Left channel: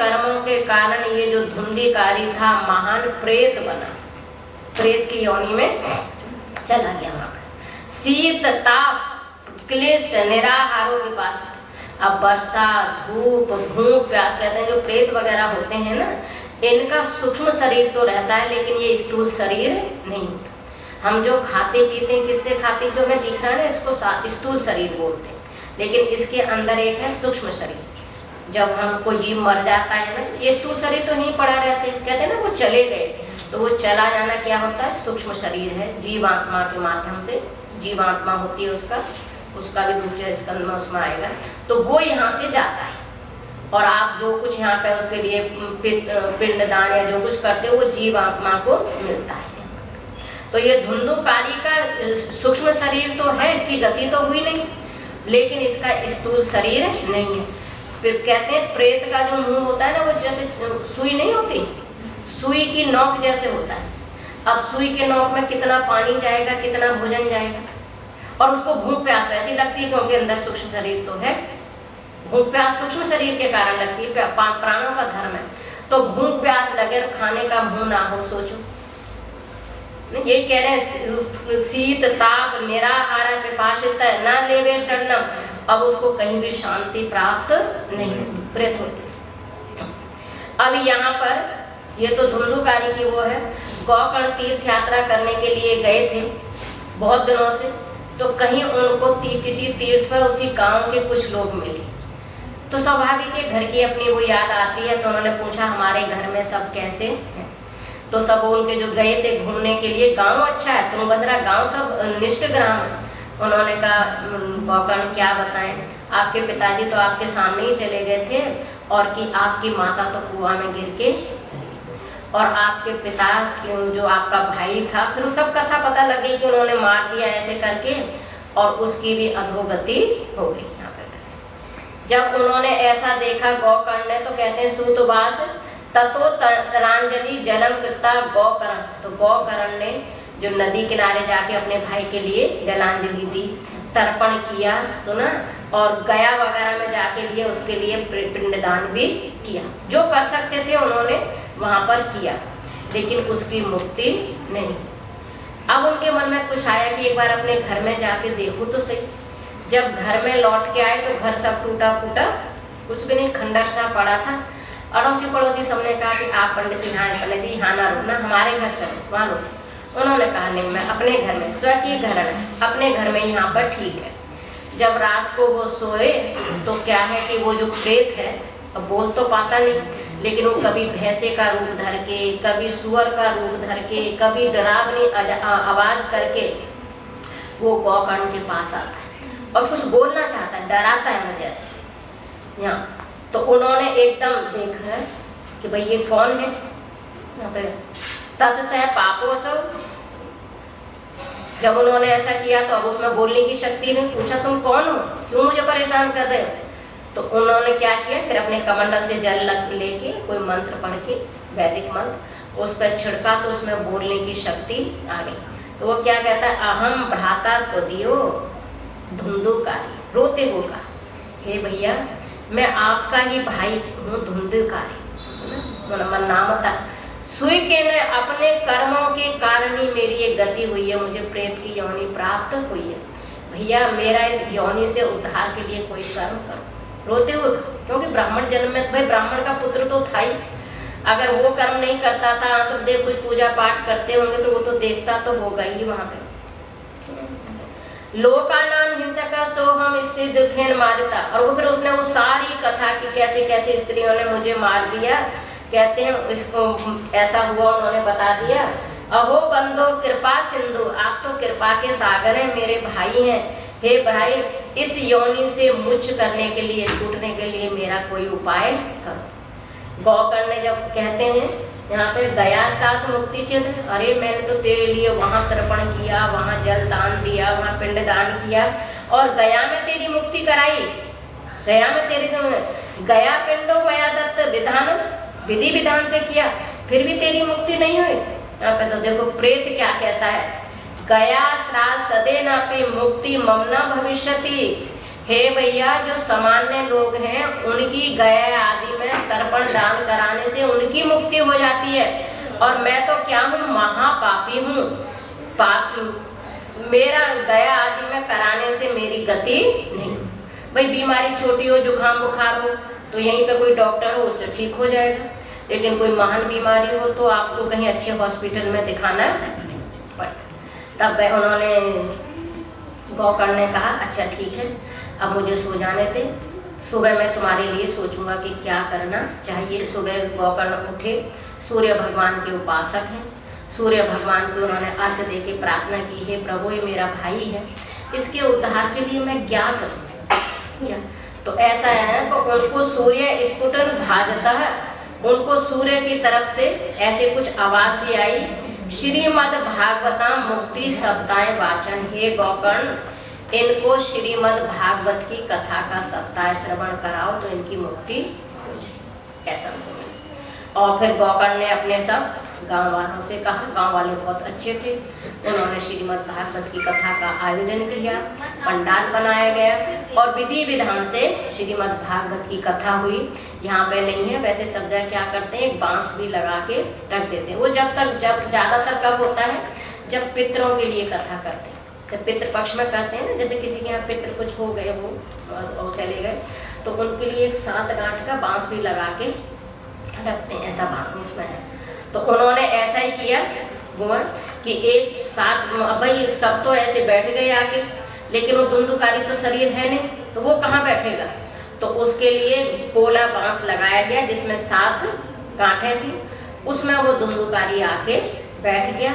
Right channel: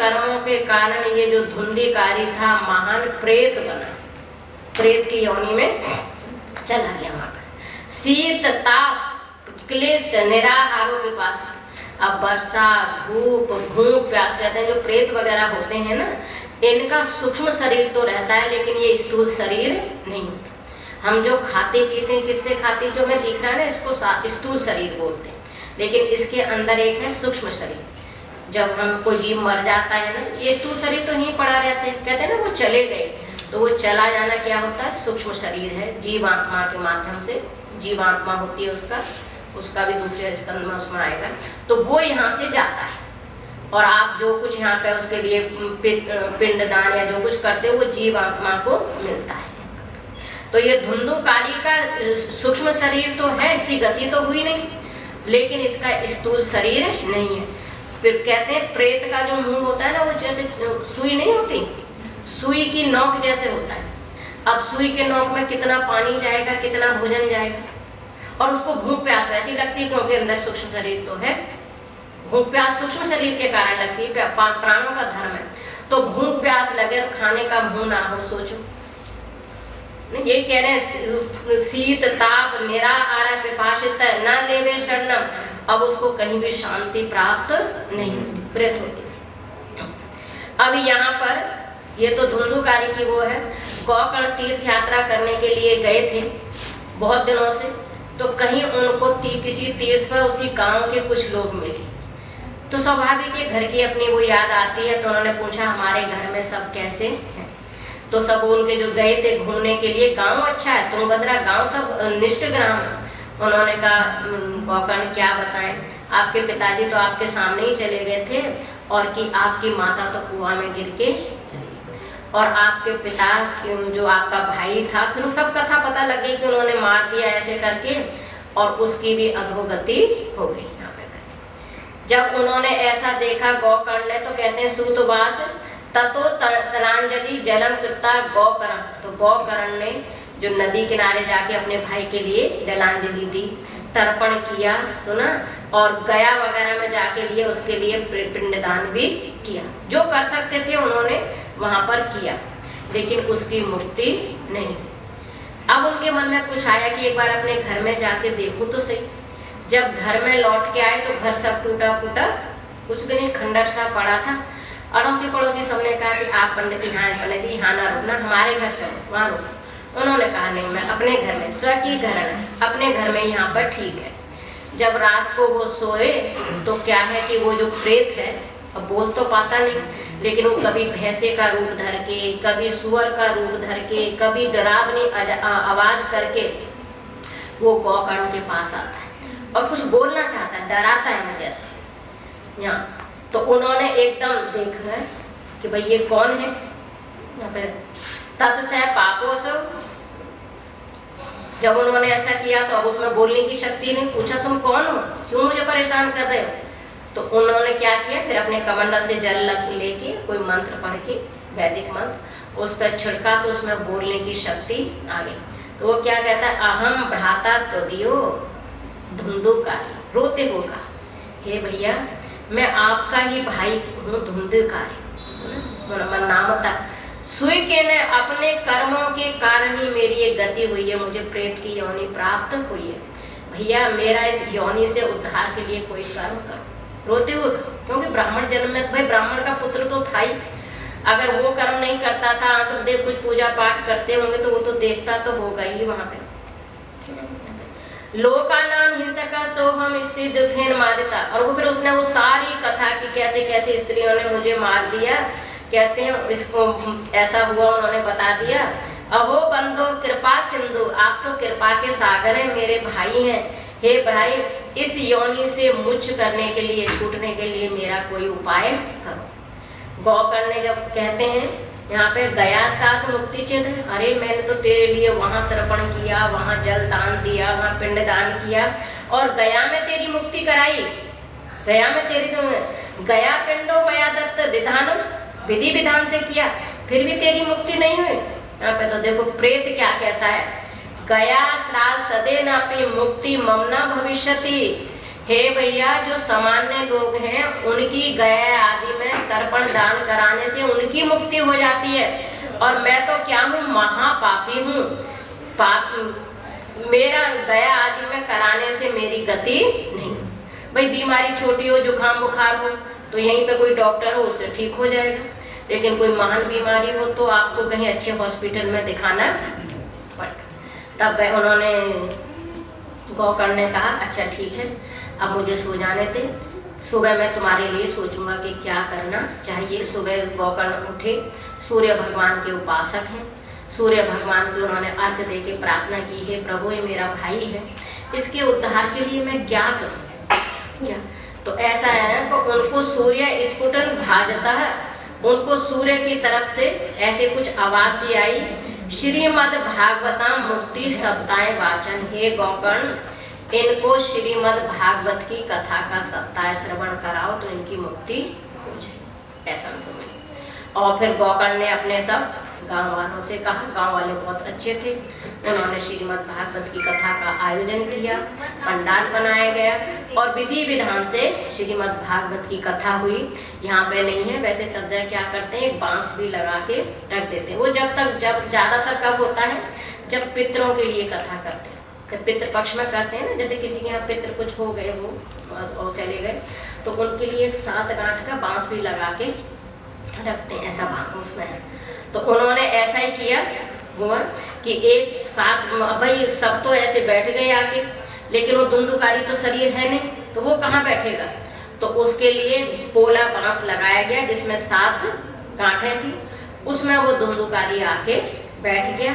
कर्मों के कारण ये जो धुंधिकारी था महान प्रेत बना, प्रेत की योनि में चला गया। वहां शीत ताप क्लिष्ट निराहारो पिपासा। अब वर्षा धूप भूख प्यास कहते हैं, जो प्रेत वगैरह होते हैं ना, इनका सूक्ष्म शरीर तो रहता है लेकिन ये स्थूल शरीर नहीं होता। हम जो खाते पीते हैं किससे खाते हैं, जो हमें दिख रहा है ना, इसको स्थूल शरीर बोलते हैं, लेकिन इसके अंदर एक है सूक्ष्म शरीर। जब हमको जीव मर जाता है ना, ये स्थूल शरीर तो यहीं पड़ा रहते हैं, कहते हैं ना वो चले गए, तो वो चला जाना क्या होता है, सूक्ष्म शरीर है। जीवात्मा के माध्यम से जीवात्मा होती है उसका भी दूसरे स्कंद में उसमें आएगा, तो वो यहाँ से जाता है। और आप जो कुछ यहाँ पे उसके लिए पिंडदान या जो कुछ करते हो वो जीवात्मा को मिलता है। तो ये धुंधुकारी का सूक्ष्म शरीर तो है, इसकी गति तो हुई नहीं, लेकिन इसका स्थूल शरीर नहीं है। फिर कहते हैं प्रेत का जो मुंह होता है ना, वो जैसे सुई नहीं होती, सुई की नोक जैसे होता है। अब सुई के नोक में कितना पानी जाएगा, कितना भोजन जाएगा, और उसको भूख प्यास वैसी लगती है क्योंकि अंदर सूक्ष्म शरीर तो है। भूख प्यास सूक्ष्म शरीर के कारण लगती है, प्राणों का धर्म है। तो भूख प्यास लगे और खाने का मुंह ना हो, सोचो। यही कह रहे हैं, शीत ताप निराहार पिपासित न लेवे शरणम। अब उसको कहीं भी शांति प्राप्त नहीं होती, प्रेत होती। अब यहाँ पर ये तो धुंधुकारी की वो है। गोकर्ण तीर्थ यात्रा करने के लिए गए थे बहुत दिनों से, तो कहीं उनको किसी तीर्थ पर उसी गांव के कुछ लोग मिले, तो स्वाभाविक है घर की अपनी वो याद आती है। तो उन्होंने पूछा हमारे घर में सब कैसे हैं, तो सब उनके जो गए थे घूमने के लिए, गांव अच्छा है, तुंगभद्रा गांव सब निष्ठ ग्राम है। उन्होंने कहा गोकर्ण क्या बताएं, आपके पिताजी तो आपके सामने ही चले गए थे, और कि आपकी माता तो कुआं में गिर के चली, और आपके पिता जो आपका भाई था, फिर सब कथा पता लगे कि उन्होंने मार दिया ऐसे करके, और उसकी भी अधोगति हो गई। यहाँ पे जब उन्होंने ऐसा देखा गोकर्ण ने, तो कहते हैं सूतवास ततो तरांजलि जलम कृता गोकर्ण। तो गोकर्ण ने जो नदी किनारे जाके अपने भाई के लिए जलांजलि दी, तर्पण किया, सुना, और गया वगैरह में जाके लिए उसके लिए पिंडदान भी किया। जो कर सकते थे उन्होंने वहां पर किया, लेकिन उसकी मुक्ति नहीं। अब उनके मन में कुछ आया कि एक बार अपने घर में जाके देखो तो सही। जब घर में लौट के आए तो घर सब टूटा फूटा, कुछ भी नहीं, खंडर सा पड़ा था। अड़ोसी पड़ोसी सबने कहा कि आप पंडित जी यहाँ ना रुकना, हमारे घर चलो, वहां रुको। उन्होंने कहा नहीं, मैं अपने घर में, स्वकीय घर है, अपने घर में यहाँ पर ठीक है। जब रात को वो सोए तो क्या है कि वो जो प्रेत है, अब बोल तो पाता नहीं, लेकिन वो कभी भैंसे का रूप धर के, कभी सुअर का रूप धर के, कभी डरावनी आवाज करके वो गोकर्ण के पास आता है और कुछ बोलना चाहता है, डराता है जैसे यहाँ। तो उन्होंने एकदम देखा कि भाई ये कौन है, यहाँ पे तत्सह पापो सो। जब उन्होंने ऐसा किया तो अब उसमें बोलने की शक्ति नहीं। पूछा तुम कौन हो, क्यों मुझे परेशान कर रहे हो? तो उन्होंने क्या किया, फिर अपने कमंडल से जल लेके कोई मंत्र पढ़ के, वैदिक मंत्र, उस पर छिड़का तो उसमें बोलने की शक्ति आ गई। तो वो क्या कहता है, अहम भ्राता त्वदीयो धुंधुकारी। रोते होगा, हे भैया मैं आपका ही भाई हूँ धुंधुकारी। नामता सुई के ने अपने कर्मों के कारण ही मेरी ये गति हुई है, मुझे प्रेत की योनि प्राप्त हुई है। भैया मेरा इस योनि से उद्धार के लिए कोई कर्म करो। रोते हुए, क्योंकि ब्राह्मण जन्म में भाई ब्राह्मण का पुत्र तो था ही, अगर वो कर्म नहीं करता था तो देख कुछ पूजा पाठ करते होंगे तो वो तो देखता तो होगा ही वहां पे। लोका नाम हिंसक सोहम स्त्री दुखेन मारता। और वो फिर उसने वो सारी कथा कि कैसे कैसे स्त्रियों ने मुझे मार दिया, कहते हैं इसको ऐसा हुआ, उन्होंने बता दिया। अहो बंदो कृपा सिंधु, आप तो कृपा के सागर हैं, मेरे भाई हैं। हे भाई इस योनि से मुझ करने के लिए, छूटने के लिए मेरा कोई उपाय करो। गोकर्ण ने जब कहते हैं यहाँ पे गया साथ मुक्ति चिन्ह, अरे मैंने तो तेरे लिए वहां तर्पण किया, वहां जल दान दिया, वहां पिंड दान किया, और गया में तेरी मुक्ति कराई। गया में तेरी तो गया पिंडो गया दत्त विधान, विधि विधान से किया, फिर भी तेरी मुक्ति नहीं हुई। यहाँ पे तो देखो प्रेत क्या कहता है, गया श्राद्ध सदे नापे मुक्ति ममना भविष्यति। हे भैया, जो सामान्य लोग हैं उनकी गया आदि में तर्पण दान कराने से उनकी मुक्ति हो जाती है, और मैं तो क्या हूँ, महापापी हूँ। मेरा गया आदि में कराने से मेरी गति नहीं। भाई बीमारी छोटी हो, जुकाम बुखार हो तो यहीं पे कोई डॉक्टर हो, उससे ठीक हो जाएगा, लेकिन कोई महान बीमारी हो तो आपको कहीं अच्छे हॉस्पिटल में दिखाना पड़ेगा। तब उन्होंने गोकर्ण ने कहा अच्छा ठीक है, अब मुझे सो जाने दे, सुबह मैं तुम्हारे लिए सोचूंगा कि क्या करना चाहिए। सुबह गोकर्ण उठे, सूर्य भगवान के उपासक हैं, सूर्य भगवान को उन्होंने अर्घ दे के प्रार्थना की, है प्रभु ये मेरा भाई है, इसके उद्धार के लिए मैं क्या करूं। क्या तो ऐसा है कि उनको सूर्य स्फुटन भाजता है, उनको सूर्य की तरफ से ऐसे कुछ आवाज सी आई, श्रीमद् भागवतम मुक्ति सप्ताह वाचन। हे गोकर्ण, इनको श्रीमद् भागवत की कथा का सप्ताह श्रवण कराओ तो इनकी मुक्ति हो जाए, ऐसा उनको। और फिर गोकर्ण ने अपने सब गांव वालों से कहा, गांव वाले बहुत अच्छे थे, उन्होंने श्रीमद् भागवत की कथा का आयोजन किया, पंडाल बनाया गया और विधि विधान से श्रीमद् भागवत की कथा हुई। यहाँ पे नहीं है, वैसे सब जगह क्या करते हैं, एक बांस भी लगा के रख देते हैं। वो जब ज्यादातर कब होता है, जब पितरों के लिए कथा करते हैं, जब पितृ पक्ष में करते हैं ना, जैसे किसी के यहाँ पितृ कुछ हो गए वो और चले गए, तो उनके लिए एक 7 गांठ का बांस भी लगा के रखते हैं, ऐसा भाग उसमें है। तो उन्होंने ऐसा ही किया कि एक साथ, भाई सब तो ऐसे बैठ गए आके, लेकिन वो धुंधुकारी तो शरीर है नहीं, तो वो कहाँ बैठेगा, तो उसके लिए पोला बांस लगाया गया जिसमें 7 गांठें थी, उसमें वो धुंधुकारी आके बैठ गया।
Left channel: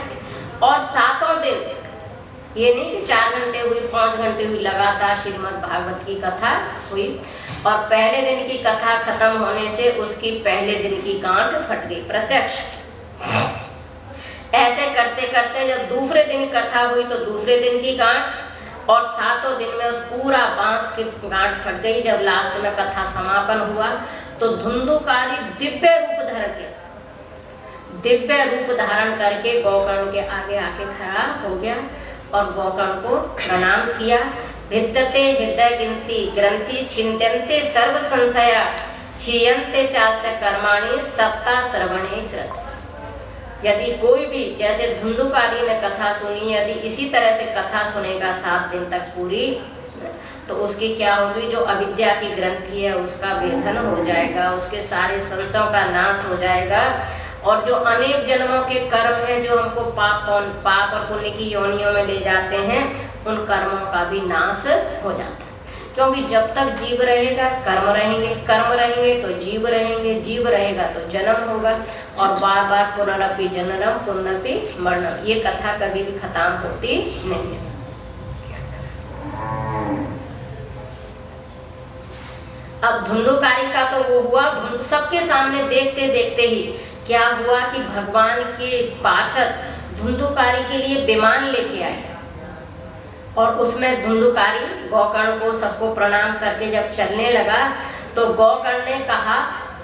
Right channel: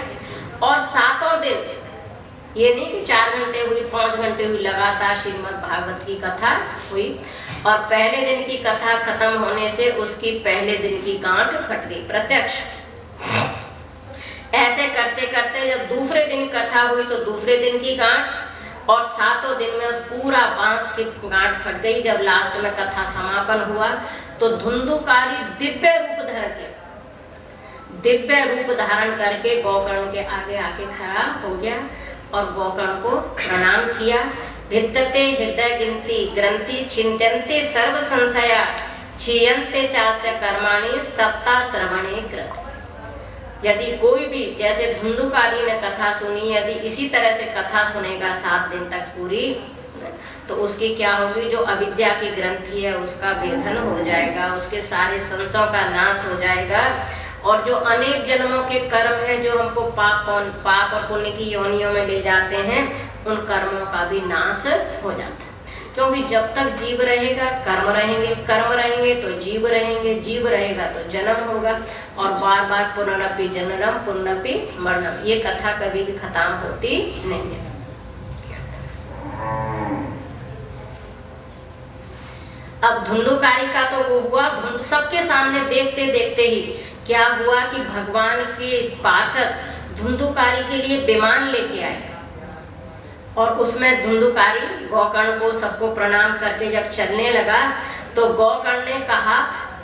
और 7 दिन, ये नहीं कि 4 घंटे हुई, 5 घंटे हुई, लगातार श्रीमद् भागवत की कथा हुई। और पहले दिन की कथा खत्म होने से उसकी पहले दिन की गांठ फट गई, प्रत्यक्ष। ऐसे करते करते जब दूसरे दिन कथा हुई तो दूसरे दिन की गांठ, और 7 दिन में उस पूरा बांस की गांठ फट गई। जब लास्ट में कथा समापन हुआ तो धुंधुकारी दिव्य रूप धारण करके गोकर्ण के आगे आके खड़ा हो गया और गोकर्ण को प्रणाम किया। विद्यते हृदय ग्रंथि छिन्त्यन्ते सर्व संशया क्षीयन्ते चास्य कर्माणि सप्ताह श्रवणे कृत। यदि कोई भी, जैसे धुंधुकारी ने कथा सुनी, यदि इसी तरह से कथा सुनेगा 7 दिन तक पूरी, तो उसकी क्या होगी, जो अविद्या की ग्रंथि है उसका भेदन हो जाएगा, उसके सारे संशयों का नाश हो जाएगा, और जो अनेक जन्मों के कर्म हैं जो हमको पाप और पुण्य की योनियों में ले जाते हैं, उन कर्मों का भी नाश हो जाता है। क्योंकि जब तक जीव रहेगा कर्म रहेंगे, कर्म रहेंगे तो जीव रहेंगे, जीव रहेगा तो जन्म होगा, और बार बार पुनरपि जननम पुनरपि मरणम, ये कथा कभी भी खत्म होती नहीं है। अब धुंधुकारी का तो वो हुआ, सबके सामने देखते देखते ही क्या हुआ कि भगवान के पार्षद धुंधुकारी के लिए विमान लेके आए, और उसमें धुंधुकारी गोकर्ण को सबको प्रणाम करके जब चलने लगा तो गोकर्ण ने कहा,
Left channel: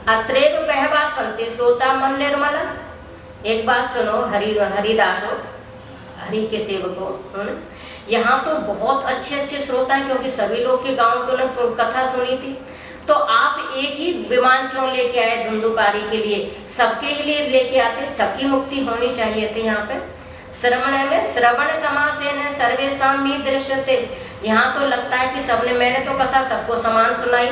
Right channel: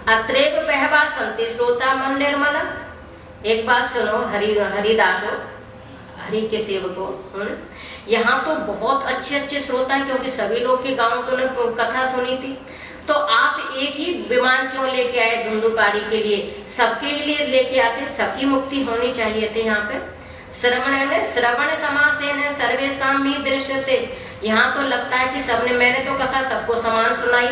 अत्रेव बहवा संति श्रोता मन निर्मल। एक बात सुनो हरिदासो, हरि के सेवकों, यहाँ तो बहुत अच्छे अच्छे श्रोता हैं, क्योंकि सभी लोग के गांव को ने कथा सुनी थी, तो आप एक ही विमान क्यों लेके आए धुंधुकारी के लिए, सबके लिए लेके आते, सबकी मुक्ति होनी चाहिए थी। यहाँ पे श्रवण समासेन सर्वेषां ही दृश्यते, यहाँ तो लगता है कि सबने, मैंने तो कथा सबको समान सुनाई,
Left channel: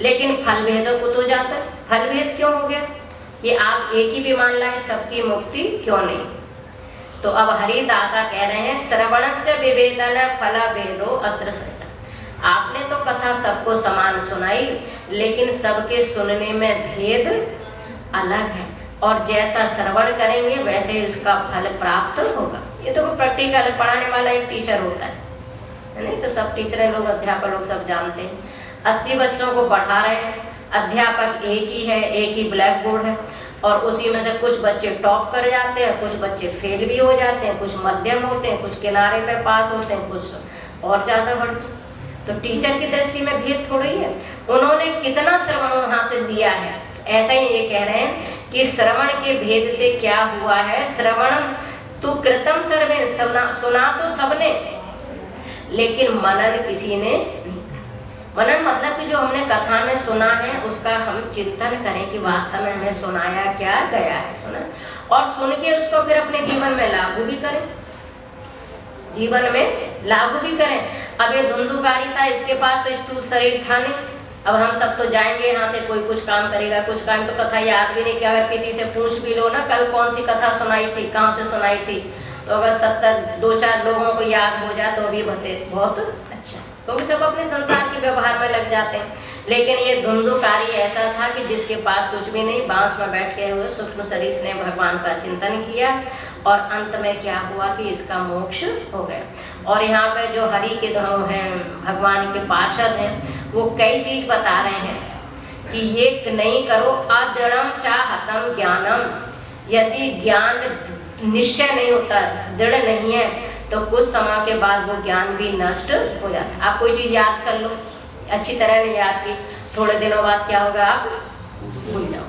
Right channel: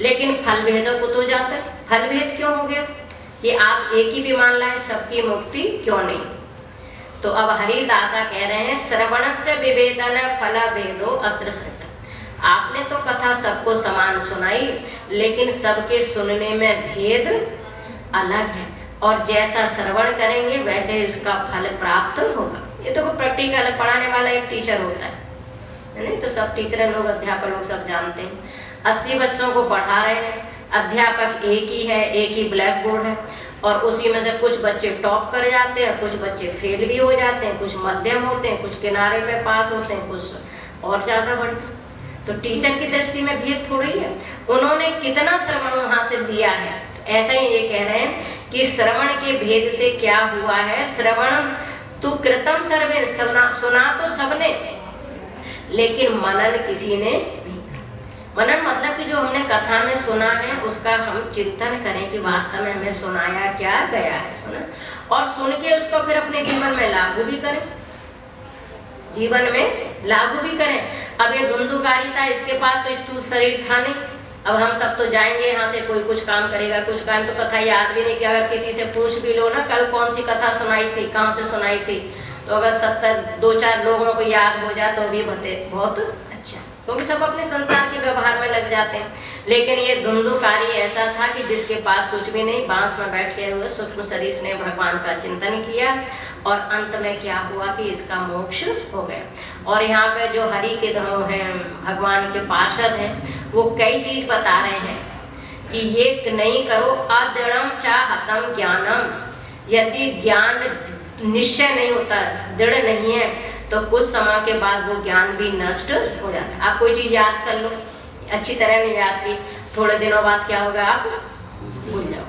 लेकिन फल भेद को तो जाता है, फल भेद क्यों हो गया कि आप एक ही विमान लाए, सबकी मुक्ति क्यों नहीं। तो अब हरिदासा कह रहे हैं, श्रवणस्य विभेदन फल भेदो अत्र सृता। आपने तो कथा सबको समान सुनाई, लेकिन सबके सुनने में भेद अलग है, और जैसा श्रवण करेंगे वैसे ही उसका फल प्राप्त होगा। ये तो कोई प्रैक्टिकल पढ़ाने वाला एक टीचर होता है नहीं, तो सब टीचर लोग, अध्यापक लोग सब जानते हैं। 80 बच्चों को पढ़ा रहे हैं, अध्यापक एक ही है, एक ही ब्लैक बोर्ड है, और उसी में से कुछ बच्चे टॉप कर जाते हैं, कुछ बच्चे फेल भी हो जाते हैं, कुछ मध्यम होते हैं, कुछ किनारे पे पास होते हैं, कुछ और ज्यादा बढ़ते हैं। तो टीचर की दृष्टि में भेद थोड़ी है, उन्होंने कितना श्रवण वहां से लिया है। ऐसा ही ये कह रहे हैं कि श्रवण के भेद से क्या हुआ है, श्रवण तो कृतम सर्वे, सुना तो सबने, लेकिन मनन किसी ने, मनन मतलब कि जो हमने कथा में सुना है उसका हम चिंतन करें कि वास्तव में हमें सुनाया क्या गया है, सुना, और सुन के उसको फिर अपने जीवन में लागू भी करें, जीवन में लागू भी करें। अब ये धुंधुकारिता, इसके पास तो स्थूल शरीर था नहीं, अब हम सब तो जाएंगे यहाँ से, कोई कुछ काम करेगा, कुछ काम तो कथा याद भी नहीं कि अगर किसी से पूछ भी लो ना कल कौन सी कथा सुनाई थी, कहाँ से सुनाई थी, तो अगर 2-4 लोगों को याद हो जाए तो भी बहुत अच्छा, क्योंकि सब अपने संसार के व्यवहार में लग जाते हैं। लेकिन ये धुंधुकारी ऐसा था कि जिसके पास कुछ भी नहीं, बांस में बैठ के हुए सूक्ष्म शरीर ने भगवान का चिंतन किया और अंत में क्या हुआ कि इसका मोक्ष हो गया। और यहाँ पे जो हरि के हैं, भगवान के पार्षद हैं, वो कई चीज बता रहे हैं कि ये नहीं करो, अदृढ़म चाहतम ज्ञानम, यदि ज्ञान निश्चय नहीं होता, दृढ़ नहीं है, तो कुछ समय के बाद वो ज्ञान भी नष्ट हो जाता है। आप कोई चीज याद कर लो, अच्छी तरह नहीं याद की, थोड़े दिनों बाद क्या होगा, आप भूल जाओ।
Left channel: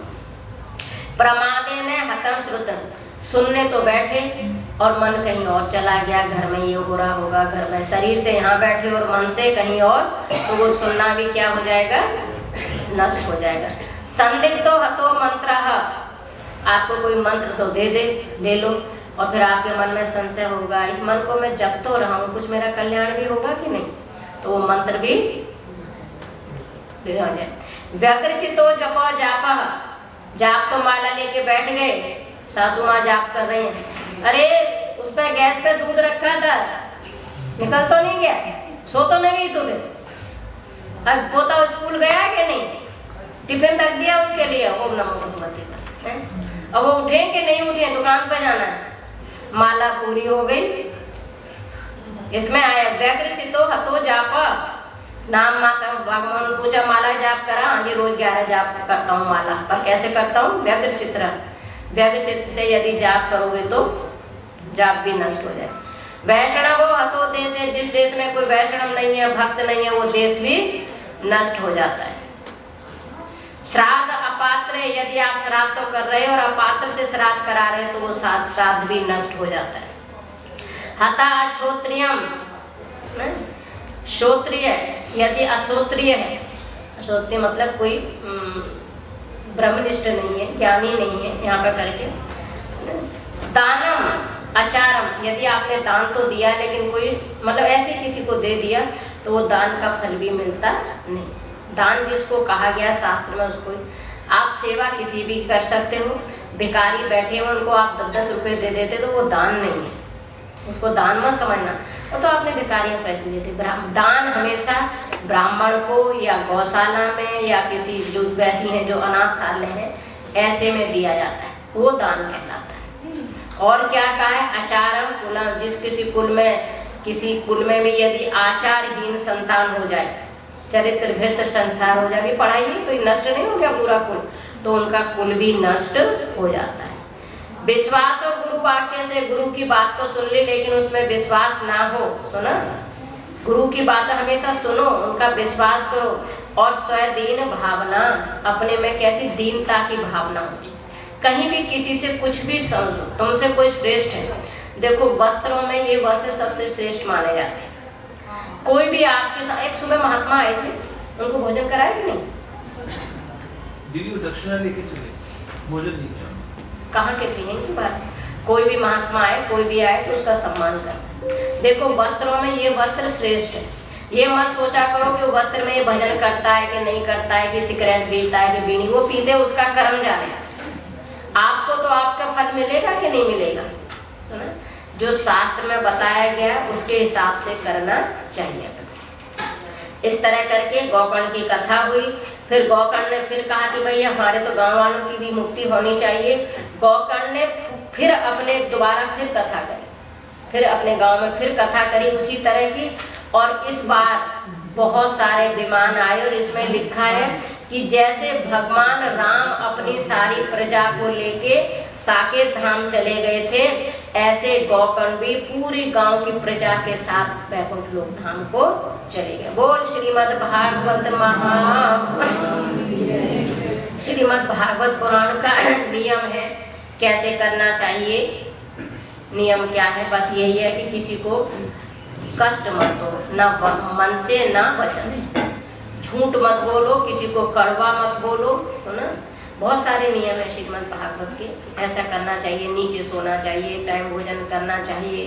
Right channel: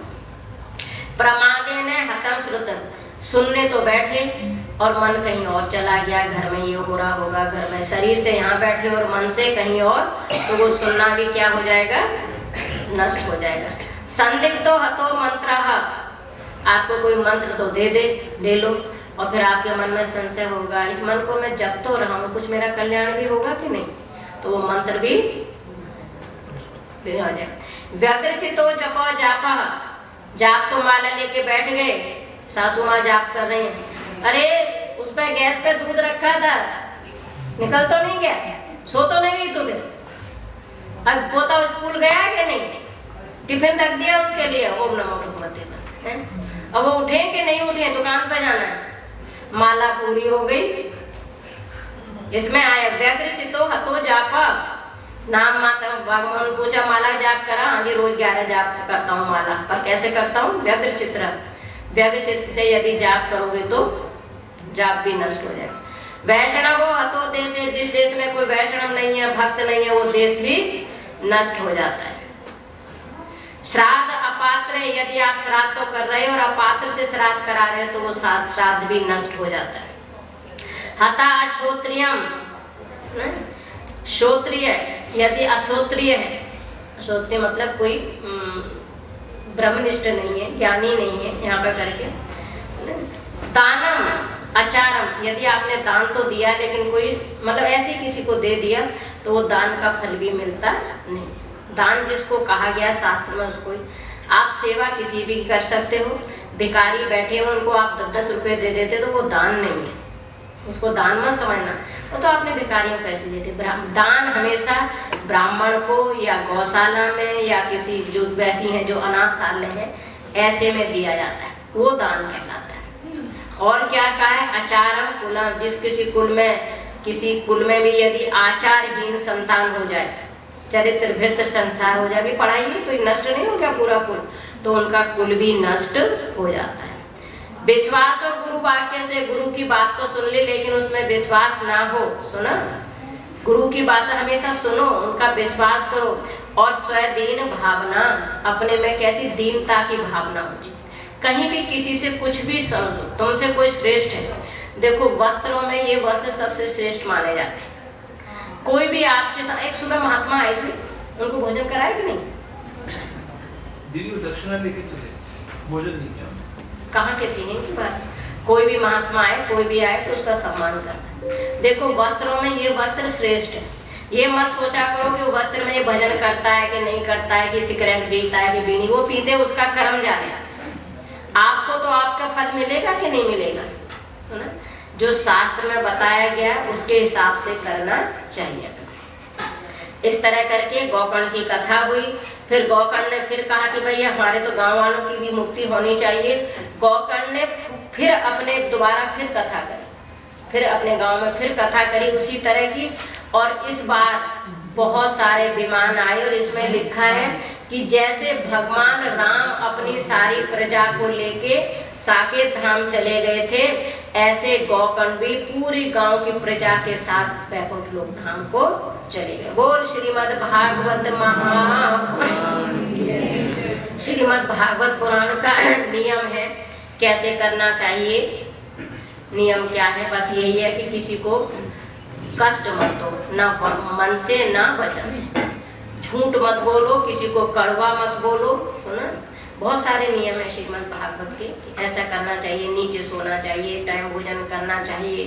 प्रमादे ने हतम श्रुतम, सुनने तो बैठे और मन कहीं और चला गया, घर में ये हो रहा होगा, घर में, शरीर से यहाँ बैठे और मन से कहीं और, तो वो सुनना भी क्या हो जाएगा, नष्ट हो जाएगा। संदिग्धो हतो मंत्र, आपको कोई मंत्र तो दे लो और फिर आपके मन में संशय होगा, इस मन को मैं जप तो रहा हूँ, कुछ मेरा कल्याण भी होगा कि नहीं, तो वो मंत्र भी हो जाए। व्यग्रचितो जपो जापा, जाप तो माला लेके बैठ गए, सासू माँ जाप कर रहे हैं, अरे उस पे गैस पे दूध रखा था, निकल तो नहीं गया, सो तो नहीं गई तुझे, अब पोता स्कूल गया कि नहीं, टिफिन रख दिया उसके लिए, ओम नमो भगवते का, अब वो उठे कि नहीं उठे, दुकान पे जाना है, माला पूरी हो गई। इसमें आया व्यग्र चित्तो हतो जापा, नाम माता भगवान पूछा माला जाप करा, आगे रोज 11 जाप करता हूँ माला, पर कैसे करता हूँ, व्यग्र चित्र, व्यग्र चित्त से यदि जाप करोगे तो जाप भी नष्ट हो जाए। वैष्णव हतो देश, जिस देश में कोई वैष्णव नहीं है, भक्त नहीं है, वो देश भी नष्ट हो जाता है। श्राद्ध अपात्र, यदि आप श्राद्ध तो कर रहे हो और अपात्र से श्राद्ध करा रहे हो तो वो श्राद्ध भी नष्ट हो जाता है। हता अश्रोत्रियम, श्रोत्रिय यदि अश्रोत्रिय है, अश्रोत्रिय मतलब कोई ब्रह्मनिष्ठ नहीं है, ज्ञानी नहीं है, यहाँ पे करके। दानम आचारम, यदि आपने दान तो दिया लेकिन कोई मतलब ऐसे किसी को दे दिया तो वो दान का फल भी मिलता नहीं। दान जिसको कहा गया शास्त्र में, उसको आप सेवा किसी भी कर सकते हो, भिखारी बैठे हो उनको आप 10-10 रुपए दे देते तो वो दान नहीं है, उसको दान मत समझना, वो तो आपने भिखारियों को पैसे देते। दान हमेशा ब्राह्मण को या गौशाला में या किसी जो वैसी है जो अनाथालय है ऐसे में दिया जाता है, वो दान कहलाता है। और क्या कहा है, आचारम कुलम, जिस किसी कुल में भी यदि आचारहीन संतान हो जाए, चरित्र भ्रष्ट संतान हो जाए, भी पढ़ाई ही तो नष्ट नहीं हो गया पूरा कुल, तो उनका कुल भी नष्ट हो जाता है। विश्वास और गुरु वाक्य से, गुरु की बात तो सुन ली लेकिन उसमें विश्वास ना हो, सुना, गुरु की बात हमेशा सुनो, उनका विश्वास करो। और स्वदीन भावना, अपने में कैसी दीनता की भावना होती, कहीं भी किसी से कुछ भी समझो, तुमसे कोई श्रेष्ठ है। देखो वस्त्रों में ये वस्त्र सबसे श्रेष्ठ माने जाते हैं। कोई भी आपके साथ, एक सुबह महात्मा आए थे, उनको भोजन कराया कि नहीं, दीदी वो दक्षिणा लेके चले, भोजन नहीं किया, कहाँ के थे इनकी बात। कोई भी महात्मा आए, कोई भी आए तो उसका सम्मान करना। देखो वस्त्रों में ये वस्त्र श्रेष्ठ है, ये मत सोचा करो कि वो वस्त्र में ये भजन करता है कि नहीं करता है, कि सिगरेट पीता है कि बीड़ी, वो पीते उसका कर्म जाने, आपको तो आपका फल मिलेगा कि नहीं मिलेगा, है ना? जो शास्त्र में बताया गया उसके हिसाब से करना चाहिए। इस तरह करके गौकर्ण की कथा हुई। फिर गौकर्ण ने फिर कहा कि भैया हमारे तो गांव वालों की भी मुक्ति होनी चाहिए। गौकर्ण ने फिर अपने दोबारा फिर कथा करी, फिर अपने गांव में फिर कथा करी उसी तरह की। और इस बार बहुत सारे विमान आए और इसमें लिखा है कि जैसे भगवान राम अपनी सारी प्रजा को लेके साकेत धाम चले गए थे, ऐसे गौकर्ण भी पूरी गांव की प्रजा के साथ वैकुंठ लोक धाम को चले गए। बोल श्रीमद् भागवत श्रीमद् भागवत पुराण का नियम है कैसे करना चाहिए। नियम क्या है, बस यही है कि किसी को कष्ट मत दो, ना मन से ना वचन से। झूठ मत बोलो, किसी को कड़वा मत बोलो, है ना। बहुत सारे नियम है श्रीमद् भागवत के, ऐसा करना चाहिए, नीचे सोना चाहिए, टाइम भोजन करना चाहिए,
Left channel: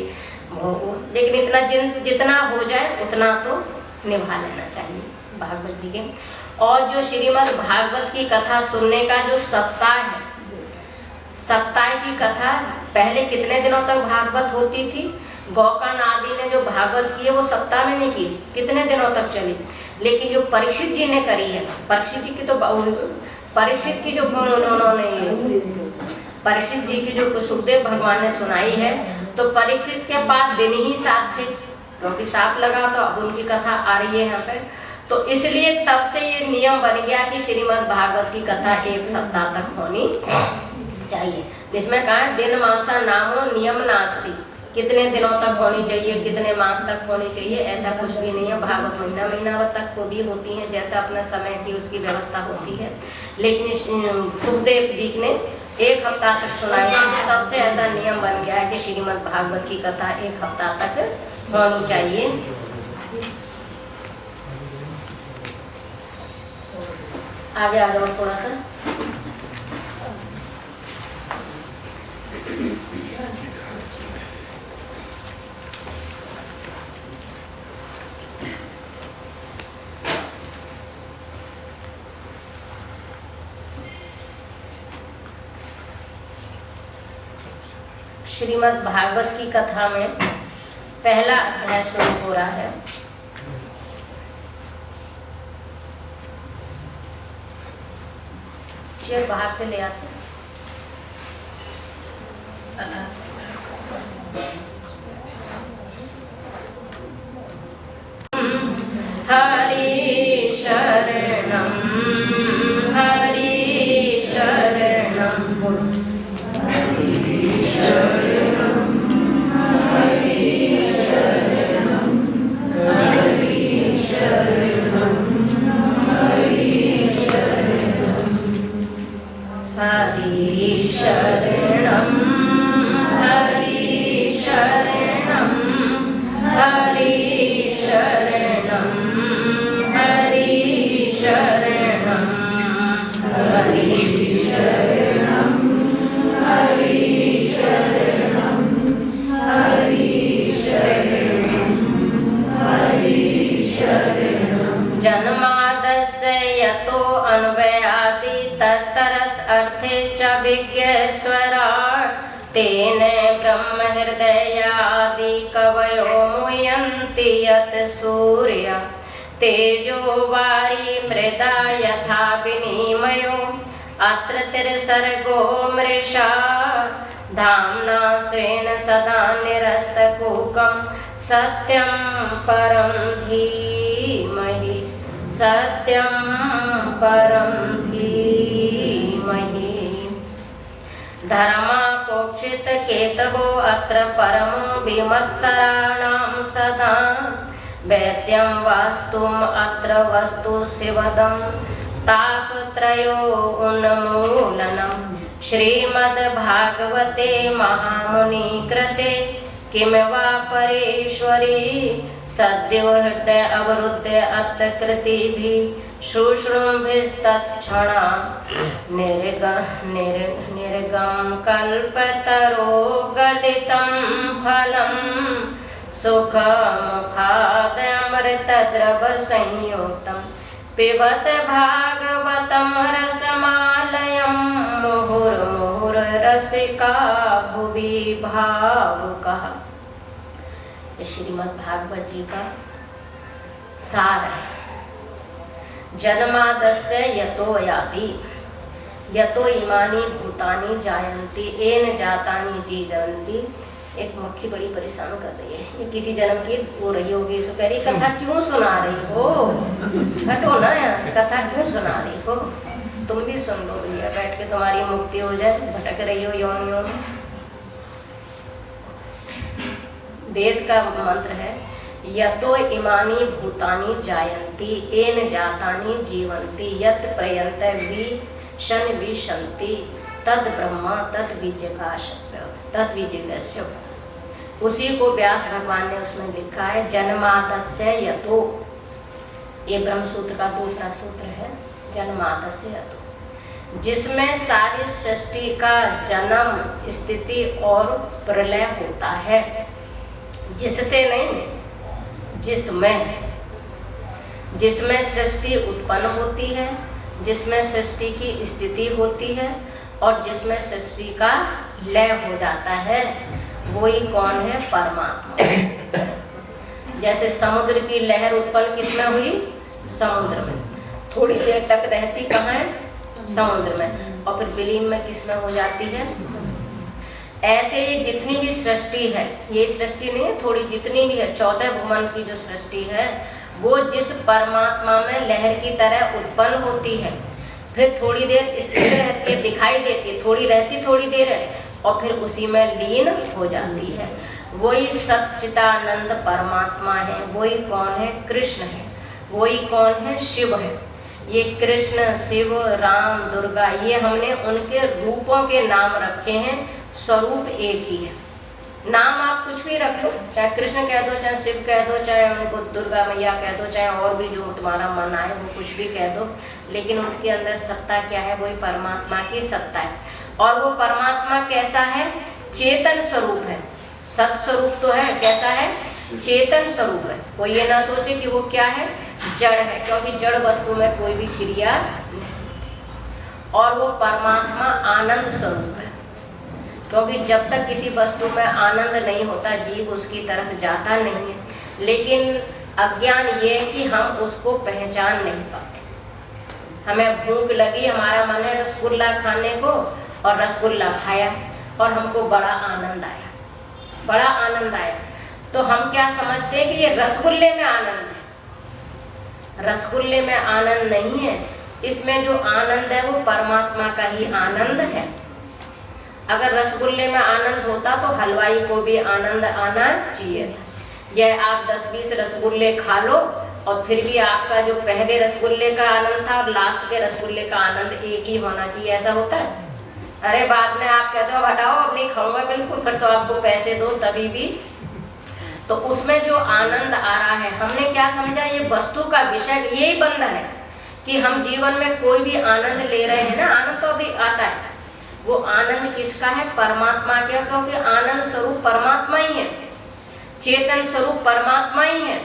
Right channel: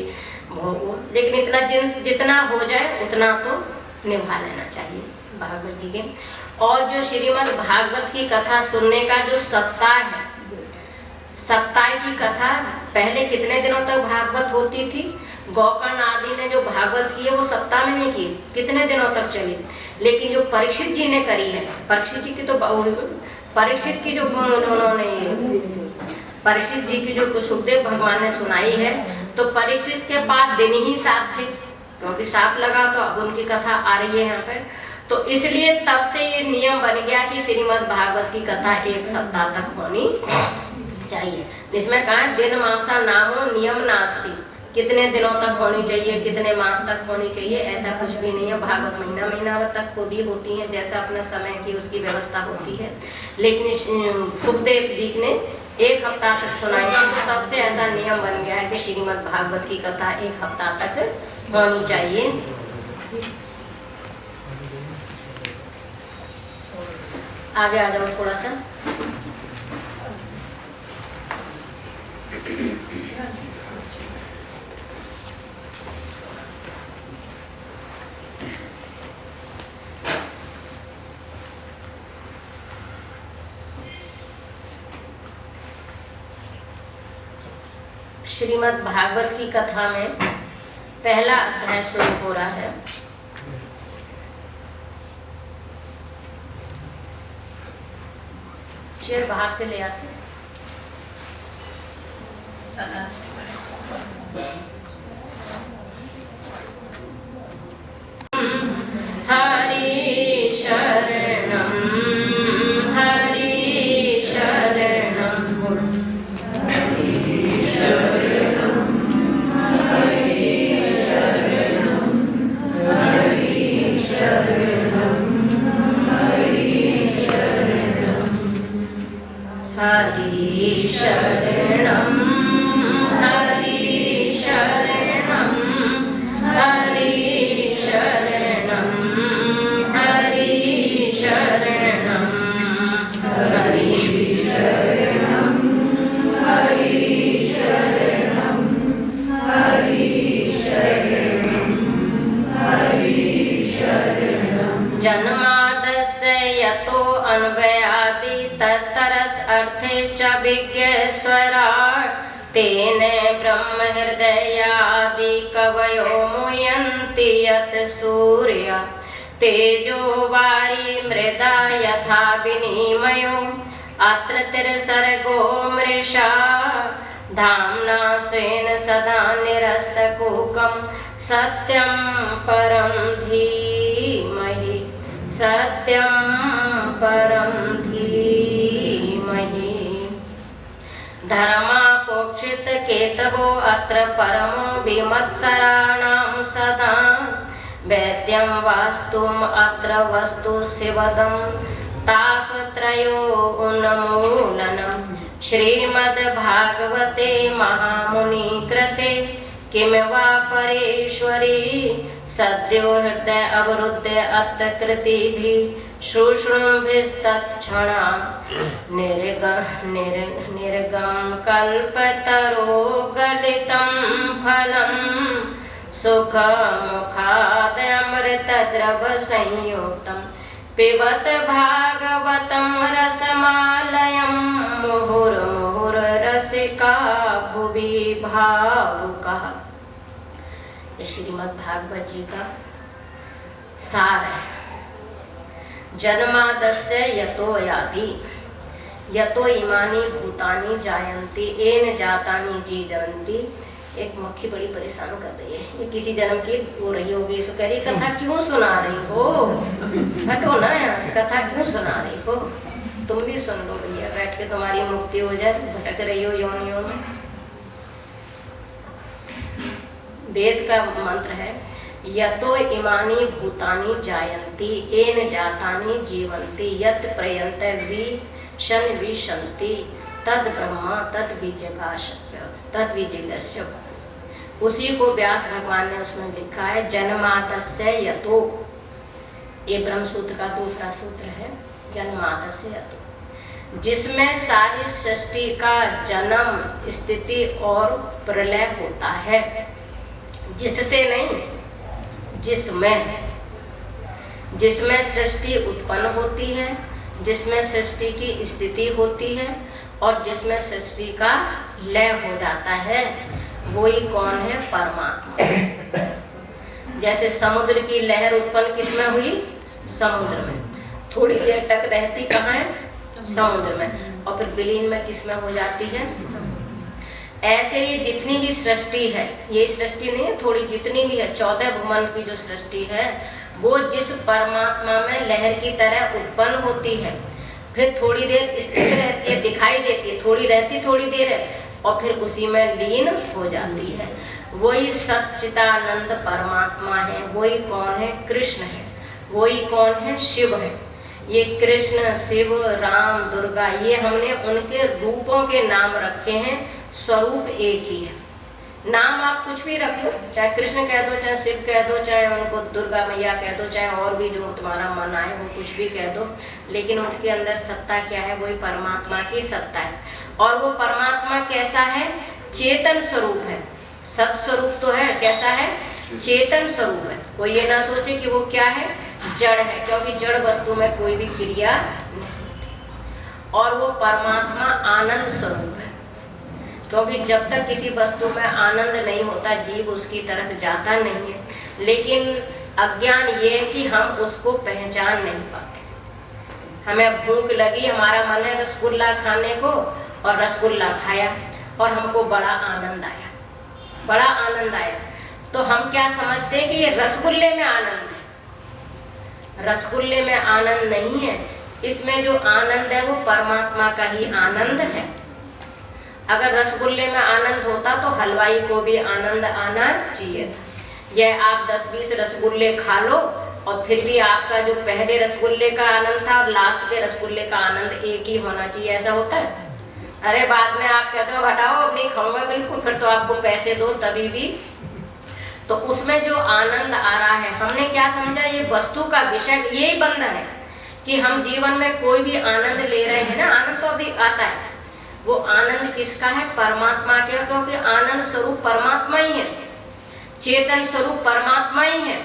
लेकिन इतना जितना हो जाए उतना तो निभा लेना चाहिए भागवत जी के। और जो श्रीमद् भागवत की कथा सुनने का जो सप्ताह है, सप्ताह की कथा पहले कितने दिनों तक भागवत होती थी, गौकर्ण आदि ने जो भागवत की है वो सप्ताह में नहीं की, कितने दिनों तक चली। लेकिन जो परीक्षित जी ने करी है, परीक्षित जी की जो परीक्षित की जो सुखदेव भगवान ने सुनाई है, तो परीक्षित के पास दिन ही साथ थे, क्योंकि साथ लगा तो अब उनकी कथा आ रही है यहाँ पे। तो इसलिए तब से ये नियम बन गया कि श्रीमद् भागवत की कथा एक सप्ताह तक होनी चाहिए। जिसमें कहा दिन मासा नामो नियम नास्ति, कितने दिनों तक होनी चाहिए, कितने मास तक होनी चाहिए, ऐसा कुछ भी नहीं है। भागवत महीना तक खुद ही होती है, जैसा अपने समय की उसकी व्यवस्था होती है। लेकिन सुखदेव जी ने एक हफ्ता तक सुनाई, तब से ऐसा नियम बन गया है कि श्रीमद् भागवत की कथा एक हफ्ता तक होनी चाहिए। आगे आ जाओ थोड़ा सा। श्रीमद् भागवत की कथा में पहला अध्याय शुरू हो रहा है। चेयर बाहर से ले आते। हरि शरणम हरि शरणम हरि शरणम हरि शरणम हरि शरणम हरि शरणम हरि शरणम हरि शरणम हरि शरणम हरि शरणम। जन्मादस्य यतो अन्वयादि तत्तरस अर्थे च विज्ञस्वराट् तेन ब्रह्म हृदयादि कवयो मुह्यन्ति यत् सूर्य तेजो वारी मृदा यथा विनिमयो अत्र तिर्सर्गो मृषा धाम्ना स्वेन सदा निरस्तकुहकं सत्यं परं धीमहि सत्यं परं धीमहि। धर्मापोक्षित केतवो अत्र परमो विमत्सराणां सदा वैद्यं वास्तुम् अत्र वस्तु शिवदं तापत्रयो उन्मूलनम्। श्रीमद्भागवते महामुनि कृते किम वा परेश्वरी सद्यो हृदय अवरुद्ध अत्कृतिभिः शुश्रूभिस्तत्क्षणा निर्गम कल्पतरो गलितं फलं सुखमुखाद अमृतद्रव संयुक्तं पिबत भागवतं रसमालयं मुहुर्मुहुर्रसिका भुवि भावुकः। ये श्रीमद् भागवत जी का सार है। जन्मादस्य यतो याति यतो इमानी भूतानि जायन्ति एन जातानि जीवन्ति। एक मक्खी बड़ी परेशान कर रही है, ये किसी जन्म की हो रही होगी। इसको कह रही कथा क्यों सुना रही हो, हटो ना यहाँ से, कथा क्यों सुना रही हो, तुम भी सुन लो भैया, बैठ के तुम्हारी मुक्ति हो जाए, भटक रही हो योनियों में। वेद का मंत्र है यतो इमानी भूतानि जायन्ति एन जातानि जीवन्ति यत् प्रयन्त विशन विशन्ति तद ब्रह्म तद बीजस्य। उसी को व्यास भगवान ने उसमें लिखा है जन्मादस्य यतो, ये ब्रह्म सूत्र का दूसरा सूत्र है, जन्मादस्य हेतु, जिसमें सारी सृष्टि का जन्म, स्थिति और प्रलय होता है। जिससे नहीं, जिसमें सृष्टि उत्पन्न होती है, जिसमें सृष्टि की स्थिति होती है और जिसमें सृष्टि का लय हो जाता है, वही कौन है? परमात्मा। जैसे समुद्र की लहर उत्पन्न किसमें हुई? समुद्र में। थोड़ी देर तक रहती कहाँ है? समुद्र में, और फिर विलीन में किसमें हो जाती है? ऐसे ही जितनी भी सृष्टि है, ये सृष्टि नहीं है, थोड़ी जितनी भी है 14 भुवन की जो सृष्टि है, वो जिस परमात्मा में लहर की तरह उत्पन्न होती है, फिर थोड़ी देर स्थिर रहती है, दिखाई देती है, थोड़ी रहती थोड़ी देर है, और फिर उसी में लीन हो जाती है। वही सच्चिदानंद परमात्मा है। वही कौन है? कृष्ण है। वही कौन है? शिव है। ये कृष्ण, शिव, राम, दुर्गा, ये हमने उनके रूपों के नाम रखे हैं, स्वरूप एक ही है। नाम आप कुछ भी रखो, चाहे कृष्ण कह दो, चाहे शिव कह दो, चाहे उनको दुर्गा मैया कह दो, चाहे और भी जो तुम्हारा मन आए वो कुछ भी कह दो, लेकिन उनके अंदर सत्ता क्या है? वही परमात्मा की सत्ता है। और वो परमात्मा कैसा है? चेतन स्वरूप है। सत स्वरूप तो है, कैसा है? चेतन स्वरूप है। कोई ये ना सोचे कि वो क्या है? जड़ है, क्योंकि जड़ वस्तु में कोई भी क्रिया नहीं होती। और वो परमात्मा आनंद स्वरूप है, क्योंकि जब तक किसी वस्तु में आनंद नहीं होता, जीव उसकी तरफ जाता नहीं है। लेकिन अज्ञान ये है कि हम उसको पहचान नहीं पाते। हमें भूख लगी, हमारा मन है रसगुल्ला खाने को, और रसगुल्ला खाया और हमको बड़ा आनंद आया, बड़ा आनंद आया, तो हम क्या समझते हैं कि ये रसगुल्ले में आनंद है। रसगुल्ले में आनंद नहीं है, इसमें जो आनंद है वो परमात्मा का ही आनंद है। अगर रसगुल्ले में आनंद होता तो हलवाई को भी आनंद आना चाहिए। यह आप 10-20 रसगुल्ले खा लो और फिर भी आपका जो पहले रसगुल्ले का आनंद था और लास्ट के रसगुल्ले का आनंद एक ही होना चाहिए, ऐसा होता है? अरे बाद में आप कहते हो हटाओ अब नहीं खाऊंगा बिल्कुल, फिर तो आपको पैसे दो तभी भी। तो उसमें जो आनंद आ रहा है, हमने क्या समझा? ये वस्तु का विषय यही बंधन है कि हम जीवन में कोई भी आनंद ले रहे हैं ना, आनंद तो अभी आता है, वो आनंद किसका है? परमात्मा का, क्योंकि आनंद स्वरूप परमात्मा ही है, चेतन स्वरूप परमात्मा ही है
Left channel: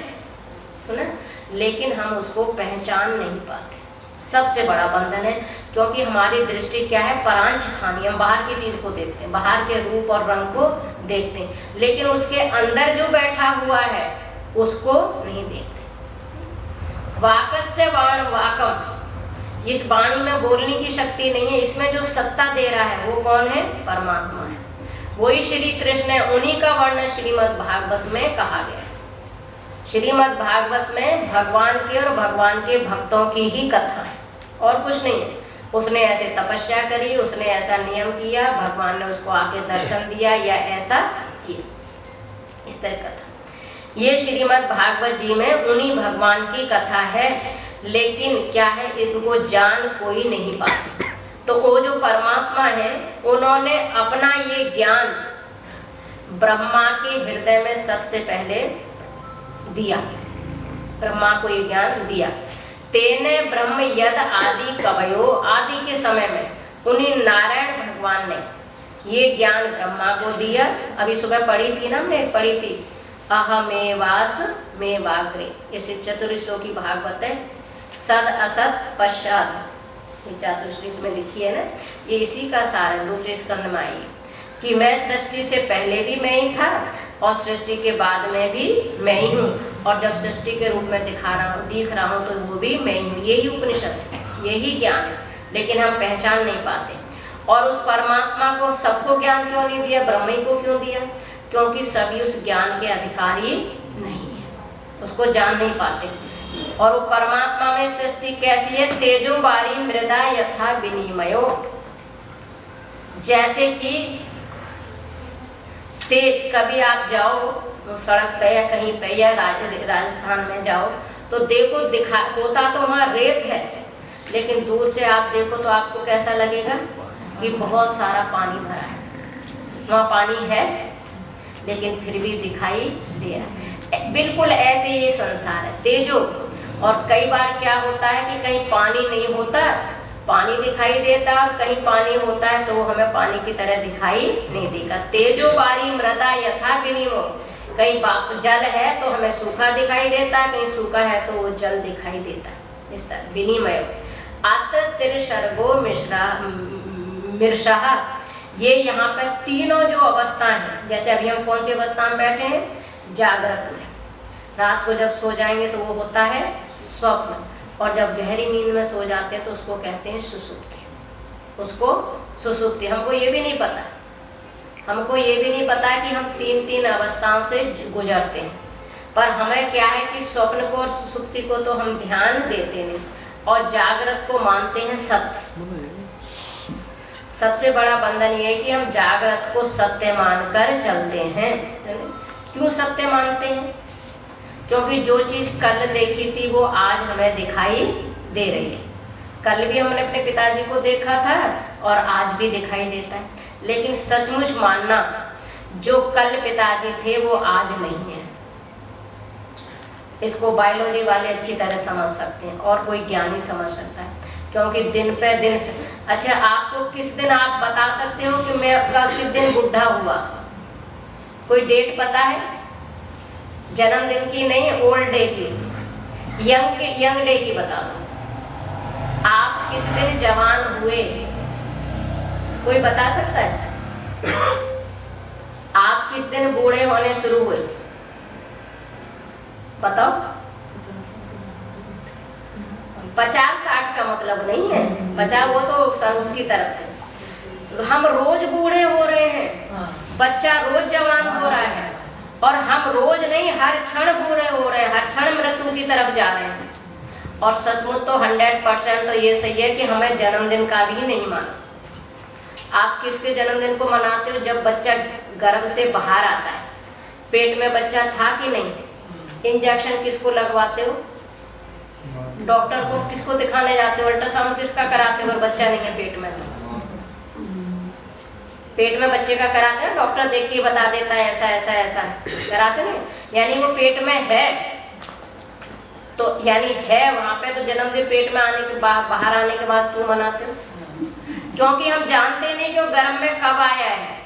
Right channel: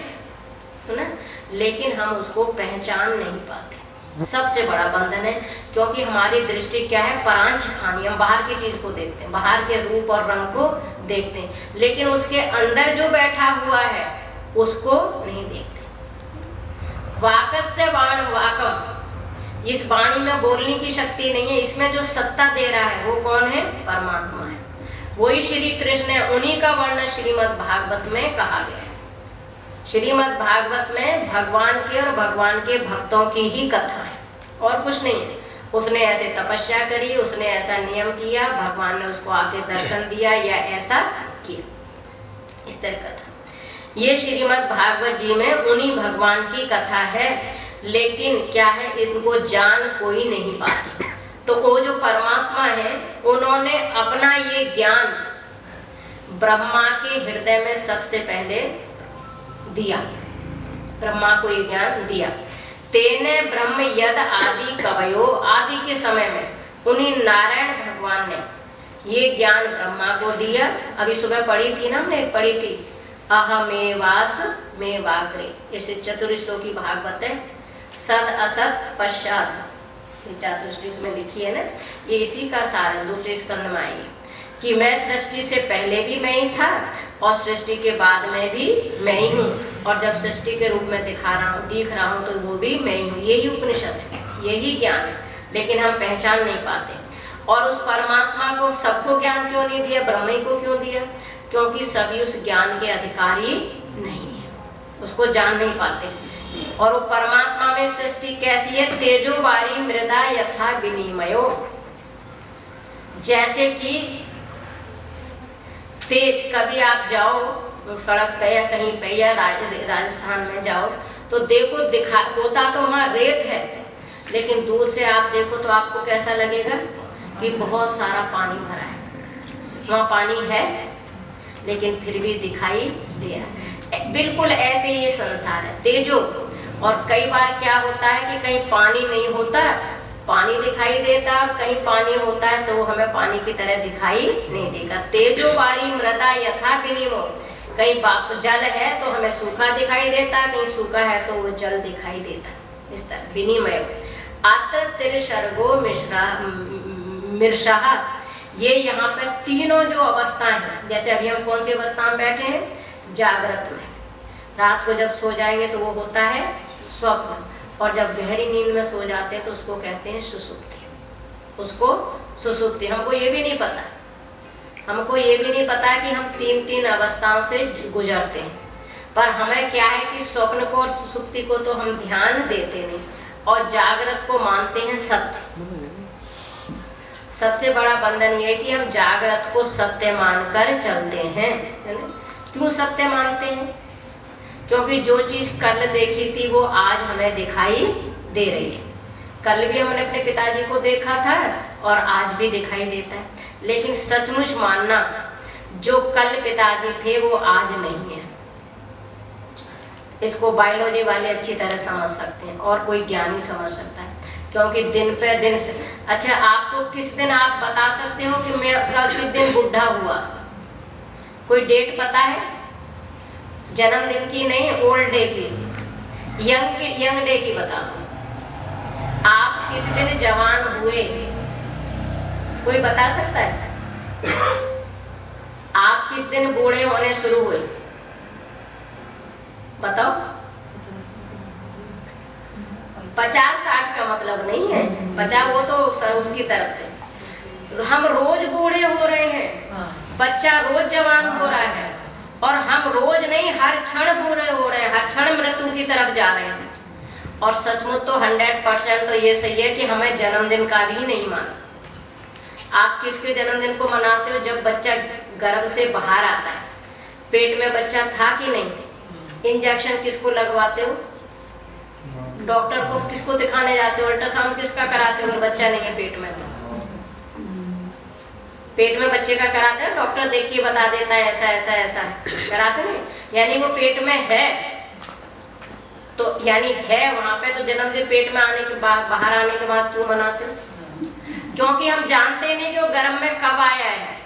ना। लेकिन हम उसको पहचान नहीं पाते, सबसे बड़ा बंधन है। क्योंकि हमारी दृष्टि क्या है? परांच खानी, हम बाहर की चीज को देखते हैं, बाहर के रूप और रंग को देखते हैं, लेकिन उसके अंदर जो बैठा हुआ है उसको नहीं देखते। वाकस्य वाण वाकम, इस वाणी में बोलने की शक्ति नहीं है, इसमें जो सत्ता दे रहा है वो कौन है? परमात्मा है। वही श्री कृष्ण है। उन्हीं का वर्णन श्रीमद् भागवत में कहा गया है। श्रीमद् भागवत में भगवान के और भगवान के भक्तों की ही कथा है, और कुछ नहीं। उसने ऐसे तपस्या करी, उसने ऐसा नियम किया, भगवान ने उसको आके दर्शन दिया या ऐसा किया, इस तरह कथा। ये श्रीमद् भागवत जी में उन्हीं भगवान की कथा है, लेकिन क्या है? इनको जान कोई नहीं पाता। तो वो जो परमात्मा है, उन्होंने अपना ये ज्ञान ब्रह्मा के हृदय में सबसे पहले दिया, ब्रह्मा को ये ज्ञान दिया। तेने ब्रह्म यद आदि कवयो, आदि के समय में उन्हीं नारायण भगवान ने ये ज्ञान ब्रह्मा को दिया। अभी सुबह पढ़ी थी ना, हमने पढ़ी थी अहमेवास में वाग्रे, इसे चतुर्श्लोकी भागवत है। सद असत पश्चात, चतुर्श्लोक में लिखी है ना, ये इसी का सार है। दूसरे स्कंद में आई कि मैं सृष्टि से पहले भी मैं ही था और सृष्टि के बाद में भी मैं ही हूँ, और जब सृष्टि के रूप में दिख रहा हूँ तो वो भी मैं ही हूँ। यही उपनिषद है, यही ज्ञान है, लेकिन हम पहचान नहीं पाते। और उस परमात्मा को सबको ज्ञान क्यों नहीं दिया? ब्रह्म को क्यों दिया? क्योंकि सभी उस ज्ञान के अधिकारी नहीं है, उसको जान नहीं पाते। और वो परमात्मा में सृष्टि कैसी है? तेजोवारी मृदा यथा विनिमयो, जैसे कि तेज, कभी आप जाओ सड़क पे या कहीं पे या राजस्थान में जाओ तो देखो, दिखा होता तो वहाँ रेत है, लेकिन दूर से आप देखो तो आपको कैसा लगेगा कि बहुत सारा पानी भरा है। वहाँ पानी है लेकिन फिर भी दिखाई दे रहा है। बिल्कुल ऐसे ये संसार है। तेजो और कई बार क्या होता है कि कहीं पानी नहीं होता, पानी दिखाई देता है, और कहीं पानी होता है तो वो हमें पानी की तरह दिखाई नहीं देगा। तेजो वारी मृदा यथा विनिमो, कहीं जल है तो हमें सूखा दिखाई देता है, कहीं सूखा है तो वो जल दिखाई देता है। इस तरह विनिमय। अत्र तिर सर्गो मिर्षाः, ये यहाँ पर तीनों जो अवस्था है, जैसे अभी हम कौन सी अवस्था में बैठे हैं, जागृत में। रात को जब सो जाएंगे तो वो होता है स्वप्न, और जब गहरी नींद में सो जाते हैं तो उसको कहते हैं सुसुप्ति। उसको सुसुप्ति। हमको ये भी नहीं पता, हमको ये भी नहीं पता कि हम तीन तीन अवस्थाओं से गुजरते हैं, पर हमें क्या है कि स्वप्न को और सुसुप्ति को तो हम ध्यान देते नहीं, और जागृत को मानते हैं सत्य। सबसे बड़ा बंधन ये है कि हम जागृत को सत्य मानकर चलते हैं। क्यों सत्य मानते हैं? क्योंकि जो चीज कल देखी थी वो आज हमें दिखाई दे रही है। कल भी हमने अपने पिताजी को देखा था और आज भी दिखाई देता है, लेकिन सचमुच मानना, जो कल पिताजी थे वो आज नहीं है। इसको बायोलॉजी वाले अच्छी तरह समझ सकते हैं और कोई ज्ञानी समझ सकता है, क्योंकि दिन पे दिन से। अच्छा, आपको किस दिन आप बता सकते हो कि मैं किस दिन बुढ़ा हुआ? कोई डेट पता है? जन्मदिन की नहीं, ओल्ड डे की, यंग डे की बता दो। आप किस दिन जवान हुए? कोई बता सकता है? आप किस दिन बूढ़े होने शुरू हुए? बताओ। 50-60 का मतलब नहीं है, 50 वो तो संघ की तरफ से। हम रोज बूढ़े हो रहे हैं, बच्चा रोज जवान हो रहा है, और हम रोज नहीं, हर क्षण बूढ़े हो रहे हैं, हर क्षण मृत्यु की तरफ जा रहे हैं। और सचमुच तो 100% तो ये सही है कि हमें जन्मदिन का भी नहीं माना। आप किसके जन्मदिन को मनाते हो? जब बच्चा गर्भ से बाहर आता है। पेट में बच्चा था कि नहीं? इंजेक्शन किसको लगवाते हो? डॉक्टर को किसको दिखाने जाते हो? अल्ट्रासाउंड किसका कराते हो? बच्चा नहीं है पेट में, पेट में बच्चे का कराते हैं, डॉक्टर देख के बता देता है ऐसा ऐसा ऐसा कराते नहीं। यानी वो पेट में है, तो यानी है वहां पे, तो जन्मदिन पेट में आने के बाद, बाहर आने के बाद क्यों मनाते हो? क्योंकि हम जानते नहीं जो गर्भ में कब आया है।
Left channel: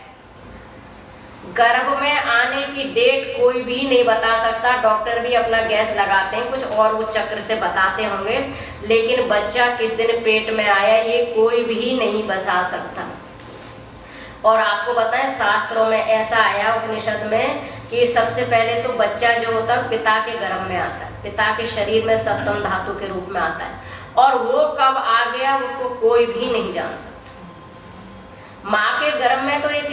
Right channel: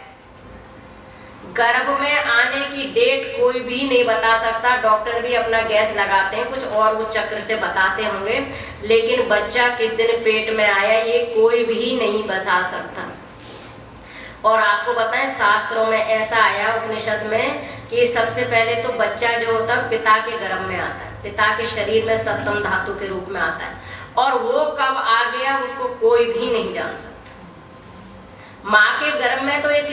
गर्भ में आने की डेट कोई भी नहीं बता सकता, डॉक्टर भी अपना गैस लगाते हैं, कुछ और उस चक्र से बताते होंगे, लेकिन बच्चा किस दिन पेट में आया ये कोई भी नहीं बता सकता। और आपको बताएं, शास्त्रों में ऐसा आया उपनिषद में कि सबसे पहले तो बच्चा जो होता है पिता के गर्भ में आता है, पिता के शरीर में सप्तम धातु के रूप में आता है, और वो कब आ गया उसको कोई भी नहीं जान सकता। माँ के गर्भ में तो एक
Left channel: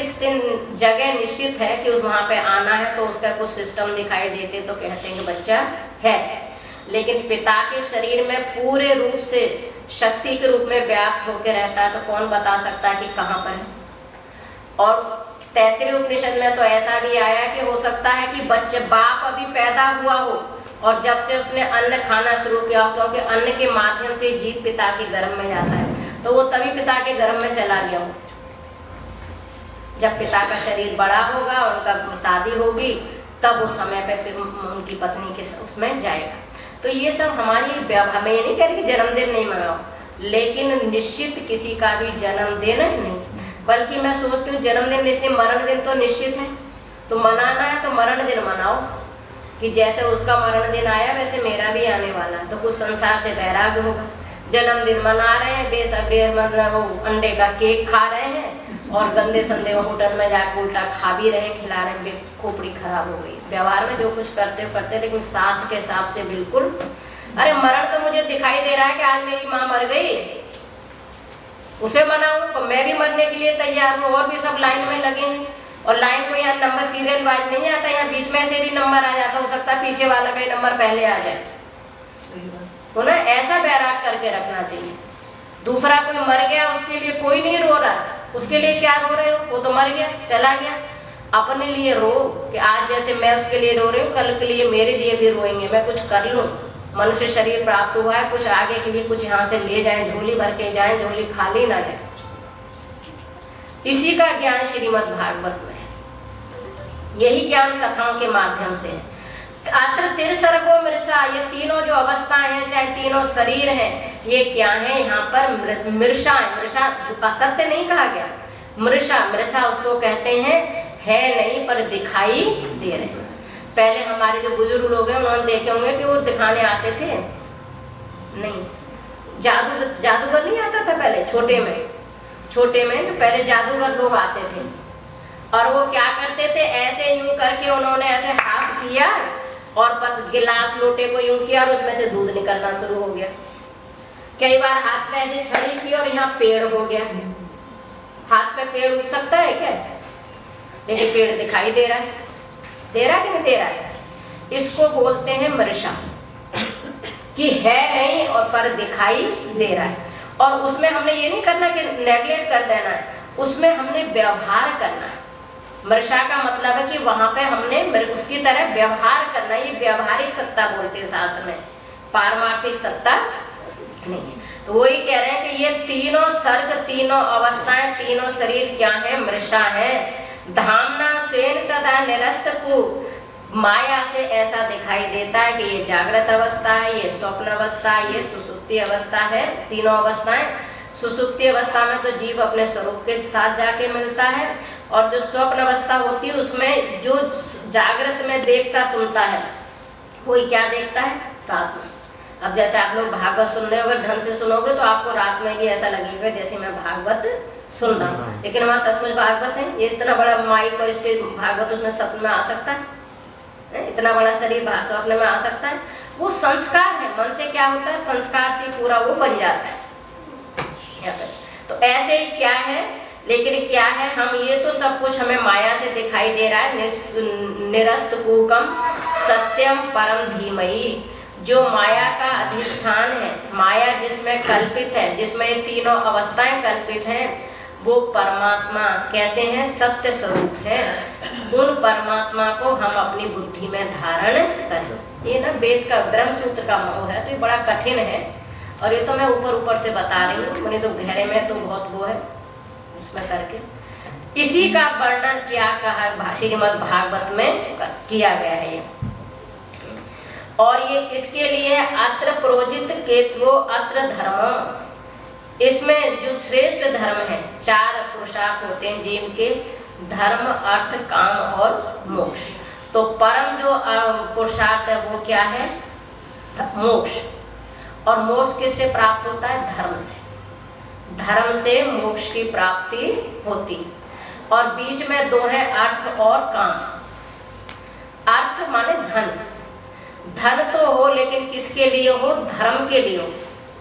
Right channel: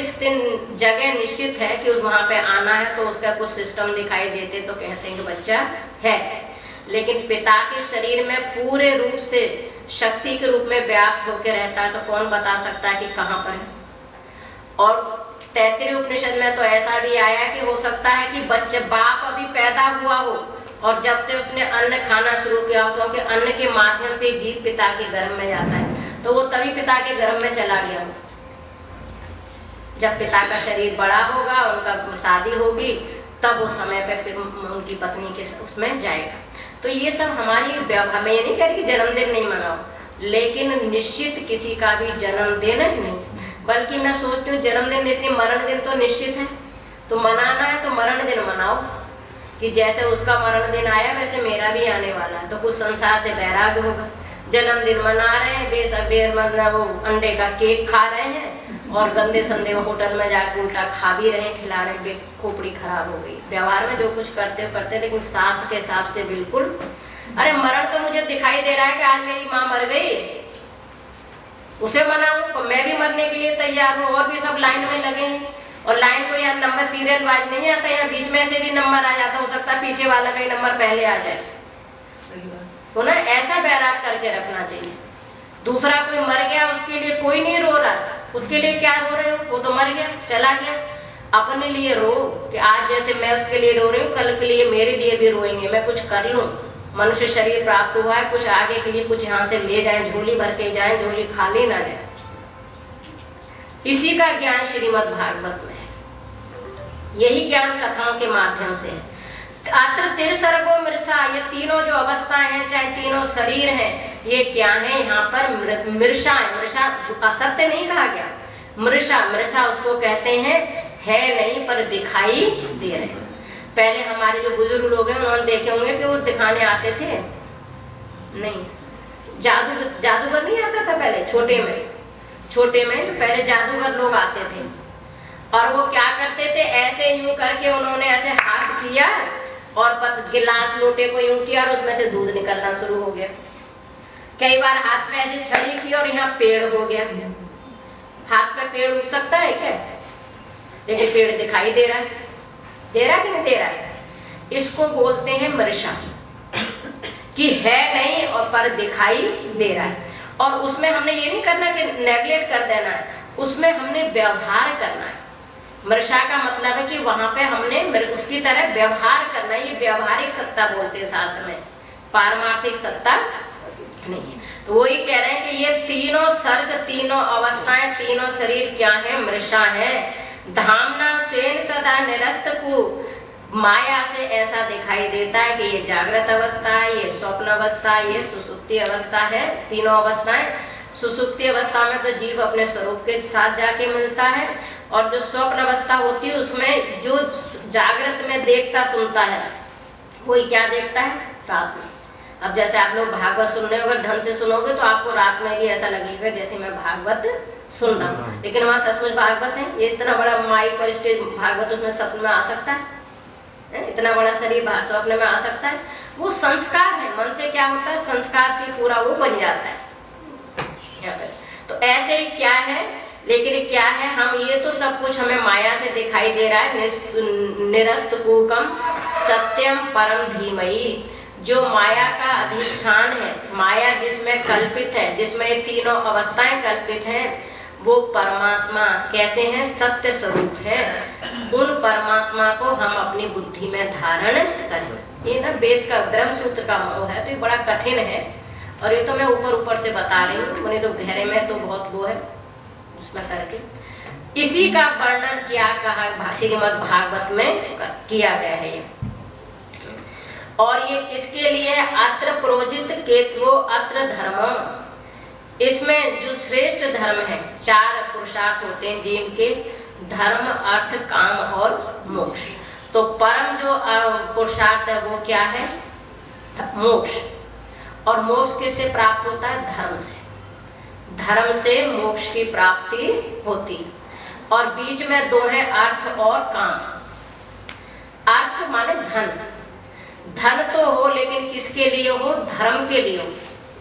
जगह निश्चित है कि वहां पे आना है, तो उसका कुछ सिस्टम दिखाई देते तो कहते हैं कि बच्चा है, लेकिन पिता के शरीर में पूरे रूप से शक्ति के रूप में व्याप्त होकर रहता है, तो कौन बता सकता है कि कहाँ पर है। और तैत्तिरीय उपनिषद में तो ऐसा भी आया कि हो सकता है कि बच्चे बाप अभी पैदा हुआ हो और जब से उसने अन्न खाना शुरू किया हो, क्योंकि अन्न के माध्यम से जीव पिता के गर्भ में जाता है, तो वो तभी पिता के गर्भ में चला गया हो। जब पिता का शरीर बड़ा होगा, उनका शादी होगी, तब उस समय पे उनकी पत्नी के उसमें जाएगा। तो ये सब हमारी, हमें ये नहीं कह रही कि जन्मदिन नहीं मनाओ, लेकिन निश्चित किसी का भी जन्मदिन नहीं, बल्कि मैं सोचती हूँ जन्मदिन इसलिए, मरण दिन तो निश्चित है, तो मनाना है तो मरण दिन मनाओ, कि जैसे उसका मरण दिन आया वैसे मेरा भी आने वाला है, तो कुछ संसार से वैराग्य होगा। जन्मदिन मना रहे हैं, मतलब अंडे का केक खा रहे हैं और गंदे संदे होटल में जाकर उल्टा खा भी रहे, खिला रहे, खोपड़ी खराब हो गई। व्यवहार में जो कुछ करते करते, लेकिन शास्त्र के हिसाब से बिल्कुल। अरे मरण तो मुझे दिखाई दे रहा है कि आज मेरी माँ मर गई, उसे मनाऊं तो मैं भी मरने के लिए तैयार हूँ, और भी सब लाइन में लगे हैं, और लाइन को यहाँ नंबर सीरियल वाइज नहीं आता, यहाँ बीच में से भी नंबर आ जाता, हो सकता है पीछे वाला का ही नंबर पहले आ जाए। तो ना ऐसा बैराग करके रखना चाहिए। दूसरा कोई मर गया उसके लिए कोई नहीं रो रहा, उसके लिए क्या रो रहे हो, वो तो मर गया चला गया। अपने लिए रो कि आज जैसे मैं उसके लिए रो रही हूँ, कल के लिए मेरे लिए भी रोएंगे, मैं कुछ कर लूँ। मनुष्य शरीर प्राप्त हुआ है, कुछ आगे के लिए कुछ यहाँ से ले जाए, झोली भर के जाए, झोली खाली ना जाए। इसी का ज्ञान श्रीमद् भागवत में है, यही ज्ञान कथाओं के माध्यम से है। अत्र तिर्सर्गो मृषा, ये तीनों जो अवस्थाएं हैं, चाहे तीनों शरीर हैं, ये क्या है? यहाँ पर मृषा है। मृषा असत्य नहीं कहा गया, मृषा, मृषा उसको कहते हैं है नहीं पर दिखाई दे रहे हैं। पहले हमारे जो बुजुर्ग लोग हैं उन्होंने देखे होंगे कि वो दिखाने आते थे नहीं, जादूगर नहीं आता था पहले, छोटे में जो पहले जादूगर लोग आते थे, और वो क्या करते थे, ऐसे यूं करके उन्होंने ऐसे हाथ किया और गिलास लोटे को यूं किया और उसमें से दूध निकलना शुरू हो गया। कई बार हाथ में ऐसे छड़ी की और यहाँ पेड़ हो गया। हाथ पे पेड़ उग सकता है क्या? लेकिन पेड़ दिखाई दे रहा है कि नहीं दे रहा है? इसको बोलते हैं मृषा, कि है नहीं और पर दिखाई दे रहा है। और उसमें हमने ये नहीं करना कि नेगलेक्ट कर देना है, उसमें हमने व्यवहार करना है। मृषा का मतलब है कि वहां पे हमने उसकी तरह व्यवहार करना। ये व्यवहारिक सत्ता बोलते हैं साथ में, पारमार्थिक सत्ता नहीं है। तो वही कह रहे हैं कि ये तीनों सर्ग, तीनों अवस्थाएं, तीनों शरीर क्या है? मृषा है। धामना स्वेन सदा निरस्त को, माया से ऐसा दिखाई देता है कि ये जागृत अवस्था है, ये स्वप्न अवस्था है, ये सुसुप्ति अवस्था है। तीनों अवस्थाएं, सुसुप्ति अवस्था में तो जीव अपने स्वरूप के साथ जाके मिलता है, और जो स्वप्न अवस्था होती है उसमें जो जागृत में देखता सुनता है, वही क्या देखता है? रात में। अब जैसे आप लोग भागवत सुन रहे हो, अगर ढंग से सुनोगे तो आपको रात में भी ऐसा लगेगा जैसे मैं भागवत सुन रहा हूँ, लेकिन वहाँ सचमुच भागवत है। ये इतना बड़ा माइक और स्टेज भागवत उसमें सपने में आ सकता है? इतना बड़ा शरीर स्वप्न में आ सकता है? वो संस्कार है, मन से क्या होता है? संस्कार से पूरा वो बन जाता है यहाँ पर। तो ऐसे ही क्या है, लेकिन क्या है, हम ये तो सब कुछ हमें माया से दिखाई दे रहा है। निरस्त कूकम सत्यम परम धीमहि, जो माया का अधिष्ठान है, माया जिसमें कल्पित है, जिसमें ये तीनों अवस्थाएं कल्पित हैं, वो परमात्मा कैसे हैं? सत्य स्वरूप है। उन परमात्मा को हम अपनी बुद्धि में धारण करें। ये ना वेद का ब्रह्म सूत्र का मोह है, तो ये बड़ा कठिन है, और ये तो मैं ऊपर से बता रही हूँ, मैंने तो गहरे में तो बहुत वो है उसमें करके। इसी का वर्णन क्या कहा श्रीमद् भागवत में किया गया है ये। और ये किसके लिए? अत्र प्रोजित केतवो अत्र धर्म, इसमें जो श्रेष्ठ धर्म है, 4 पुरुषार्थ होते हैं जीव के, धर्म, अर्थ, काम और मोक्ष। तो परम जो पुरुषार्थ है वो क्या है? मोक्ष। और मोक्ष किससे प्राप्त होता है? धर्म से। धर्म से मोक्ष की प्राप्ति होती है। और बीच में 2 है, अर्थ और काम। अर्थ माने धन, धन तो हो लेकिन किसके लिए हो? धर्म के लिए हो।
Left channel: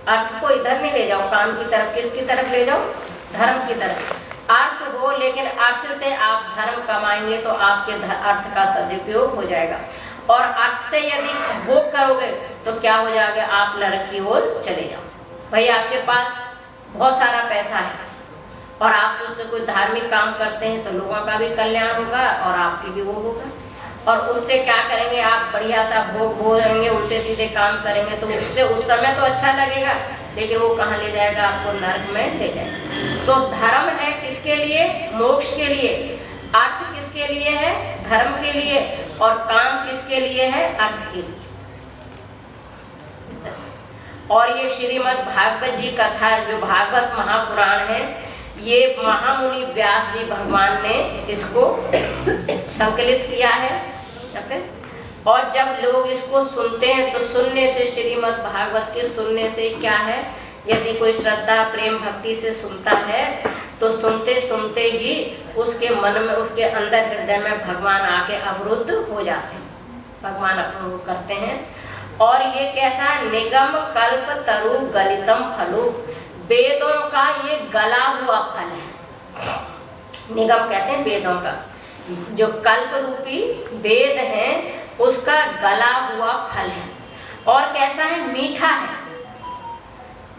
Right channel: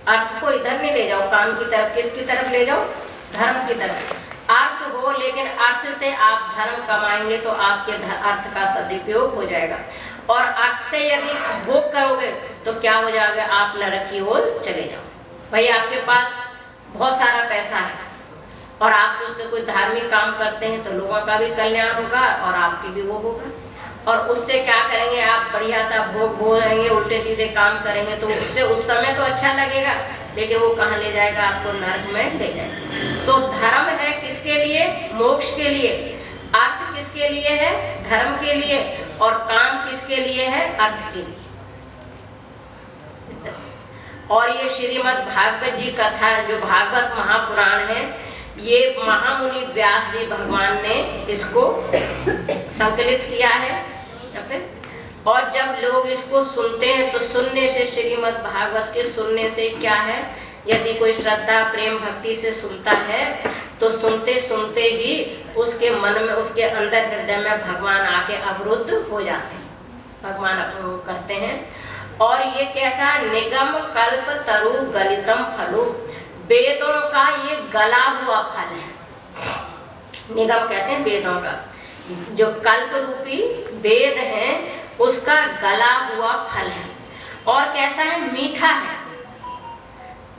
अर्थ को इधर नहीं ले जाओ, काम की तरफ, किसकी तरफ ले जाओ? धर्म की तरफ। अर्थ हो, लेकिन अर्थ से आप धर्म कमाएंगे तो आपके अर्थ का सदुपयोग हो जाएगा। और अर्थ से यदि भोग करोगे तो क्या हो जाएगा? आप नरक की ओर चले जाओ। भाई आपके पास बहुत सारा पैसा है और आप उससे कोई धार्मिक काम करते हैं तो लोगों का भी कल्याण होगा और आपकी भी वो होगा। और उससे क्या करेंगे? आप बढ़िया सा भोग भोगेंगे, उल्टे सीधे काम करेंगे, तो उससे उस समय तो अच्छा लगेगा, लेकिन वो कहाँ ले जाएगा? आपको नरक में ले जाएगा। तो धर्म है किसके लिए? मोक्ष के लिए। अर्थ किसके लिए है? धर्म के लिए। और काम किसके लिए है? अर्थ के लिए। और ये श्रीमद् भागवत जी कथा, जो भागवत महापुराण है, ये महामुनि व्यास जी भगवान ने इसको संकलित किया है। और जब लोग इसको सुनते हैं तो सुनने से, श्रीमद् भागवत के सुनने से क्या है, यदि कोई श्रद्धा प्रेम भक्ति से सुनता है तो सुनते सुनते ही उसके मन में, उसके अंदर हृदय में भगवान आके अवरुद्ध हो जाते हैं, भगवान करते हैं। और ये कैसा? निगम कल्प तरु गलितम फलु, वेदों का ये गला हुआ फल है। निगम कहते हैं वेदों का, जो कल्प रूपी वेद है उसका गला हुआ फल है। और कैसा है? मीठा है।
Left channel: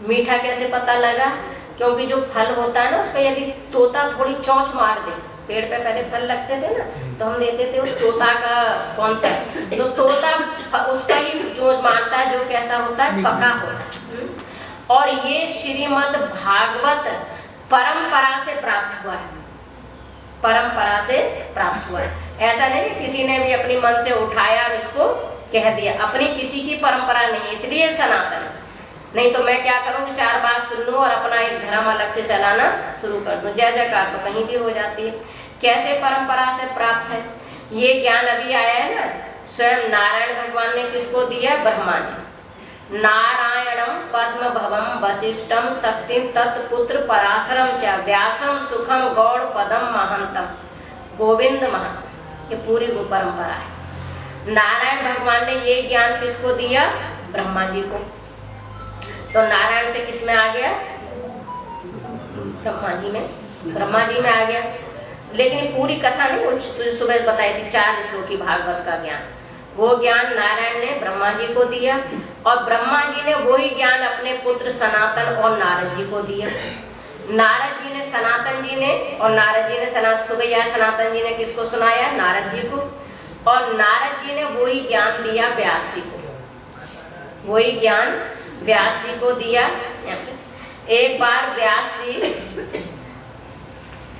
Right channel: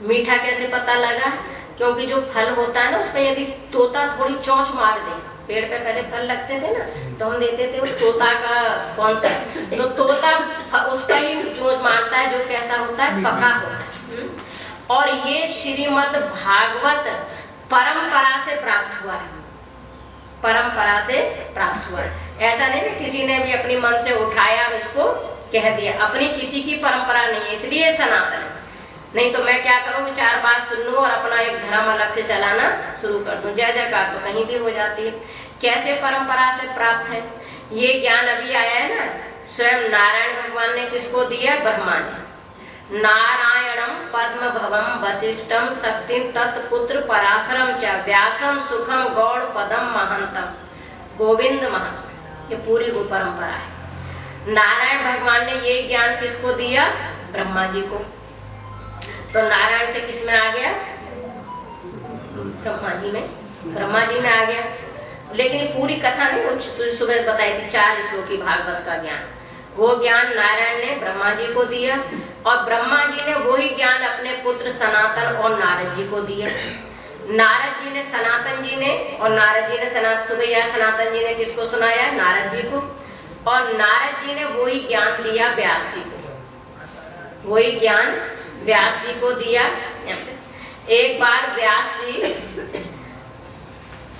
मीठा कैसे पता लगा? क्योंकि जो फल होता है ना, उस पर यदि तोता थोड़ी चोंच मार दे, पेड़ पे पहले फल लगते थे ना, तो हम लेते थे उस तोता का, कौन सा, तो तोता उसका ही चोंच मारता है, जो कैसा होता है? पका होता है। और ये श्रीमद् भागवत परंपरा से प्राप्त हुआ है, परंपरा से प्राप्त हुआ है। ऐसा नहीं कि किसी ने भी अपनी मन से उठाया और उसको कह दिया, अपनी किसी की परंपरा नहीं है, इसलिए सनातन है। नहीं तो मैं क्या करूँ, 4 बात सुन लूं और अपना एक धर्म अलग से चलाना शुरू कर दूं। जय जयकार तो कहीं भी हो जाती है। कैसे परंपरा से प्राप्त है ये ज्ञान? अभी आया है ना, स्वयं नारायण भगवान ने किसको दिया? ब्रह्मा ने। नारायणम पद्म भवम वशिष्ठम शक्तिम तत्पुत्र पराशरम च व्यासम सुखम गौड़ पदम महंतम गोविंद महंत। ये पूरी वो परंपरा है। नारायण भगवान ने ये ज्ञान किसको दिया? ब्रह्मा जी को। तो नारायण से किस में आ गया? ब्रह्मा जी में आ गया। लेकिन ये पूरी कथा नहीं, वो सुबह बताई थी 4 श्लोकी भागवत का ज्ञान। वो ज्ञान नारायण ने ब्रह्मा जी को दिया और ब्रह्मा जी ने वही ज्ञान अपने पुत्र सनातन और नारद जी को दिया। नारद जी ने सनातन जी ने और नारद जी ने सनातन जी ने किसको सुनाया? नारद जी को। और नारद जी ने वही ज्ञान दिया व्यास जी को। वही ज्ञान व्यास जी को दिया। एक बार व्यास जी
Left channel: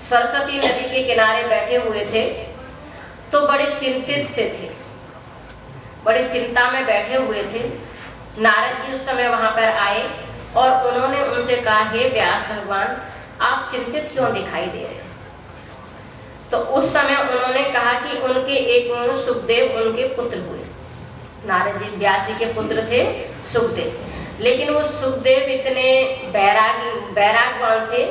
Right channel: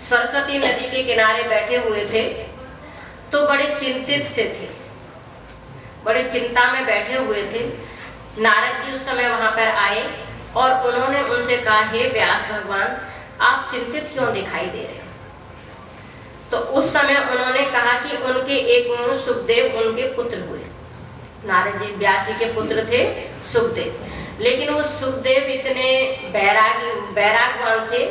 सरस्वती नदी के किनारे बैठे हुए थे तो बड़े चिंतित से थे, बड़े चिंता में बैठे हुए थे। नारद जी उस समय वहां पर आए और उन्होंने उनसे कहा, हे व्यास भगवान, आप चिंतित क्यों दिखाई दे रहे हैं? तो उस समय उन्होंने कहा कि उनके एक सुखदेव उनके पुत्र हुए। नारद जी व्यास जी के पुत्र थे सुखदेव, लेकिन वो सुखदेव इतने बैरागवान थे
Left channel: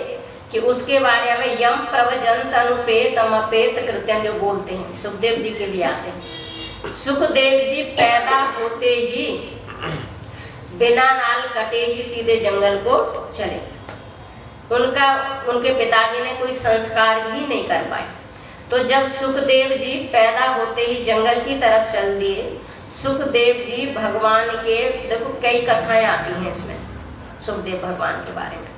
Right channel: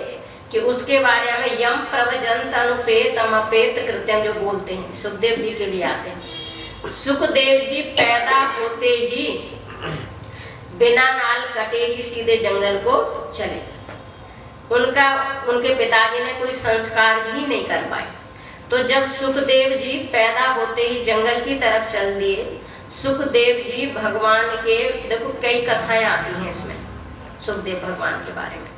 कि उसके बारे में यम प्रवजंत अनुपेत अपेत कृत्यम जो बोलते हैं, सुखदेव जी के लिए आते हैं। सुखदेव जी पैदा होते ही बिना नाल कटे ही सीधे जंगल को चले। उनके पिताजी ने कोई संस्कार भी नहीं कर पाए। तो जब सुखदेव जी पैदा होते ही जंगल की तरफ चल दिए, सुखदेव जी भगवान के, देखो कई कथाएं आती हैं इसमें सुखदेव भगवान के बारे में।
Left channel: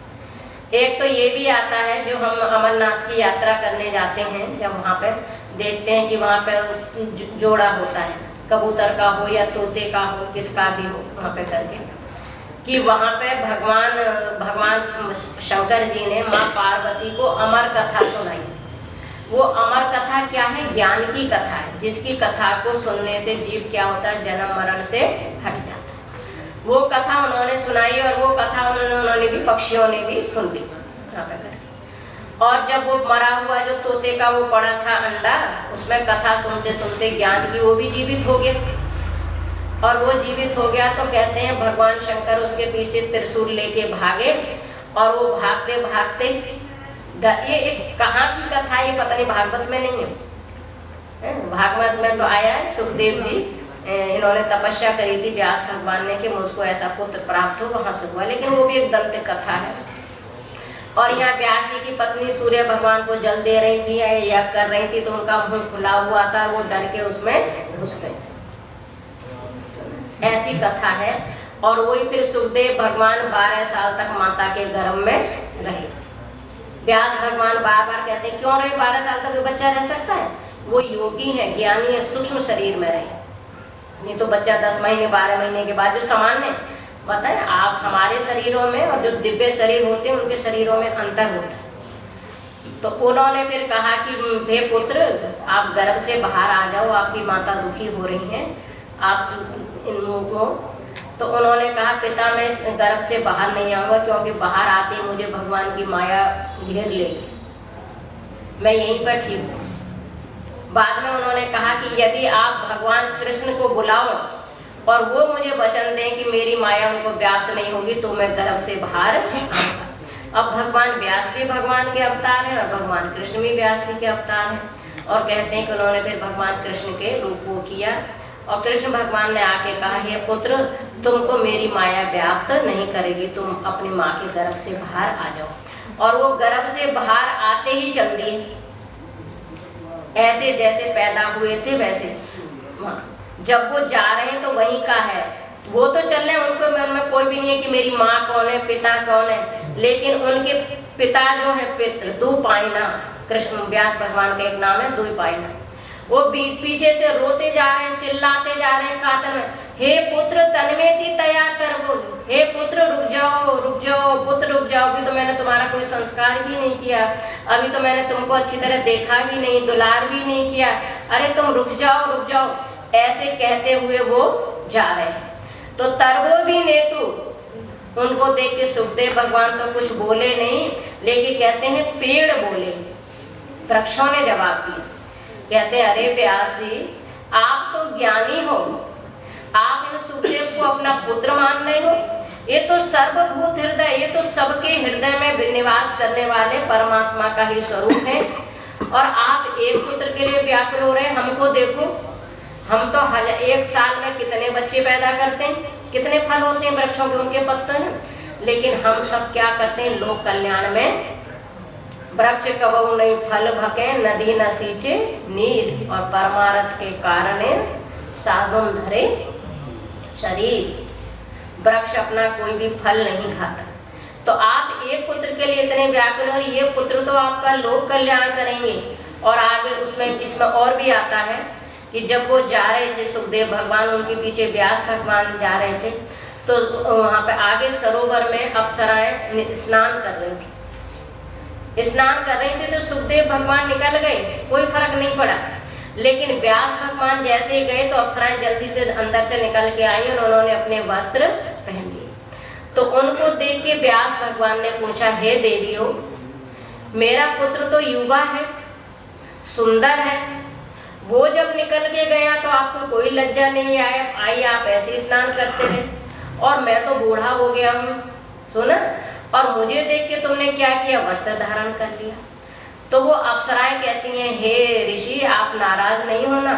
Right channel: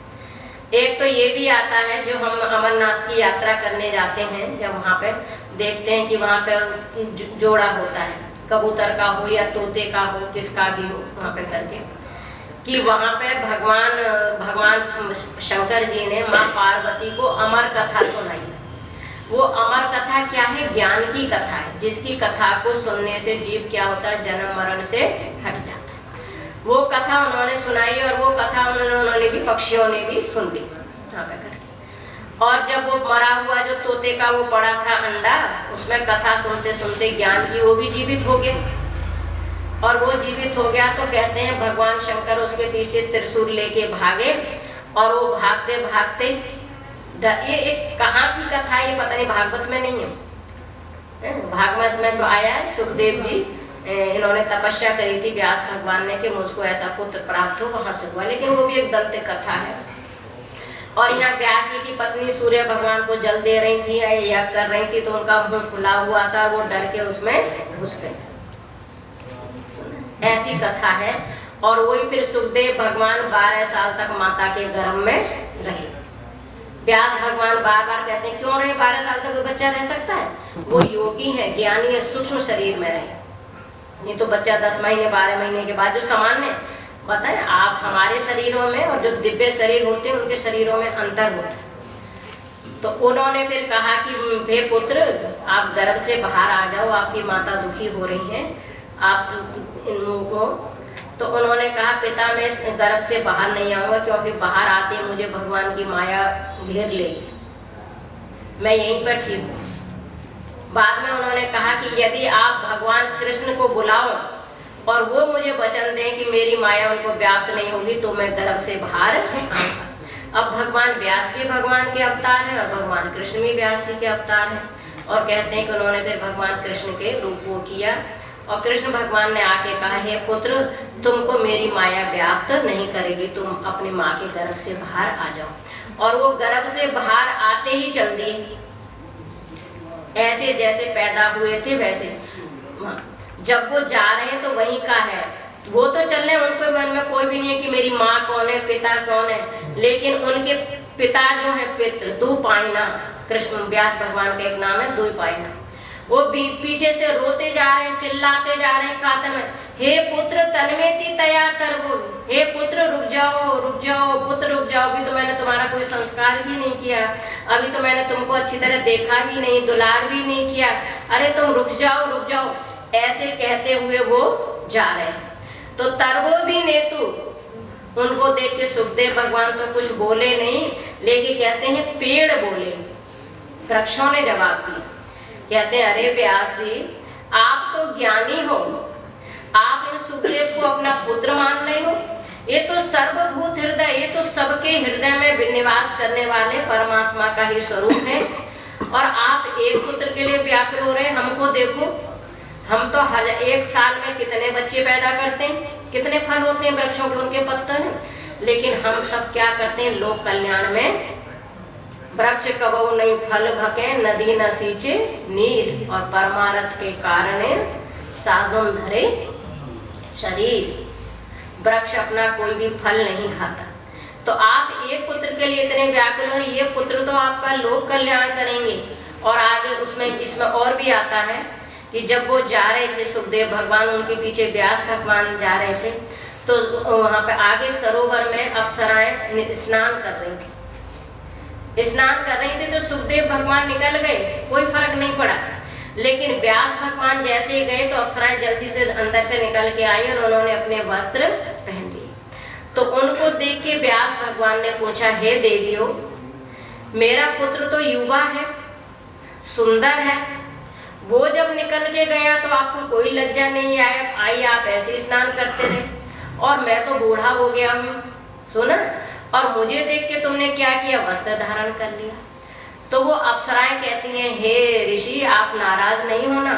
एक तो ये भी आता है, जो हम अमरनाथ की यात्रा करने जाते हैं, जब वहां पे देखते हैं कि वहां पे जोड़ा होता है, कबूतर का हो या तोते का हो, किसका भी हो, वहां पे करके कि वहां पे भगवान शंकर जी ने माँ पार्वती को अमर कथा सुनाई। वो अमर कथा क्या है? ज्ञान की कथा है, जिसकी कथा को सुनने से जीव क्या होता है? जन्म मरण से हट जाता है। वो कथा उन्होंने सुनाई और वो कथा उन्होंने भी, पक्षियों ने भी सुन ली। और जब वो मरा हुआ जो तोते का वो पड़ा था अंडा, उसमें कथा सुनते सुनते ज्ञान की वो भी जीवित हो गया। और वो जीवित हो गया तो कहते हैं भगवान शंकर उसके पीछे त्रिशूल लेके भागे और वो भागते भागते, ये एक कहाँ की कथा है, ये पता नहीं, भागवत में नहीं है। भागवत में तो आया है, सुखदेव जी इन्होंने तपस्या करी थी व्यास भगवान ने कि मुझको ऐसा पुत्र प्राप्त हो, वहां से हुआ, लेकिन वो भी एक दंत कथा है। और यहाँ व्यास जी की पत्नी सूर्य भगवान को जल दे रही थी या कर रही थी, तो उनका मुंह खुला हुआ था, वो डर के उसमें घुस गए। ऐसी कथा है। और वही फिर सुखदेव भगवान 12 साल तक माता के गर्भ में रहे। व्यास भगवान बार बार कहते हैं, क्यों रहे 12 साल तक कोई बच्चा रह सकता है? वो योगी है, ज्ञानी है, सूक्ष्म शरीर में रहे। नहीं तो बच्चा 10 महीने 12 महीने के बाद, जो सामान्य पता है आप, हमारे शरीरों में और जो दिव्य शरीर होते हैं उनके शरीरों में अंतर होता है। तो उन्होंने फिर कहा कि हे पुत्र, आप गर्भ से बाहर आ जाओ, आपकी माता दुखी हो रही है, आप इन लोगों को। तो उन्होंने कहा, पिता मैं इस गर्भ से बाहर नहीं आऊंगा, क्योंकि बाहर आते मुझे भगवान की माया घेर लेगी, मैं यहीं पर ठीक हूँ। बाद में उन्होंने कहा कि यदि आप भगवान कृष्ण को बुलाओ और वो मुझे वचन दें कि मेरी माया उनको व्याप्त नहीं होगी, तो मैं गर्भ से बाहर आऊंगा। अब भगवान व्यास भी भगवान के अवतार है और भगवान कृष्ण भी व्यास जी के अवतार है। और कहते हैं कि उन्होंने फिर भगवान कृष्ण के रूप को किया और कृष्ण भगवान ने आके कहा, हे पुत्र, तुमको मेरी माया व्याप्त नहीं करेगी, तुम अपनी माँ के गर्भ से बाहर आ जाओ। और वो गर्भ से बाहर आते ही चल दिए, ऐसे जैसे पैदा हुए थे वैसे। जब वो जा रहे हैं तो वहीं का है, वो तो चल रहे हैं, उनको मन में कोई भी नहीं है कि मेरी माँ कौन है, पिता कौन है। लेकिन उनके पिता जो है पितृ द्विपायना, कृष्ण व्यास भगवान का एक नाम है द्विपायना, वो पीछे से रोते जा रहे हैं, चिल्लाते जा रहे हैं कातर में, हे पुत्र तन्मेति तया करबो, हे पुत्र रुक जाओ पुत्र रुक जाओ, अभी तो मैंने तुम्हारा कोई संस्कार भी नहीं किया, अभी तो मैंने तुमको अच्छी तरह देखा भी नहीं, दुलार भी नहीं किया, अरे तुम रुक जाओ। ऐसे कहते हुए वो जा रहे हैं। तो तरवो भी नेतु, उनको देख के सुखदेव भगवान तो कुछ बोले नहीं, लेकिन कहते हैं पेड़ बोले, वृक्षों ने जवाब दिया। कहते हैं अरे व्यास जी, आप तो ज्ञानी हो, आप इन सुखदेव को अपना पुत्र मान रहे हो। ये तो सर्वभूत हृदय, ये तो सबके हृदय में निवास करने वाले परमात्मा का ही स्वरूप है, और आप एक पुत्र के लिए व्याकुल हो रहे हैं। हमको देखो, हम तो एक साल में कितने बच्चे पैदा करते हैं, कितने फल होते हैं वृक्षों के, उनके पत्ते हैं, लेकिन हम सब क्या करते हैं, लोक कल्याण में वृक्ष कबहु नहीं फल भके, नदी न सींचे नीर, और परमार्थ के कारण साधुन धरे शरीर। वृक्ष अपना कोई भी फल नहीं खाता। तो आप एक पुत्र के लिए इतने व्याकुल हो, ये पुत्र तो आपका लोक कल्याण करेंगे। और आगे इसमें और भी आता है कि जब वो जा रहे थे सुखदेव भगवान, उनके पीछे व्यास भगवान जा रहे थे, तो वहां पे आगे सरोवर में अप्सराएं स्नान कर रही थी। स्नान कर रही थी तो सुखदेव भगवान निकल गए, कोई फर्क नहीं पड़ा। लेकिन व्यास भगवान जैसे ही गए तो अप्सराएं जल्दी से अंदर से निकल के आई और उन्होंने अपने वस्त्र पहन लिए। तो उनको देख के व्यास भगवान ने पूछा, हे देवियों, मेरा पुत्र तो युवा है, सुंदर है, वो जब निकल के गया तो आपको कोई लज्जा नहीं आई, आप ऐसे स्नान करते रहे, और मैं तो बूढ़ा हो गया हूँ, सुना, और मुझे देख के तुमने क्या किया, वस्त्र धारण कर लिया। तो वो अप्सराएं कहती हैं, हे ऋषि, आप नाराज नहीं होना,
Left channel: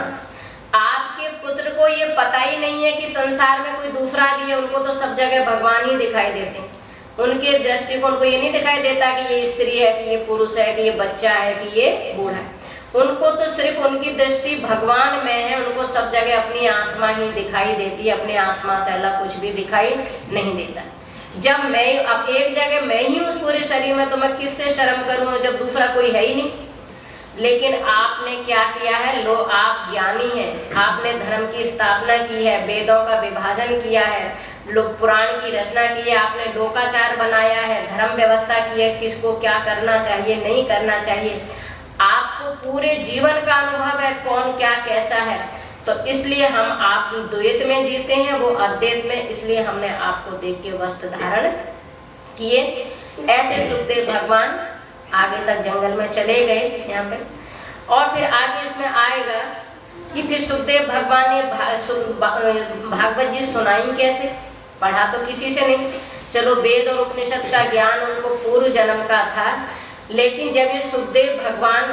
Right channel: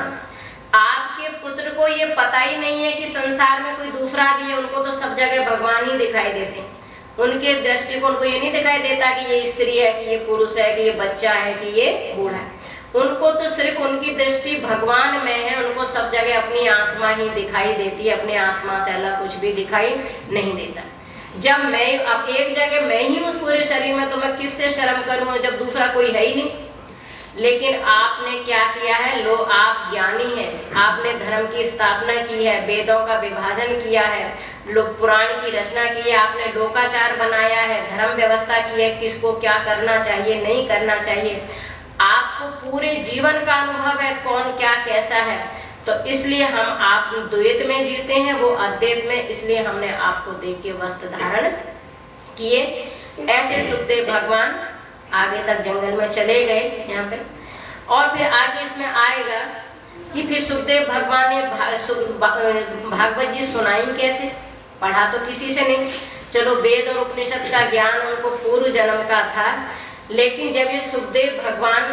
आपके पुत्र को ये पता ही नहीं है कि संसार में कोई दूसरा भी है। उनको तो सब जगह भगवान ही दिखाई देते हैं, उनके दृष्टिकोण को ये नहीं दिखाई देता कि ये स्त्री है, कि ये पुरुष है, कि ये बच्चा है, कि ये बूढ़ा है। उनको तो सिर्फ उनकी दृष्टि भगवान में है, उनको सब जगह अपनी आत्मा ही दिखाई देती है, अपने आत्मा से अलग कुछ भी दिखाई नहीं देता। जब मैं अब एक जगह मैं ही उस पूरे शरीर में, तो मैं किससे शर्म करूं जब दूसरा कोई है ही नहीं। लेकिन आपने क्या किया है, लो आप ज्ञानी हैं, आपने धर्म की स्थापना की है, वेदों का विभाजन किया है, लोग पुराण की रचना की है, आपने लोकाचार बनाया है, धर्म व्यवस्था की है, किसको क्या करना चाहिए नहीं करना चाहिए, आपको पूरे जीवन का अनुभव है, कौन क्या कैसा है। तो इसलिए हम आप द्वैत में जीते हैं, वो अद्वैत में, इसलिए हमने आपको देख के वस्त्र धारण किए। ऐसे सुखदेव भगवान आगे तक जंगल में चले गए यहाँ पे। और फिर आगे इसमें आएगा कि फिर सुखदेव भगवान ने भागवत जी सुनाई कैसे, पढ़ा तो किसी से नहीं, चलो वेद और उपनिषद का ज्ञान उनको पूर्व जन्म का था, लेकिन जब ये सुखदेव भगवान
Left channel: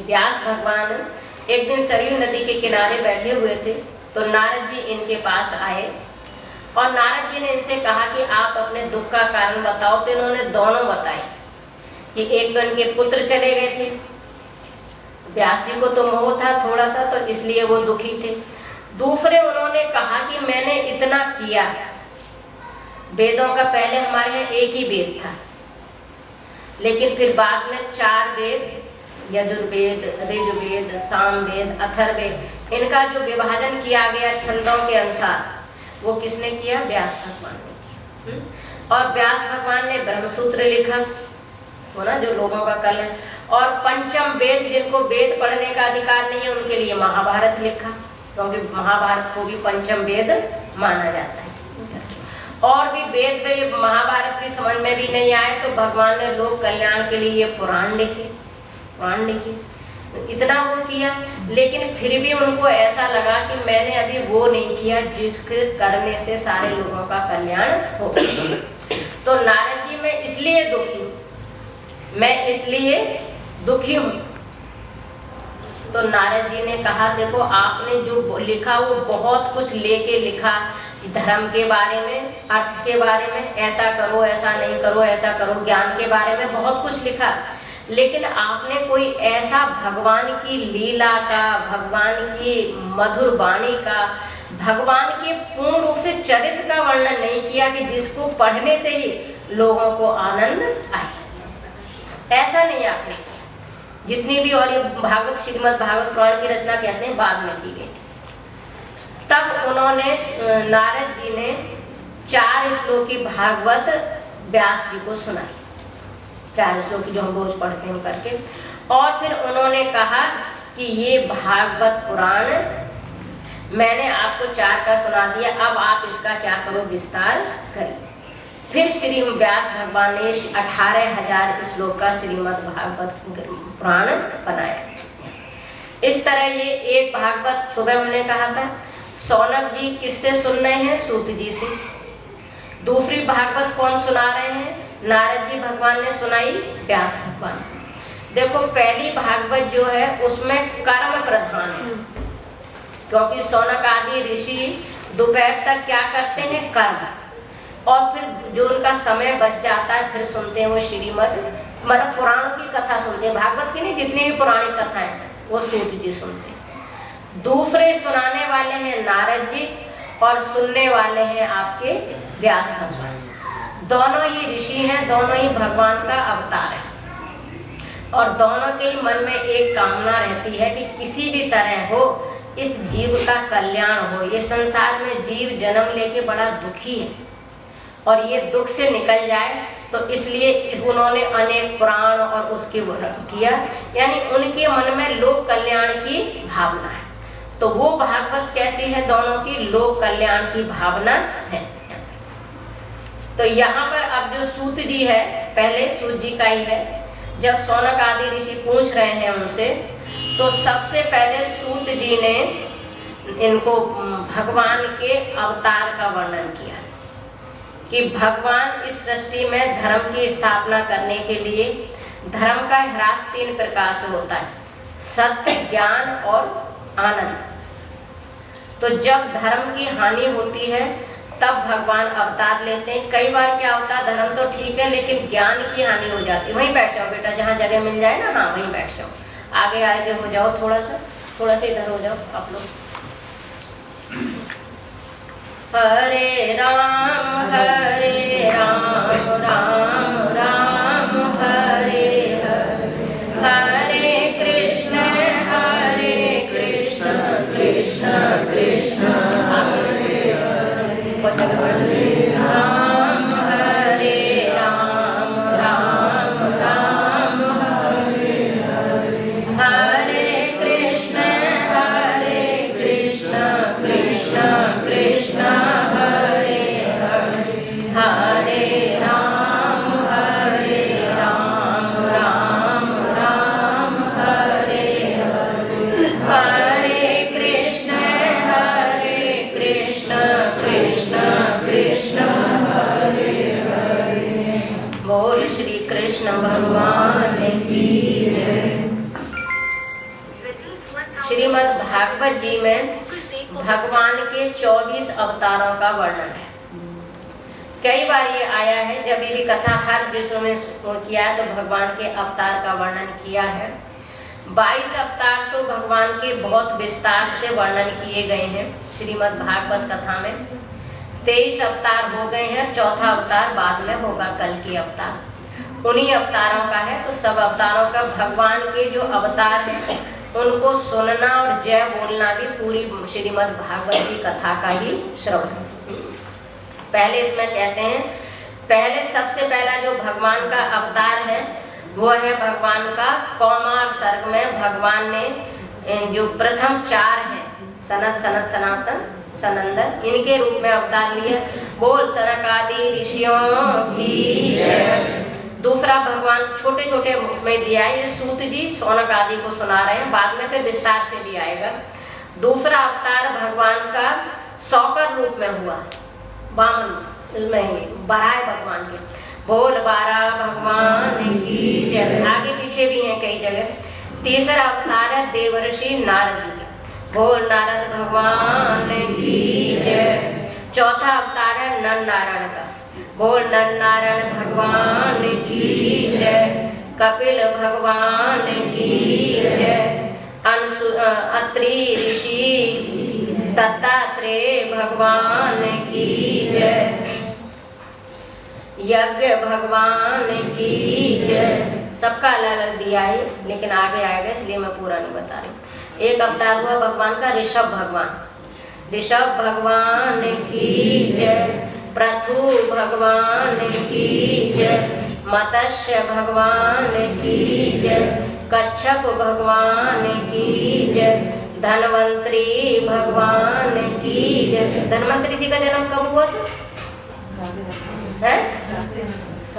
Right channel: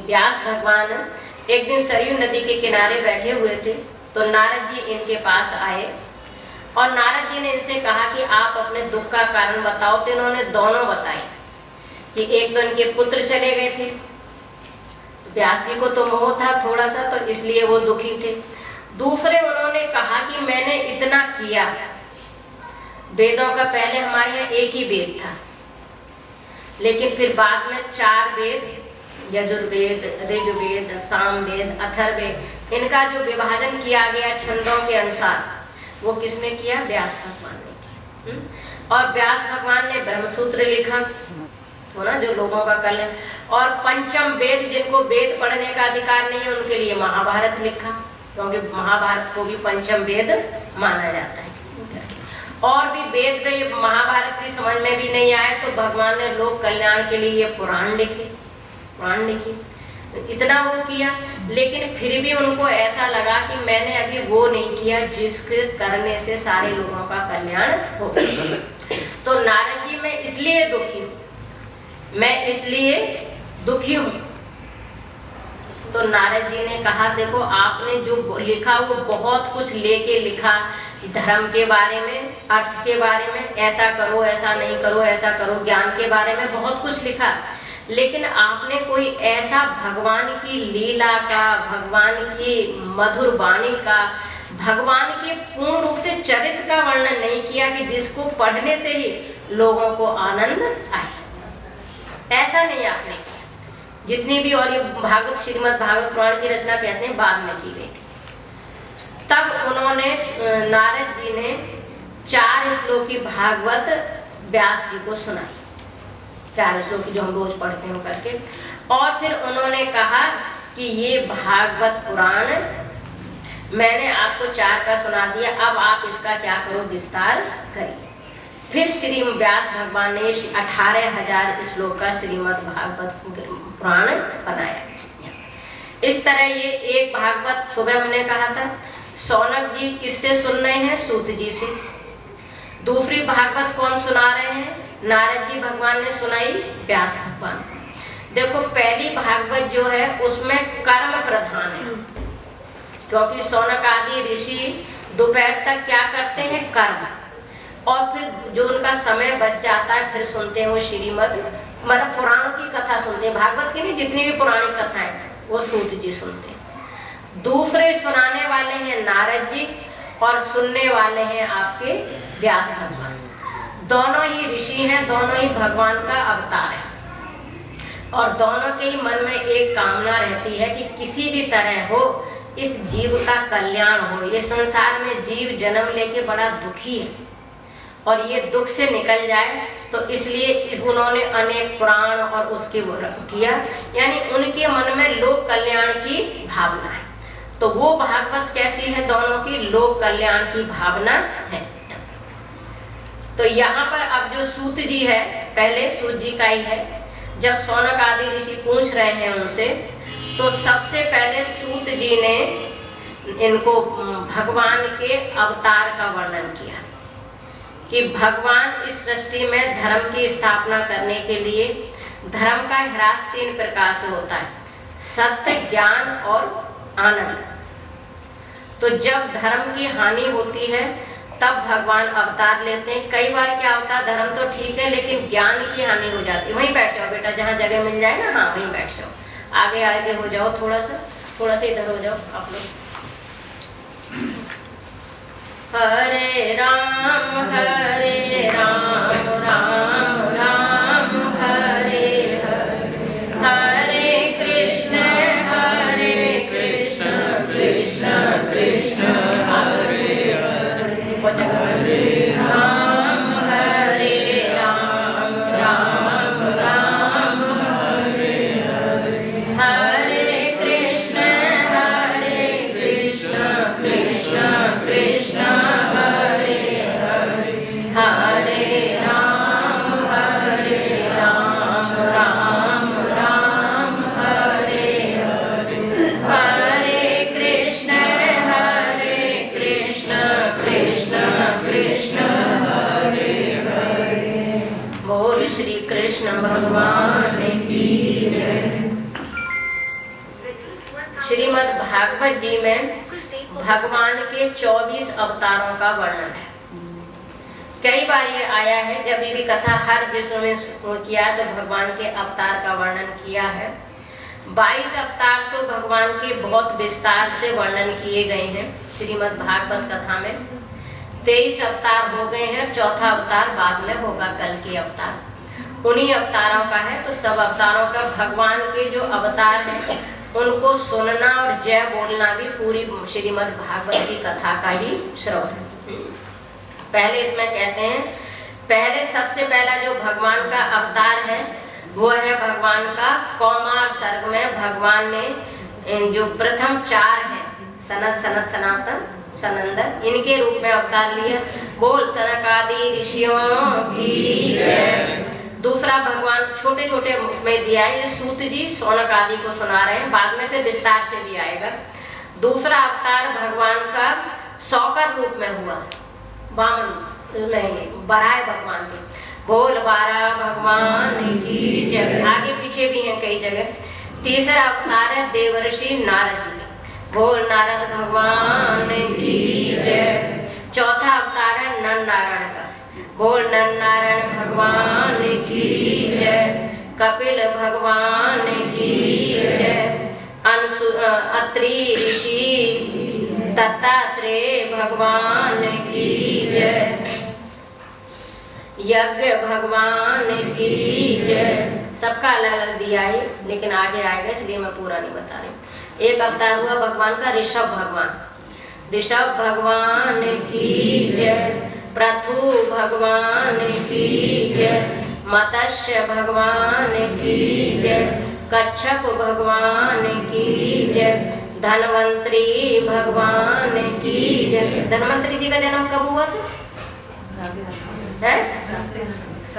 व्यास भगवान एक दिन सरयू नदी के किनारे बैठे हुए थे, तो नारद जी इनके पास आए और नारद जी ने इनसे कहा कि आप अपने दुख का कारण बताओ। तो इन्होंने दोनों बताए कि एक तो इनके पुत्र चले गए थे, व्यास जी को तो मोह था थोड़ा सा, तो इसलिए वो दुखी थे। दूसरे उन्होंने कहा कि मैंने इतना किया, वेदों का पहले हमारे यहाँ एक ही वेद था, लेकिन फिर बाद में 4 वेद, यजुर्वेद, ऋग्वेद, सामवेद, अथर्ववेद, इनका जो विभाजन किया गया छंदों के अनुसार, वो किसने किया, व्यास भगवान ने। और व्यास भगवान ने ब्रह्मसूत्र लिखा, वो ना जो लोगों का कल है। और पंचम वेद, जिनको वेद पढ़ने का अधिकार नहीं है, उनके लिए महाभारत लिखा, क्योंकि महाभारत को भी पंचम वेद माना जाता है। और भी वेद में महाभारत की समझ में भी नहीं आए तो भगवान ने लोक कल्याण के लिए ये पुराण लिखे। इतना वो किया, लेकिन फिर भी उनको ऐसा लगा कि मैंने अभी वो नहीं किया जिसके करने से सारे लोगों का कल्याण हो। तो नारद जी मैं इसलिए दुखी हूँ, मैं इसलिए दुखी हूँ। तो नारद जी ने कहा, देखो आपने जो लिखा वो बहुत कुछ लेके लिखा, धर्म के बारे में, अर्थ के बारे में, ऐसा करो ऐसा नहीं करो, ऐसा करो, ज्ञान के बारे में बहुत कुछ लिखा, लेकिन आपने कोई ऐसा भगवान की लीला का, भगवान की मधुर वाणी का, भगवान के पूर्ण रूप से चरित्र का वर्णन नहीं किया कि जिसको पढ़ने से ही लोगों को आनंद आए। ऐसा नहीं आपने किया। जितनी भी और भागवत, श्रीमद् भागवत पुराण की रचना कहते हैं बाद में की गई थी। तब उन्होंने, नारद जी ने 4 श्लोक की भागवत व्यास जी को सुनाई, 4 श्लोक जो हम रोज पढ़ते हैं करके। और फिर उन्होंने कहा कि ये भागवत पुराण मैंने आपको 4 का सुना दिया, अब आप इसका क्या करो, विस्तार करिए। फिर श्री व्यास भगवान ने 18,000 श्लोक का श्रीमद् भागवत पुराण बनाया। इस तरह ये एक भागवत सुबह हमने कहा था सौनक जी किससे सुन रहे हैं, सूत जी से। दूसरी भागवत कौन सुना रहे हैं, नारद जी भगवान ने सुनाई व्यास भगवान। देखो पहली भागवत जो है उसमें कर्म प्रधान है, क्योंकि सौनक आदि ऋषि दोपहर तक क्या करते हैं, कर्म, और फिर जो उनका समय बच जाता है फिर सुनते हैं वो श्रीमद् मतलब पुराणों की कथा सुनते हैं। भागवत की नहीं, जितनी भी पुरानी कथाएं वो सूत जी सुनते हैं। दूसरे सुनाने वाले हैं नारद जी और सुनने वाले हैं आपके व्यास भगवान। दोनों ही ऋषि हैं, दोनों ही भगवान का अवतार है, और दोनों के ही मन में एक कामना रहती है कि किसी भी तरह हो इस जीव का कल्याण हो। ये संसार में जीव जन्म लेके बड़ा दुखी है और ये दुख से निकल जाए, तो इसलिए उन्होंने अनेक पुराण और उसके किया, यानी उनके मन में लोक कल्याण की भावना है। तो वो भागवत कैसी है, दोनों की लोक कल्याण की भावना है। तो यहाँ पर अब जो सूत जी है, पहले सूत जी का ही है। जब सौनक आदि ऋषि पूछ रहे हैं उनसे, तो सबसे पहले सूत जी ने इनको भगवान के अवतार का वर्णन किया कि भगवान इस सृष्टि में धर्म की स्थापना करने के लिए, धर्म का ह्रास 3 प्रकार से होता है, सत्य, ज्ञान और आनंद। तो जब धर्म की हानि होती है तब भगवान अवतार लेते हैं। कई बार क्या होता है, धर्म तो ठीक है लेकिन ज्ञान की हानि हो जाती है। वहीं बैठ जाओ बेटा, जहाँ जगह मिल जाए ना, हाँ वहीं बैठ जाओ, आगे आगे हो जाओ, थोड़ा सा इधर हो जाओ आप लोग। हरे राम राम राम हरे हरे, हरे कृष्ण कृष्ण कृष्ण हरे हरे, हरे राम राम राम हरे हरे, हरे कृष्ण कृष्ण कृष्ण हरे हरे, हरे राम राम राम हरे हरे, हरे कृष्ण कृष्ण कृष्ण हरे हरे। बोल श्री कृष्ण भगवान की जय। श्रीमद् भागवत जी में भगवान के 24 अवतारों का वर्णन है। कई बार ये आया है, जब भी कथा हर जिसमें किया है तो भगवान के अवतार का वर्णन किया है। 22 अवतार तो भगवान के बहुत विस्तार से वर्णन किए गए हैं श्रीमद् भागवत कथा में। 23 अवतार हो गए हैं, 4था अवतार बाद में होगा, कल की अवतार उन्हीं अवतारों का है। तो सब अवतारों का भगवान के जो अवतार है उनको सुनना और जय बोलना भी पूरी श्रीमद् भागवत की कथा का ही श्रवण है। पहले इसमें कहते हैं, पहले सबसे पहला जो भगवान का अवतार है वो है भगवान का कौमार सर्ग में भगवान ने जो प्रथम 4 हैं, सनत सनत सनातन सनंदन, इनके रूप में अवतार लिया। बोल सनक आदि ऋषियों की जय। दूसरा भगवान छोटे छोटे उसमें दिया है, ये सूत जी सौनक आदि को सुना रहे हैं, बाद में फिर विस्तार से भी आएगा। दूसरा अवतार भगवान का सौकर रूप में हुआ, वामन में बराह भगवान के। बोल बारा भगवान की जय। आगे पीछे भी हैं कई जगह। तीसरा अवतार है देवर्षि नारद जी का। बोल नारद भगवान की जय। चौथा अवतार है नर नारायण का। बोल नर नारायण भगवान की जय। कपिल भगवान की जय। अत्रि ऋषि दत्तात्रेय भगवान की जय। यज्ञ भगवान की जय। सबका अलग अलग दिया है, लेकिन आगे आएगा इसलिए मैं पूरा नहीं बता रही। एक अवतार हुआ भगवान का ऋषभ भगवान। ऋषभ भगवान की जय। प्रथु भगवान की जय। मत्स्य भगवान की जय। कच्छप भगवान की जय, धन्वंतरी भगवान की जय। धन्वंतरी जी का जन्म कब हुआ था? है?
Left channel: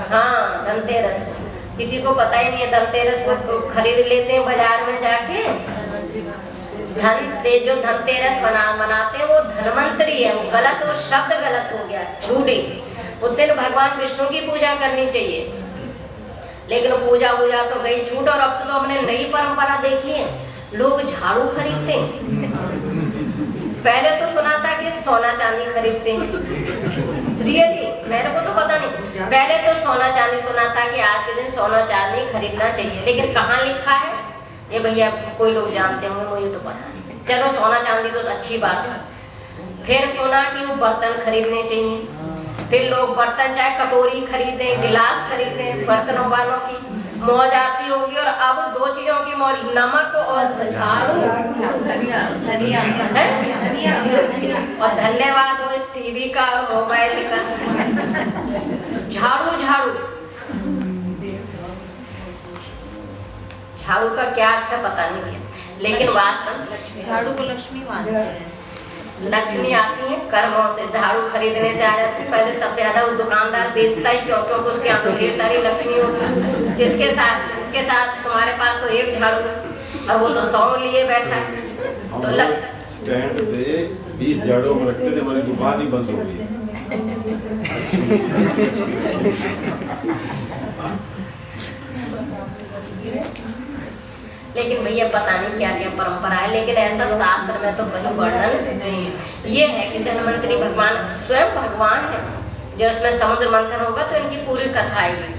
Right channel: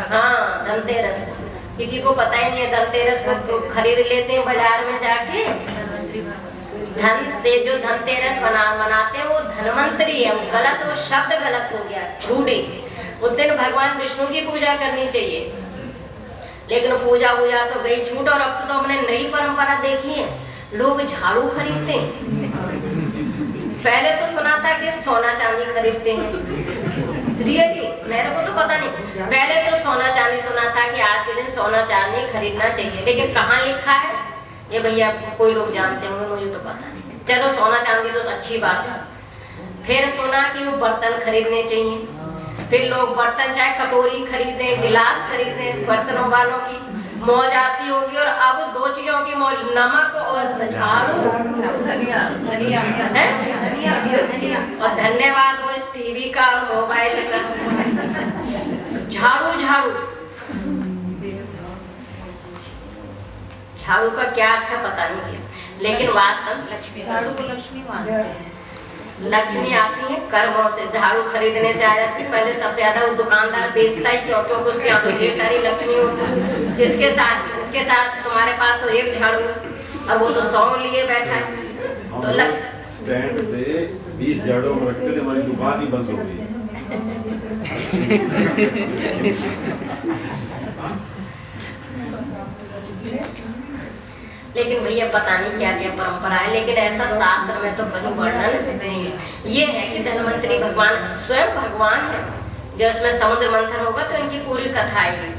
हाँ, धनतेरस को। किसी को पता ही नहीं है। धनतेरस को तो खरीद लेते हैं बाजार में जाके। जो धनतेरस मनाते हैं वो धन्वंतरी है, गलत, वो शब्द गलत हो गया, रूढ़ी। उस दिन भगवान विष्णु की पूजा करनी चाहिए, लेकिन पूजा तो गई छूट। और अब तो हमने नई परंपरा देखी है, लोग झाड़ू खरीदते हैं। पहले तो सुना था कि सोना चांदी खरीदते हैं, रियली मेरे को तो पता नहीं। पहले तो सोना चांदी सुना था कि आज के दिन सोना चांदी खरीदना चाहिए, लेकिन कहाँ लिखा है ये भैया कोई लोग जानते होंगे, मुझे तो पता नहीं। चलो सोना चांदी तो अच्छी बात है। फिर सुना कि वो बर्तन खरीदने चाहिए, फिर लोग बर्तन चाहे कटोरी खरीदे, गिलास खरीदे, बर्तनों वालों की मौज आती होगी। और अब दो चीजों की मौज, नमक और झाड़ू, और धन्यवाद हो इस टीवी का और मोबाइल का। झाड़ू का क्या अर्थ है पता नहीं है, लेकिन वास्तव झाड़ू को लक्ष्मी मानते हैं। लक्ष्मी आती है कर्मों से, झाड़ू खरीदने से आ जाती है। पहले सबसे ज्यादा वो दुकानदार बेचता ही क्यों? क्योंकि उसके यहाँ तो ढेर सारी लक्ष्मी होती। जिसके साथ तुम्हारे पास तो एक झाड़ू है और वो तो 100 लिए बैठा है। तो लक्ष्मी स्टैंड पे 20 झाड़ू रखते थे, हमारी दुकान ही बंद हो गई। लेकिन भैया पता नहीं क्या क्या परंपरा है, लेकिन ऐसा शास्त्र में तो कहीं वर्णन नहीं है। ये है कि धन्वंतरी भगवान स्वयं भगवान है, जो इसमें समुद्र मंथन होगा तो इनकी पूरी कथा आएगी।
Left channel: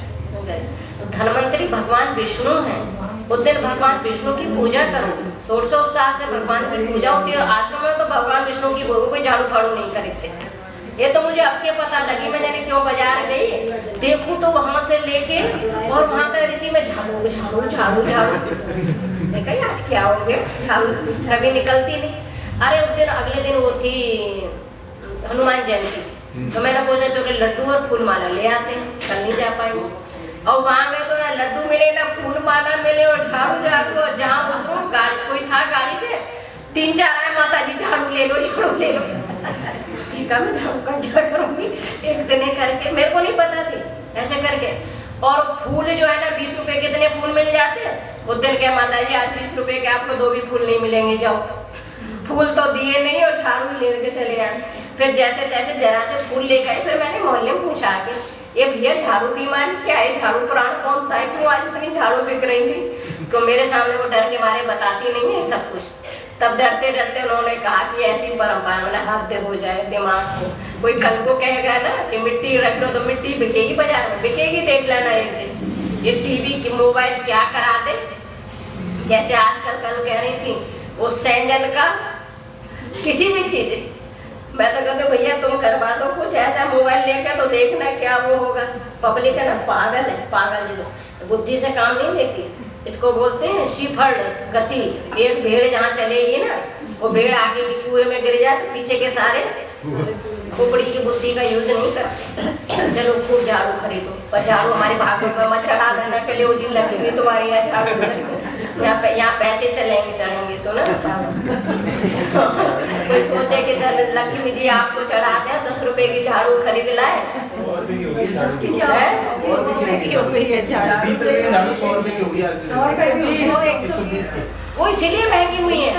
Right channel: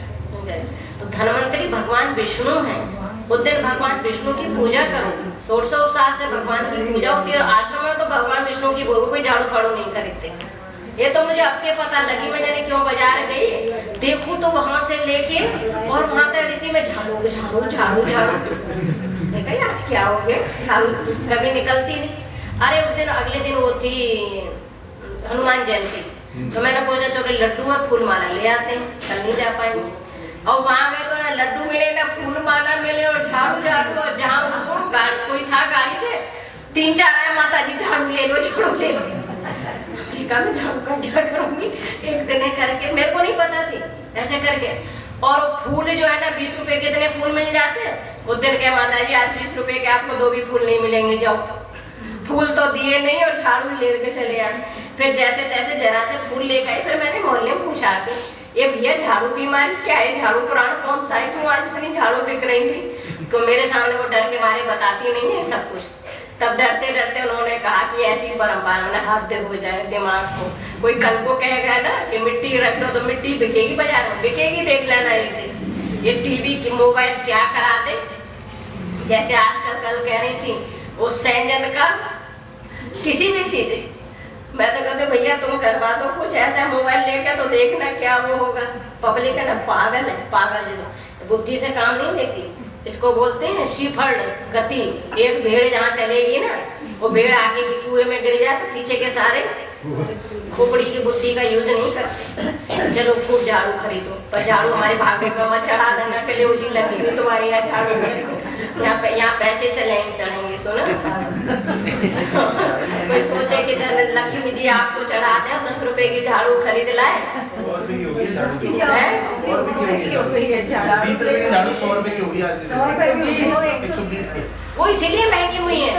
तो धन्वंतरी भगवान विष्णु है। उस दिन भगवान विष्णु की पूजा करो, षोडशोपचार से भगवान की पूजा होती है। और आश्रम में तो भगवान विष्णु की कोई झाड़ू फाड़ू नहीं खरीदते। ये तो मुझे अब के पता लगी। मैं जाने क्यों बाजार गई, देखूं तो वहां से लेके और वहां का ऋषि में झाड़ू आज क्या हो गया, झाड़ू कभी निकलती नहीं। अरे उस दिन अगले दिन वो थी हनुमान जयंती, तो मैंने सोचा चलो लड्डू और फूल माला ले आते हैं, कल नहीं जा पाएंगे। और वहां गए तो ना लड्डू मिले ना फूल माला मिले और झाड़ू। और जहाँ कोई था गाड़ी से 3-4 आए, माता जी झाड़ू ले लो। मैं झाड़ू का क्या करूंगी, एक दिन करके, मेरे को नहीं पता थी ऐसे करके। और फूल जो है ना 20 रुपए कितने फूल मिल जाते हैं। उस दिन क्या माता जी आज 20 रुपए के आपको 2 भी फूल नहीं मिलेंगे, जाओ। फूल तो दिए नहीं और झाड़ू लेके चले आए। फिर जैसे तैसे जरा से फूल लेकर आए। फिर मैंने मोहल्ले में पूछा कि ये भैया झाड़ू बीमारी क्या है, झाड़ू पुराण कौन सा है, क्यों आज इतनी झाड़ू बिक रही थी? तो मेरे सामने वो डर के मारे बताती नहीं है सब कुछ। तब डरते डरते उन्होंने कहा कि ऐसी परंपरा ना हद हो जाए दिमाग को। कोई कल को कहेगा ना कि मिट्टी रख लो तो मिट्टी बिकेगी बाजार में, बिकेगी, देख लेना एक दिन। ये टीवी की मोबाइल क्या करा दे, जैसे आजकल कल कह रही थी वो सैंजन का किसी भी चीज। मैं तो कहते भैया तुम करवा दो कुछ ऐसा मोबाइल लेकर, तो देखना क्या वो होगा। पब्लिक है ना पागल है, पागल है, बुद्धि से काम नहीं लेती। इसको बोलते हैं शीफर्ड गति। एक भेड़ जहाँ चलेगी ना, वो भेड़ आगे की कुएं में गिर जाए तो पीछे के सारे खोपड़ी की बुद्धि का यूज नहीं करते। चलो खूब झाड़ू खरीदो, पर झाड़ू हमारे भाग्य में मत चढ़ा देना के लिए उसी लक्ष्मी तुम्हारी यहाँ झाड़ू। यहाँ पैसे चढ़ेंगे सुनो। कोई सोचे कि लक्ष्मी जी आपको चढ़ा दे, 10 रुपए की झाड़ू खरीद लाए। वो इसीलिए महंगी हुई है।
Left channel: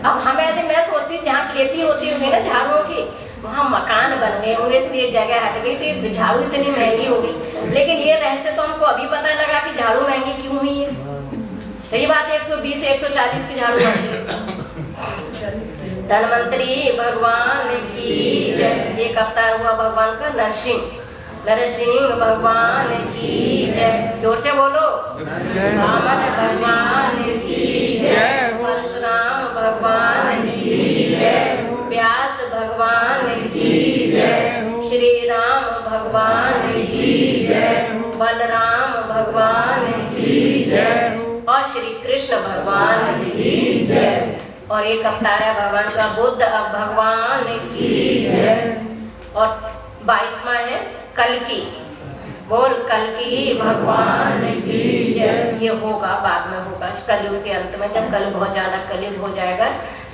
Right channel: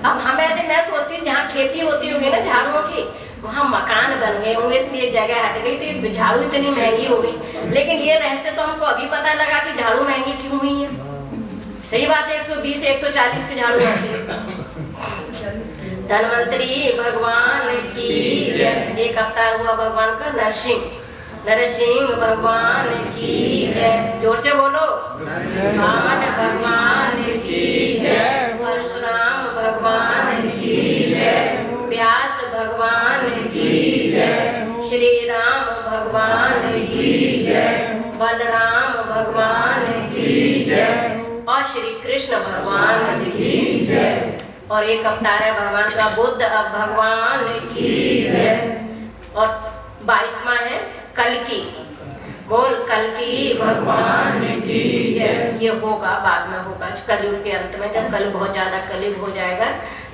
अब हम ऐसे मैं सोचती हूँ जहाँ खेती होती होगी ना झाड़ुओं की, वहाँ मकान बन गए होंगे, इसलिए जगह हट गई थी, झाड़ू इतनी महंगी हो गई। लेकिन ये रहस्य तो हमको अभी पता लगा कि झाड़ू महंगी क्यों हुई है। सही बात है, 120-140 की झाड़ू महंगी। धन्वंतरी भगवान की जय। एक अवतार हुआ भगवान का नरसिंह भगवान की जय। जोर से बोलो, वामन भगवान की जय, परशुराम भगवान की जय, व्यास भगवान की जय, श्री राम भगवान की जय, बलराम भगवान की जय और श्री कृष्ण भगवान की जय। और एक अवतार है भगवान का बुद्ध भगवान की जय। और 22वां है कल्कि। बोल कल्कि भगवान की ये होगा, बाद में होगा कलयुग के अंत में, जब कल बहुत ज्यादा कलयुग हो जाएगा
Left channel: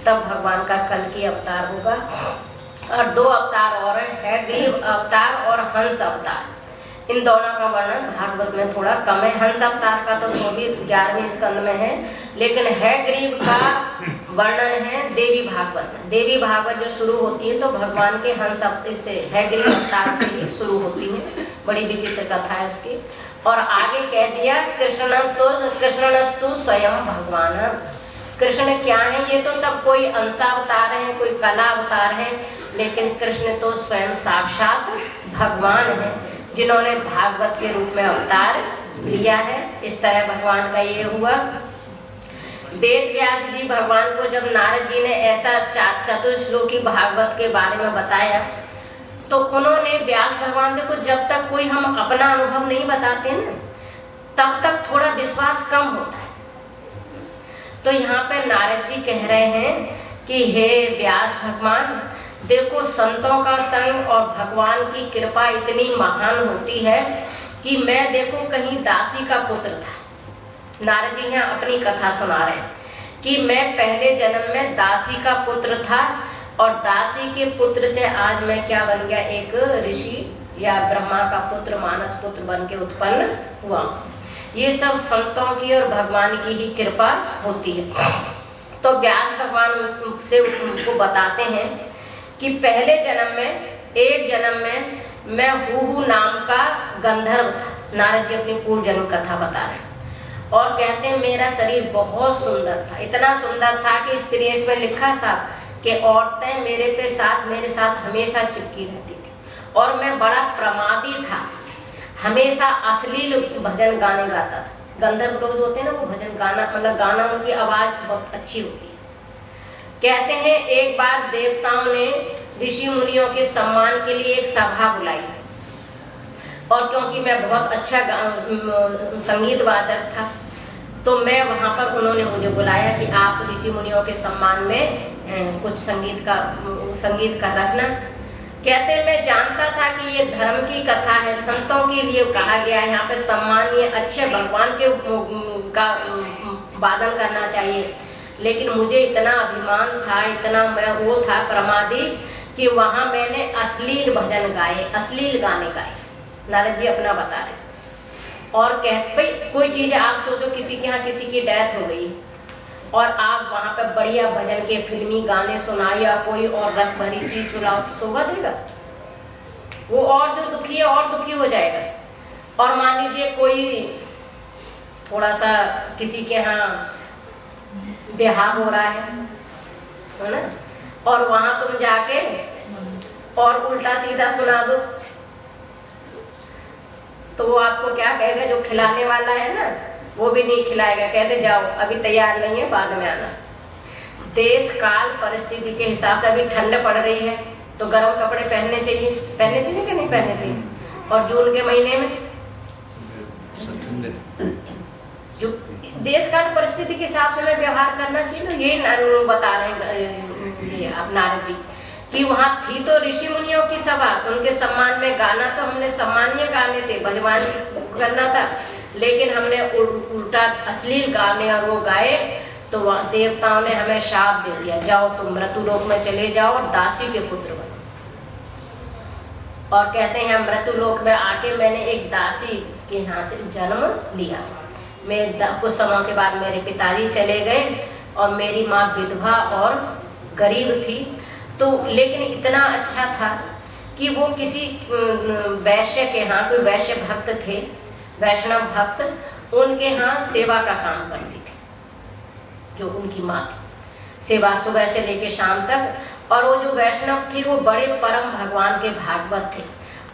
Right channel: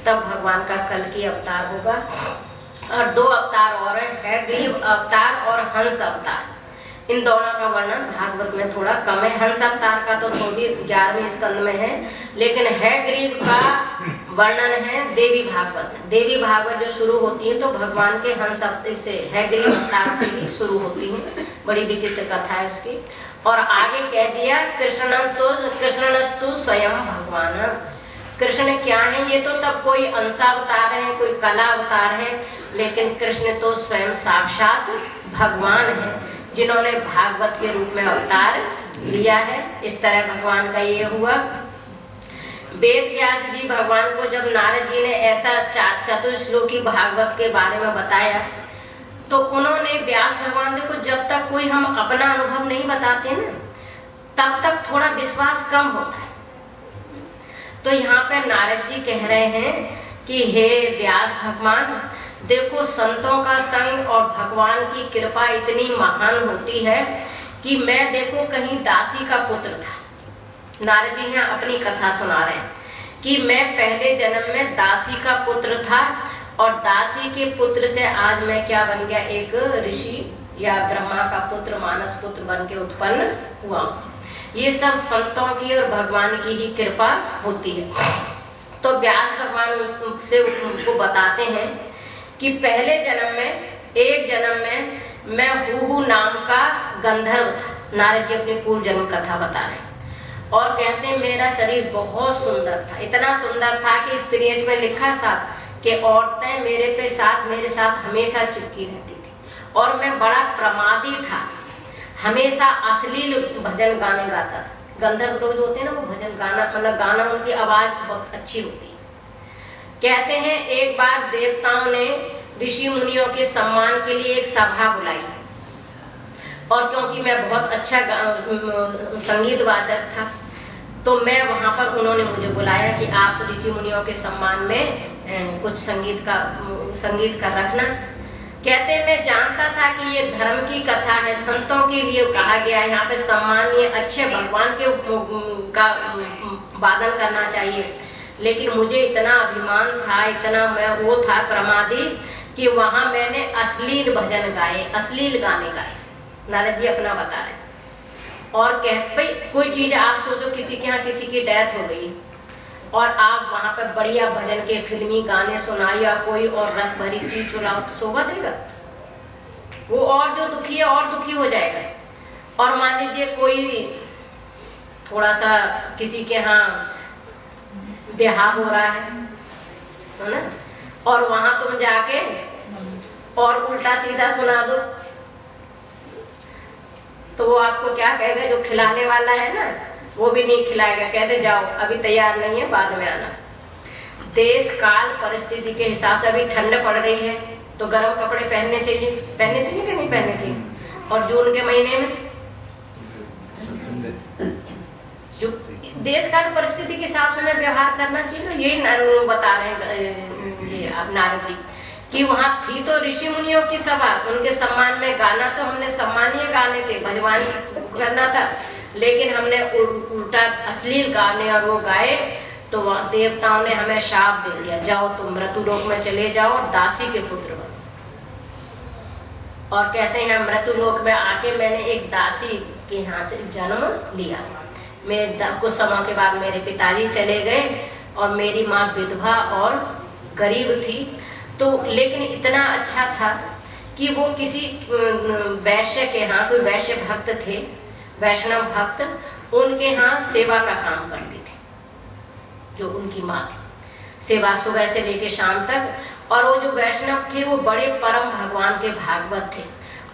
तब भगवान का कल की अवतार होगा। और 2 अवतार और है, ग्रीव अवतार और हंस अवतार। इन दोनों का वर्णन भागवत में थोड़ा कम है। हंस अवतार का तो 11वें स्कंद में है, लेकिन है ग्रीव का वर्णन है देवी भागवत। देवी भागवत जो शुरू होती है तो भगवान के हंस से है, ग्रीव अवतार से ही शुरू होती है। बड़ी विचित्र कथा है उसकी। और आगे कह दिया कृष्णस्तु स्वयं भगवान। कृष्ण क्या है? ये तो सब कोई अंशावतार है, कोई कला अवतार है, लेकिन कृष्ण तो स्वयं साक्षात भगवान है, जिन्होंने भागवत के रूप में अवतार लिया है। इस तरह भगवान का ये हुआ। वेद व्यास जी भगवान को जब नारद जी ने ऐसा चतुश्लोकी भागवत के बारे में बताया तो उन्होंने व्यास भगवान देखो, जब तक कोई हम अपना अनुभव नहीं बताते ना तब तक थोड़ा विश्वास कम होता है। तो यहाँ पे नारद जी कह रहे हैं कि हे व्यास भगवान, देखो संतों का संग और भगवान की कृपा इतनी महान होती है कि मैं देखो कहीं दासी का पुत्र था। नारद जी ने अपनी कथा सुना रहे हैं कि मैं पहले जन्म में दासी का पुत्र था और दासी के पुत्र से आज मैं क्या बन गया, एक ऋषि या ब्रह्मा का पुत्र, मानस पुत्र बन के उत्पन्न हुआ। ये सब संतों की और भगवान की ही कृपा होती है। तो व्यास भगवान उससे उनको बताते हैं कि पहले जन्म में, एक जन्म में मैं हूहू नाम का गंधर्व था। नारद जी अपनी पूर्व जन्म कथा बता रहे हैं और कहते हैं मेरा शरीर बहुत सुंदर था, इतना सुंदर था कि स्त्री इसमें लिखा साथ कि औरतें मेरे साथ हमेशा चिपकी रहती थी और मैं बड़ा प्रमादी था, हमेशा अश्लील भजन गाने गाता था। गंधर्व लोग होते हैं ना, वो भजन गाना मतलब गाना, उनकी आवाज बहुत अच्छी होती है। कहते हैं एक बार देवताओं ने ऋषि मुनियों के सम्मान के लिए एक सभा बुलाई और क्योंकि मैं बहुत अच्छा संगीत वाचक था तो मैं वहां पर, उन्होंने मुझे बुलाया कि आप ऋषि मुनियों के सम्मान में कुछ संगीत का रखना। कहते मैं जानता था कि ये धर्म की कथा है, संतों के लिए कहा गया है, यहाँ पे सम्मानीय अच्छे भगवान के का वादन करना चाहिए, लेकिन मुझे इतना अभिमान था, इतना मैं वो था प्रमादी कि वहां मैंने अश्लील भजन गाए, अश्लील गाने गाए। नारद जी अपना बता रहे और कहते भाई कोई चीज आप सोचो, किसी के यहाँ किसी की डेथ हो गई और आप वहां पर बढ़िया भजन के फिल्मी गाने सुनाओ या कोई और रस भरी चीज सुनाओ, शोभा देगा? वो और जो दुखी है और दुखी हो जाएगा। और मान लीजिए कोई थोड़ा सा किसी के यहाँ ब्याह हो रहा है ना, और वहां तुम जाके और उल्टा सीधा सुना दो तो वो आपको क्या कहेगा? जो खिलाने वाला है ना वो भी नहीं खिलाएगा, कहते जाओ अभी तैयार नहीं है, बाद में आना। देश काल परिस्थिति के हिसाब से अभी ठंड पड़ रही है तो गर्म कपड़े पहनने चाहिए कि नहीं पहनने चाहिए? और जून के महीने में जो देश काल परिस्थिति के हिसाब से हमें व्यवहार करना चाहिए। तो यही बता रहे हैं ये अब नारद जी कि वहां थी तो ऋषि मुनियों की सभा, उनके सम्मान में गाना तो हमने सम्मानीय गाने थे, भगवान करना था, लेकिन हमने उल्टा अश्लील गाने और वो गाए तो वह देवताओं ने हमें शाप दे दिया, जाओ तुम मृत्युलोक में चले जाओ और दासी के पुत्र बनो। और कहते हैं मृत्युलोक में आके मैंने एक दासी के यहाँ से जन्म लिया। मैं कुछ समय के बाद मेरे पिताजी चले गए और मेरी माँ विधवा और गरीब थी, तो लेकिन इतना अच्छा था कि वो किसी वैश्य के यहाँ, कोई वैश्य भक्त थे, वैष्णव भक्त, उनके यहाँ सेवा का काम करती थी, जो उनकी माँ थी, सेवा सुबह से लेके शाम तक। और वो जो वैष्णव थे वो बड़े परम भगवान के भागवत थे,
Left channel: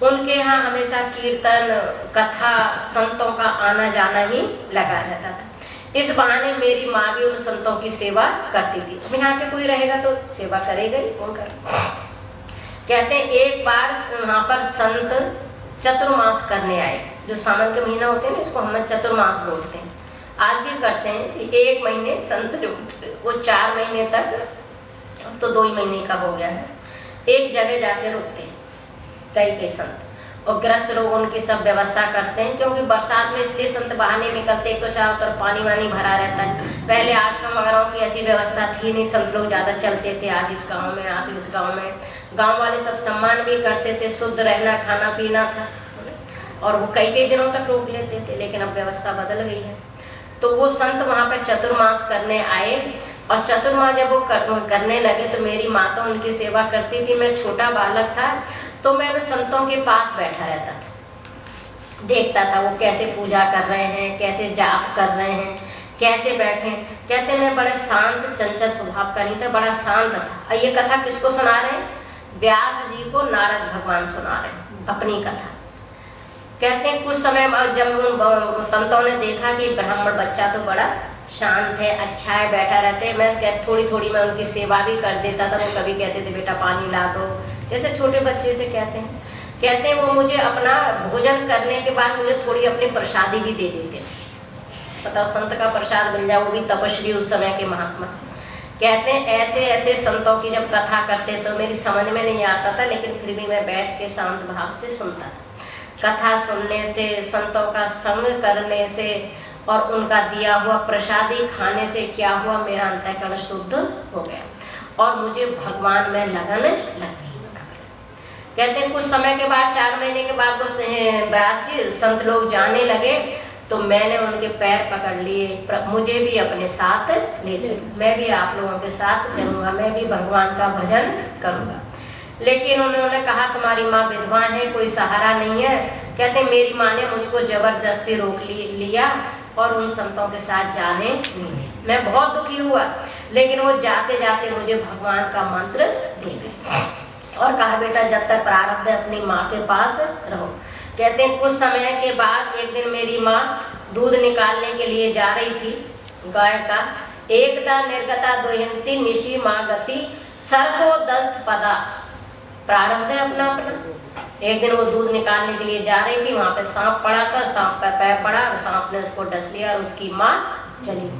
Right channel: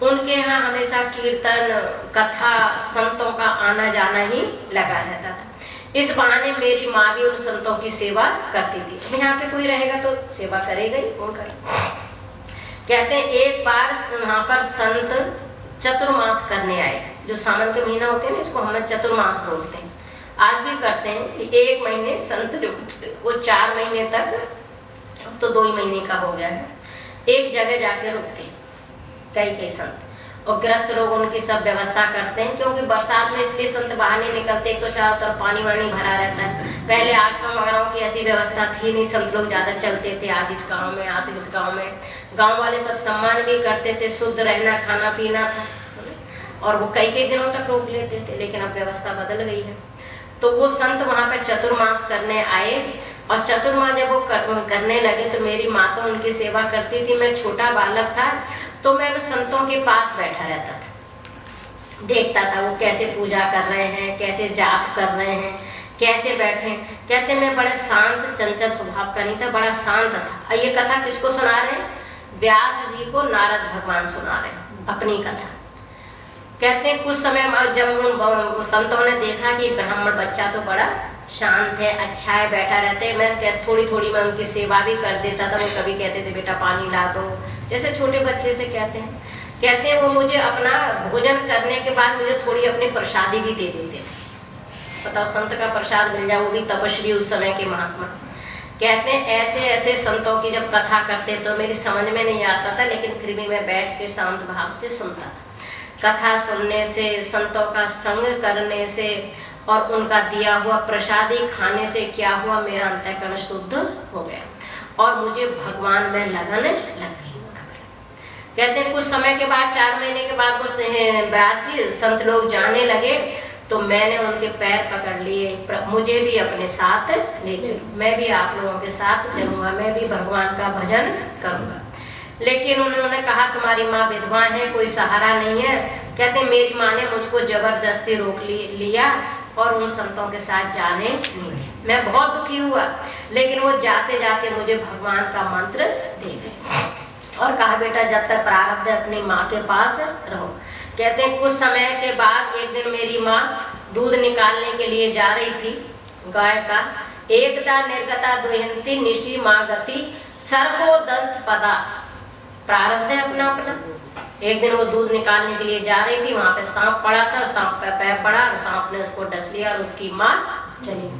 उनके यहाँ हमेशा कीर्तन कथा संतों का आना जाना ही लगा रहता था। इस बहाने मेरी माँ भी उन संतों की सेवा करती थी। यहाँ के कोई रहेगा तो सेवा करेगा ही, कौन करेगा? कहते हैं एक बार वहाँ पर संत चतुर्मास करने आए, जो सावन के महीना होते हैं ना, इसको हम चतुर्मास बोलते हैं, आज भी करते हैं। एक महीने संत जो वो 4 महीने तक, तो 2 ही महीने का हो गया है, एक जगह जाके रुकते हैं कई संत। और ग्रस्त लोग उनकी सब व्यवस्था करते हैं, क्योंकि बरसात में इसलिए संत बाहर नहीं निकलते, एक तो चारों तरफ पानी वानी भरा रहता है। पहले आश्रम वगैरह की ऐसी व्यवस्था थी नहीं, संत लोग ज्यादा चलते थे, आज इस गाँव में आज इस गाँव में। गाँव वाले सब सम्मान भी करते थे, शुद्ध रहना खाना पीना था, और वो कई कई दिनों तक रोक लेते थे, लेकिन अब व्यवस्था बदल गई है। तो वो संत वहां पे चतुर्मास करने आए, और चतुर्मास जब वो करने लगे तो मेरी माँ तो उनकी सेवा करती थी। मैं छोटा बालक था तो मैं उन संतों के पास बैठा रहता था, देखता था वो कैसे पूजा कर रहे हैं, कैसे जाप कर रहे हैं, कैसे बैठे। कहते मैं बड़े शांत चंचल स्वभाव का नहीं था, बड़ा शांत था। और ये कथा किसको सुना रहे हैं? व्यास जी को नारद भगवान सुना रहे हैं अपनी कथा। कहते हैं कुछ समय जब उन संतों ने देखा कि ब्राह्मण बच्चा तो बड़ा शांत है, अच्छा है, बैठा रहते, मैं थोड़ी थोड़ी मैं उनकी सेवा भी कर देता था। वो कभी कहते थे बेटा पानी ला दो, जैसे छोटे बच्चे से कहते हैं। कहते हैं वो मुझे अपना भोजन करने के बाद मुझे थोड़ी अपनी प्रसादी भी दे देते थे। बताओ, संत का प्रसाद मिल जाए, वो भी तपस्वी उस समय के महात्मा। कहते हैं ऐसे ऐसे संतों की जब कथा करते तो मेरी समझ में नहीं आता था, लेकिन फिर भी मैं बैठ के शांत भाव से सुनता था। कथा सुनने से, संतों का संग करने से और उनका दिया हुआ प्रसादी खाने से क्या हुआ, मेरा अंतःकरण शुद्ध हो गया और मुझे भगवान में लगन लग गई। कहते हैं कुछ समय के बाद, 4 महीने के बाद वो व्यासी संत लोग जाने लगे, तो मैंने उनके पैर पकड़ लिए, मुझे भी अपने साथ ले चलो, मैं भी आप लोगों के साथ चलूंगा, मैं भी भगवान का भजन करूंगा। लेकिन उन्होंने कहा तुम्हारी माँ विधवान है, कोई सहारा नहीं है। कहते मेरी माँ ने मुझको जबरदस्ती रोक लिया और उन संतों के साथ जाने नहीं। मैं बहुत दुखी हुआ, लेकिन वो जाते जाते मुझे भगवान का मंत्र दे गए और कहा बेटा जब तक प्रारब्ध है अपनी माँ के पास रहो। कहते हैं कुछ समय के बाद एक दिन मेरी माँ दूध निकालने के लिए जा रही थी गाय का। एकदा निर्गता दुहिंती निशी माँ गति सर्वो दस्त पदा। प्रारब्ध है अपना अपना। एक दिन वो दूध निकालने के लिए जा रही थी, वहां पे सांप पड़ा था, सांप का पैर पड़ा और सांप ने उसको डस लिया और उसकी माँ चली।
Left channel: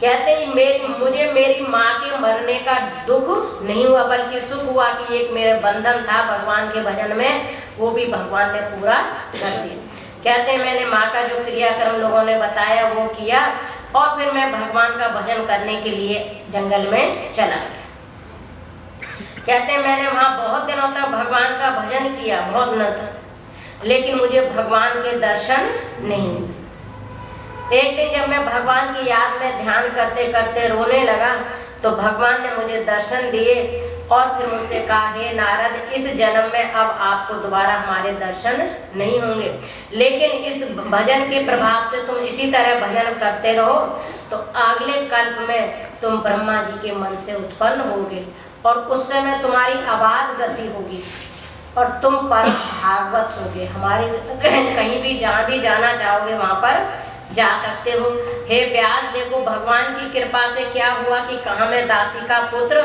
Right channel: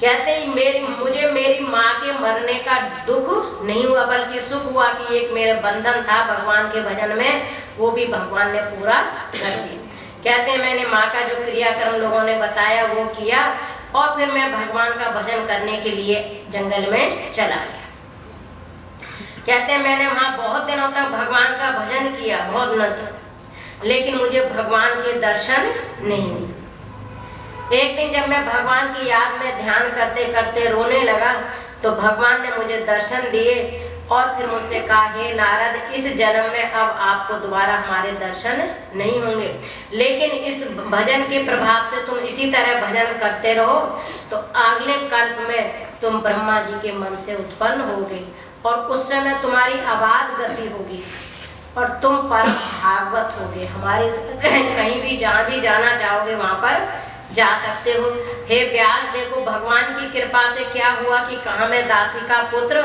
कहते हैं मुझे मेरी माँ के मरने का दुख नहीं हुआ, बल्कि सुख हुआ कि एक मेरे बंधन था भगवान के भजन में, वो भी भगवान ने पूरा कर दिया। कहते हैं मैंने माँ का जो क्रियाक्रम लोगों ने बताया वो किया और फिर मैं भगवान का भजन करने के लिए जंगल में चला गया। कहते हैं मैंने वहां बहुत दिनों तक भगवान का भजन किया, बहुत दिनों तक, लेकिन मुझे भगवान के दर्शन नहीं हुए। एक दिन जब मैं भगवान की याद में ध्यान करते करते रोने लगा तो भगवान ने मुझे दर्शन दिए और फिर मुझसे कहा हे नारद, इस जन्म में अब आपको दोबारा हमारे दर्शन नहीं होंगे, लेकिन इस भजन के प्रभाव से तुम इसी तरह भजन करते रहो तो अगले कल्प में तुम ब्रह्मा जी के मन से उत्पन्न होगे और उस समय तुम्हारी अबाध गति होगी और तुम पर भागवत होगे। हमारे कहीं भी जहाँ भी जाना चाहोगे वहां पर जा सकते हो। हे व्यास, देखो भगवान की कृपा से क्या हुआ कि कहाँ मैं दासी का पुत्र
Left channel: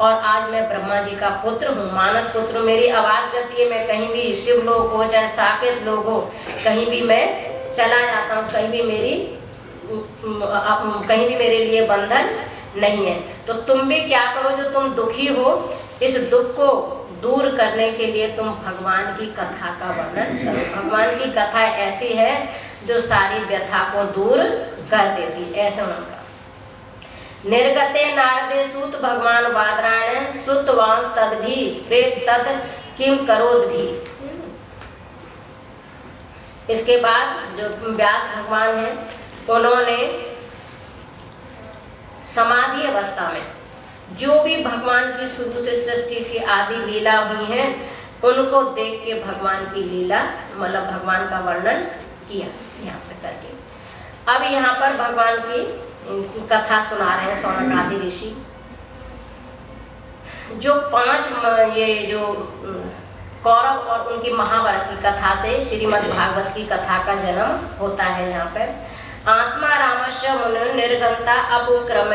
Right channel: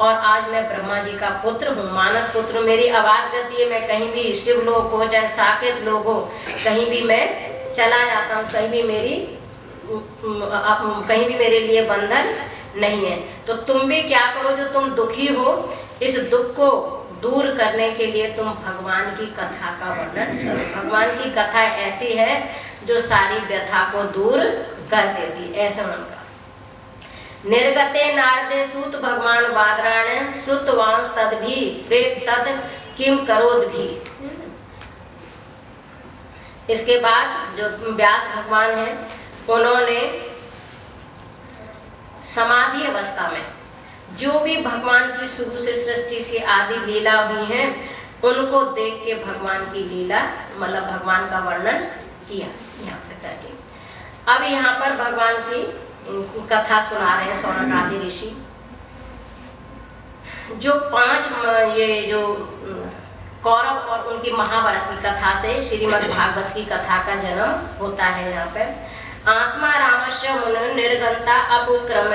और आज मैं ब्रह्मा जी का पुत्र हूँ, मानस पुत्र। मेरी अबाध गति है, मैं कहीं भी शिव लोग हो चाहे साकेत लोग हो, कहीं भी मैं चला जाता हूँ, कहीं भी मेरे लिए बंधन नहीं है। तो तुम भी क्या करो, जो तुम दुखी हो इस दुख को दूर करने के लिए तुम भगवान की कथा का वर्णन करो। भगवान की कथा ऐसी है जो सारी व्यथा को दूर कर देती। ऐसा उनका निर्गते नारदे सूत भगवान वादरायण श्रुतवान तद भी प्रेत तद किम करोद भी। इसके बाद जो व्यास भगवान है उन्होंने समाधि अवस्था में जो भी भगवान की शुरू से सृष्टि से आदि लीला हुई हैं उनको देख के भगवान की लीला मतलब भगवान का वर्णन किया यहाँ पे करके। अब यहाँ पर भगवान की कथा सुना रहे हैं सौनक आदि ऋषि। जो 5 ये जो कौरव और उनकी महाभारत की कथा से श्रीमद् भागवत की कथा का जन्म होता है। यहाँ पे आत्मा रामस्य मुनि निर्गंता अपुक्रम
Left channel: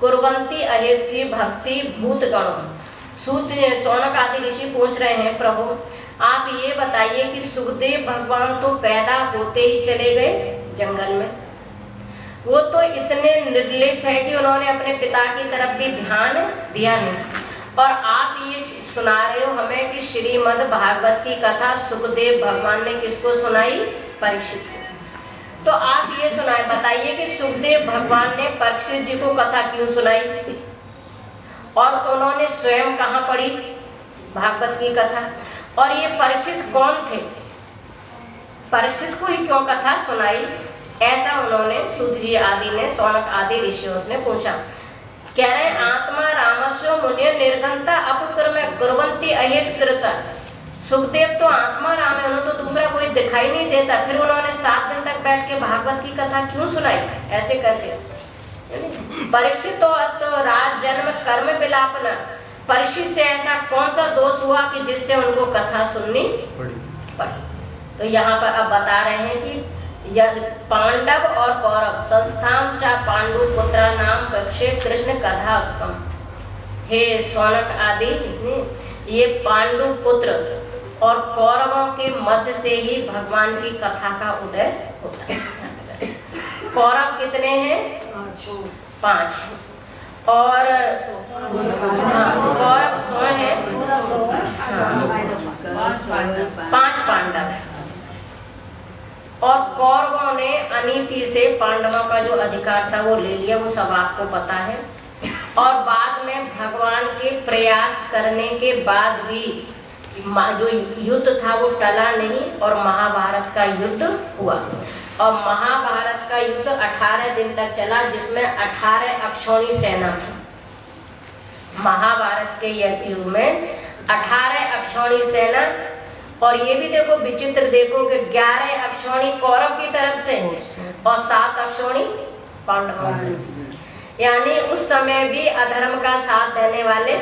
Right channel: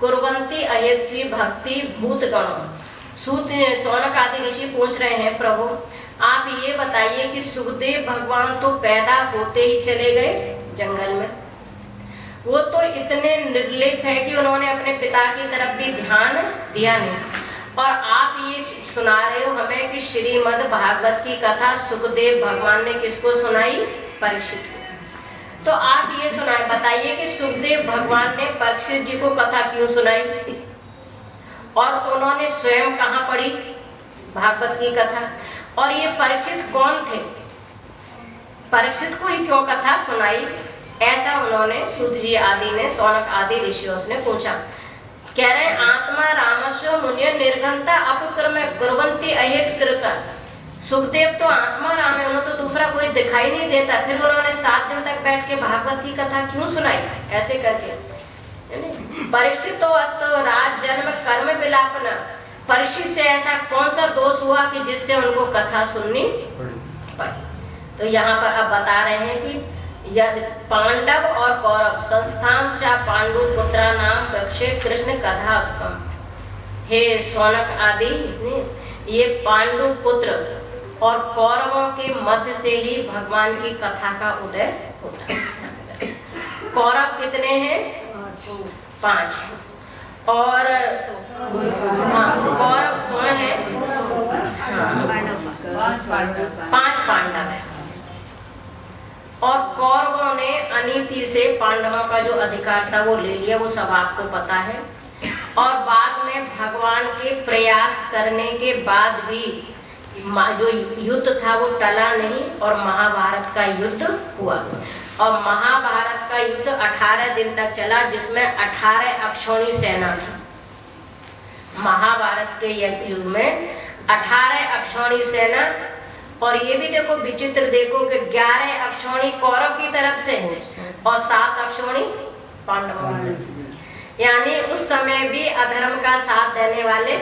कुर्वन्ति अहेतु भक्ति भूत गण। सौनक आदि ऋषि पूछ रहे हैं प्रभु आप ये बताइए कि सुखदेव भगवान तो पैदा होते ही चले गए जंगल में, वो तो इतने निर्लिप्त है कि उन्होंने अपने पिता की तरफ भी ध्यान दिया नहीं और आप ये सुना रहे हो हमें कि श्रीमद् भागवत की कथा सुखदेव भगवान ने किसको सुनाई? परीक्षित को। तो आप ये सुनाए, बताइए कि सुखदेव भगवान ने परीक्षित जी को कथा क्यों सुनाई और उन्होंने स्वयं कहाँ पढ़ी भागवत की कथा? और ये परीक्षित कौन थे? परीक्षित को ही क्यों कथा सुनाई? ऐसा उन्होंने सूत जी आदि ने, सौनक आदि ऋषियों ने पूछा। कह रहे आत्मा रामस्व मुनि निर्घंता अपक्रम गुरवंती अहित कृता। सुखदेव तो आत्मा राम है, उन्हें तो दूसरा कोई दिखाई नहीं देता, फिर उन्होंने 7 दिन तक बैठ के भागवत की कथा क्यों सुनाई? ऐसे करके परीक्षित तो अस्तो राज जन्म कर्म विलापना। परीक्षित से ऐसा कौन सा दोष हुआ कि जिससे उनको कथा सुननी पड़ी? तो यहाँ पर अब बता रहे हैं कि यदि पांडव और कौरव संस्थान चा पांडु पुत्रा नाम पक्षे कृष्ण कथा उत्तम। हे सौनक आदि, ये पांडु पुत्र और कौरवों के मध्य से ही भगवान की कथा का उदय होता है। कौरव कितने हैं? 5 और कौरव 100 हैं, 5 पांडव। और कौरवों ने अनीति से पांडवों का जो अधिकार था वो ले लिया, वो सब आपको पता है। और बाद में भगवान के प्रयास करने के बाद भी जो युद्ध था वो टला नहीं और महाभारत का युद्ध हुआ। और महाभारत का युद्ध 18 दिन तक चला, जिसमें 18 अक्षौणी सेना थी। महाभारत के युद्ध में 18 अक्षौणी सेना, और ये भी देखो विचित्र देखो कि 11 अक्षौणी कौरव की तरफ से और 7 अक्षौणी पांडवों की। यानी उस समय भी अधर्म का साथ देने वाले,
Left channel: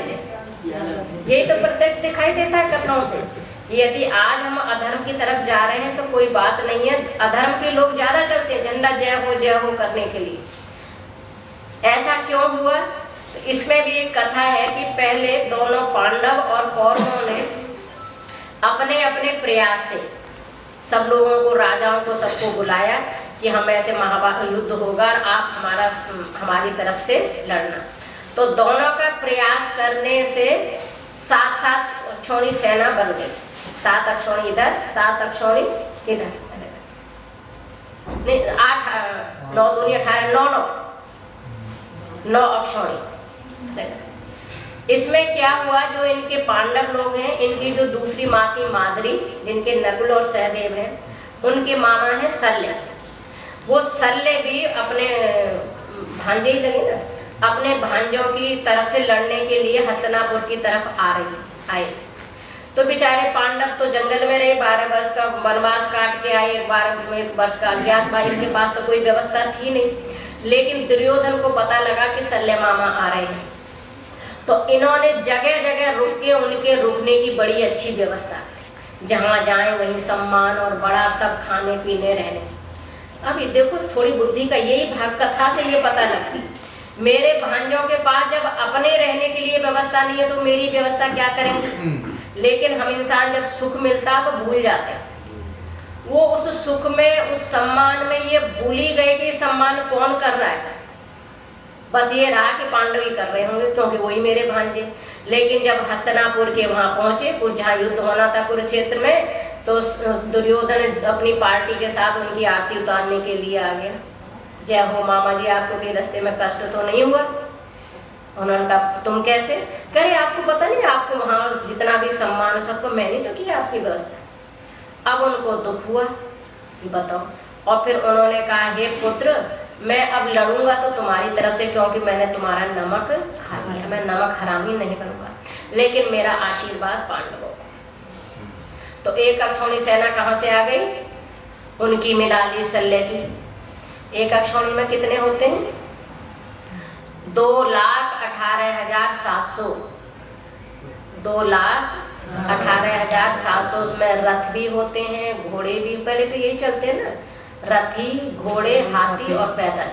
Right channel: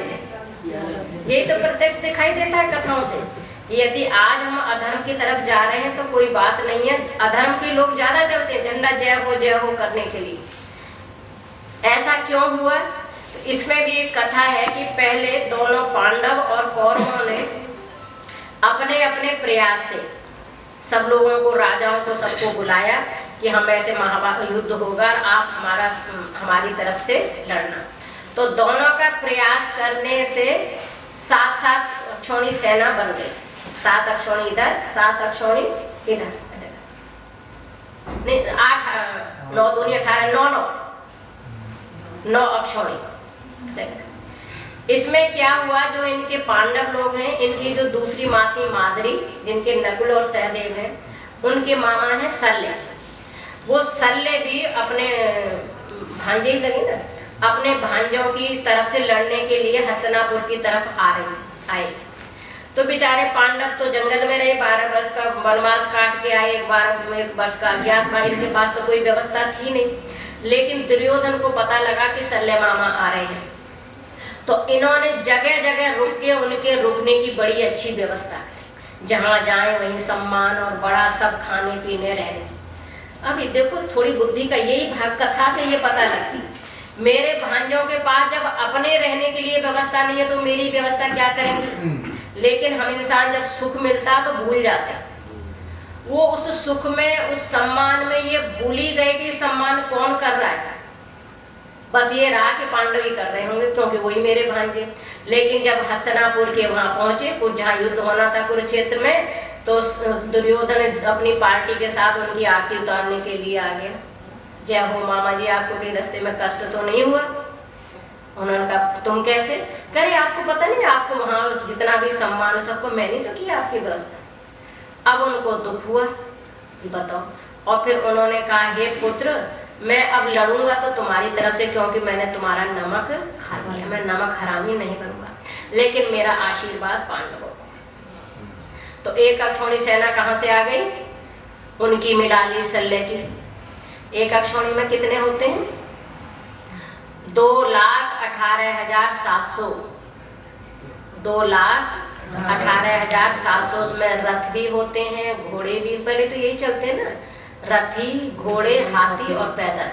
ये तो प्रत्यक्ष दिखाई देता है कथाओं से। यदि आज हम अधर्म की तरफ जा रहे हैं तो कोई बात नहीं है, अधर्म के लोग ज्यादा चलते हैं झंडा जय हो करने के लिए। ऐसा क्यों हुआ? तो इसमें भी एक कथा है कि पहले दोनों पांडव और कौरवों ने अपने अपने प्रयास से सब लोगों को, राजाओं को, सबको बुलाया कि हम ऐसे महाभारत युद्ध होगा और आप हमारी तरफ से लड़ना। तो दोनों का प्रयास करने से 7 अक्षौणी सेना बन गई। 7 अक्षौणी इधर, 7 अक्षौणी इधर, 8 9 दूनी 18 9 अक्षौणी सेना। इसमें क्या हुआ, जो इनके पांडव लोग हैं, इनकी जो दूसरी माँ थी माद्री, जिनके नकुल और सहदेव हैं, उनके मामा है शल्य। वो शल्य भी अपने भांजे ही लगे ना, अपने भांजों की तरफ से लड़ने के लिए हस्तिनापुर की तरफ आए। तो बेचारे पांडव तो जंगल में रहे, 12 वर्ष का वनवास काट के आए, 12 वर्ष का अज्ञातवास, इनके पास तो कोई व्यवस्था थी नहीं। लेकिन दुर्योधन को पता लगा कि शल्य मामा आ रहे हैं, तो इन्होंने जगह जगह रुक के उनके रुकने की बड़ी अच्छी व्यवस्था, जहां जाए वहीं सम्मान और बड़ा सब खाने पीने रहने। अभी देखो थोड़ी बुद्धि का यही भाग कथा से ये पता लगती, मेरे भांजों के पास जब अपने रहने के लिए व्यवस्था नहीं है तो मेरी व्यवस्था क्या करेंगे। लेकिन हम इंसान जब सुख मिलता तो भूल जाते हैं, वो उस सुख में, उस सम्मान में ये भूल ही गए कि सम्मान कौन कर रहा है। बस ये रहा कि पांडव ही कर रहे होंगे क्योंकि वही मेरे भांजे। लेकिन जब हस्तिनापुर के वहां पहुंचे, कुछ जहाँ युद्ध होना था कुरुक्षेत्र में, तो दुर्योधन अपनी पार्टी के साथ उनकी आरती उतारने के लिए आ गया। जय हो मामा जी, आपको कहीं रास्ते में कष्ट तो नहीं हुआ? उन्होंने कहा तुम कैसे? करे आपको पता नहीं, आपको वहां जितना भी सम्मान सबको मैंने तो किया आपकी व्यवस्था। अब उनको दुख हुआ, बताओ। और फिर उन्होंने कहा हे पुत्र, मैं अब लड़ूंगा तो तुम्हारी तरफ से, क्योंकि मैंने तुम्हारा नमक खा लिया, मैं नमक हरामी नहीं बनूंगा, लेकिन मेरा आशीर्वाद पांडवों को। तो एक अक्षौणी सेना कहाँ से आ गई? उनकी मिला ली शल्य की। एक अक्षौणी में कितने होते हैं? 2,18,700। 2,18,700 उसमें रथ भी होते हैं, घोड़े भी। पहले तो यही चलते हैं ना, रथी, घोड़े, हाथी और पैदल।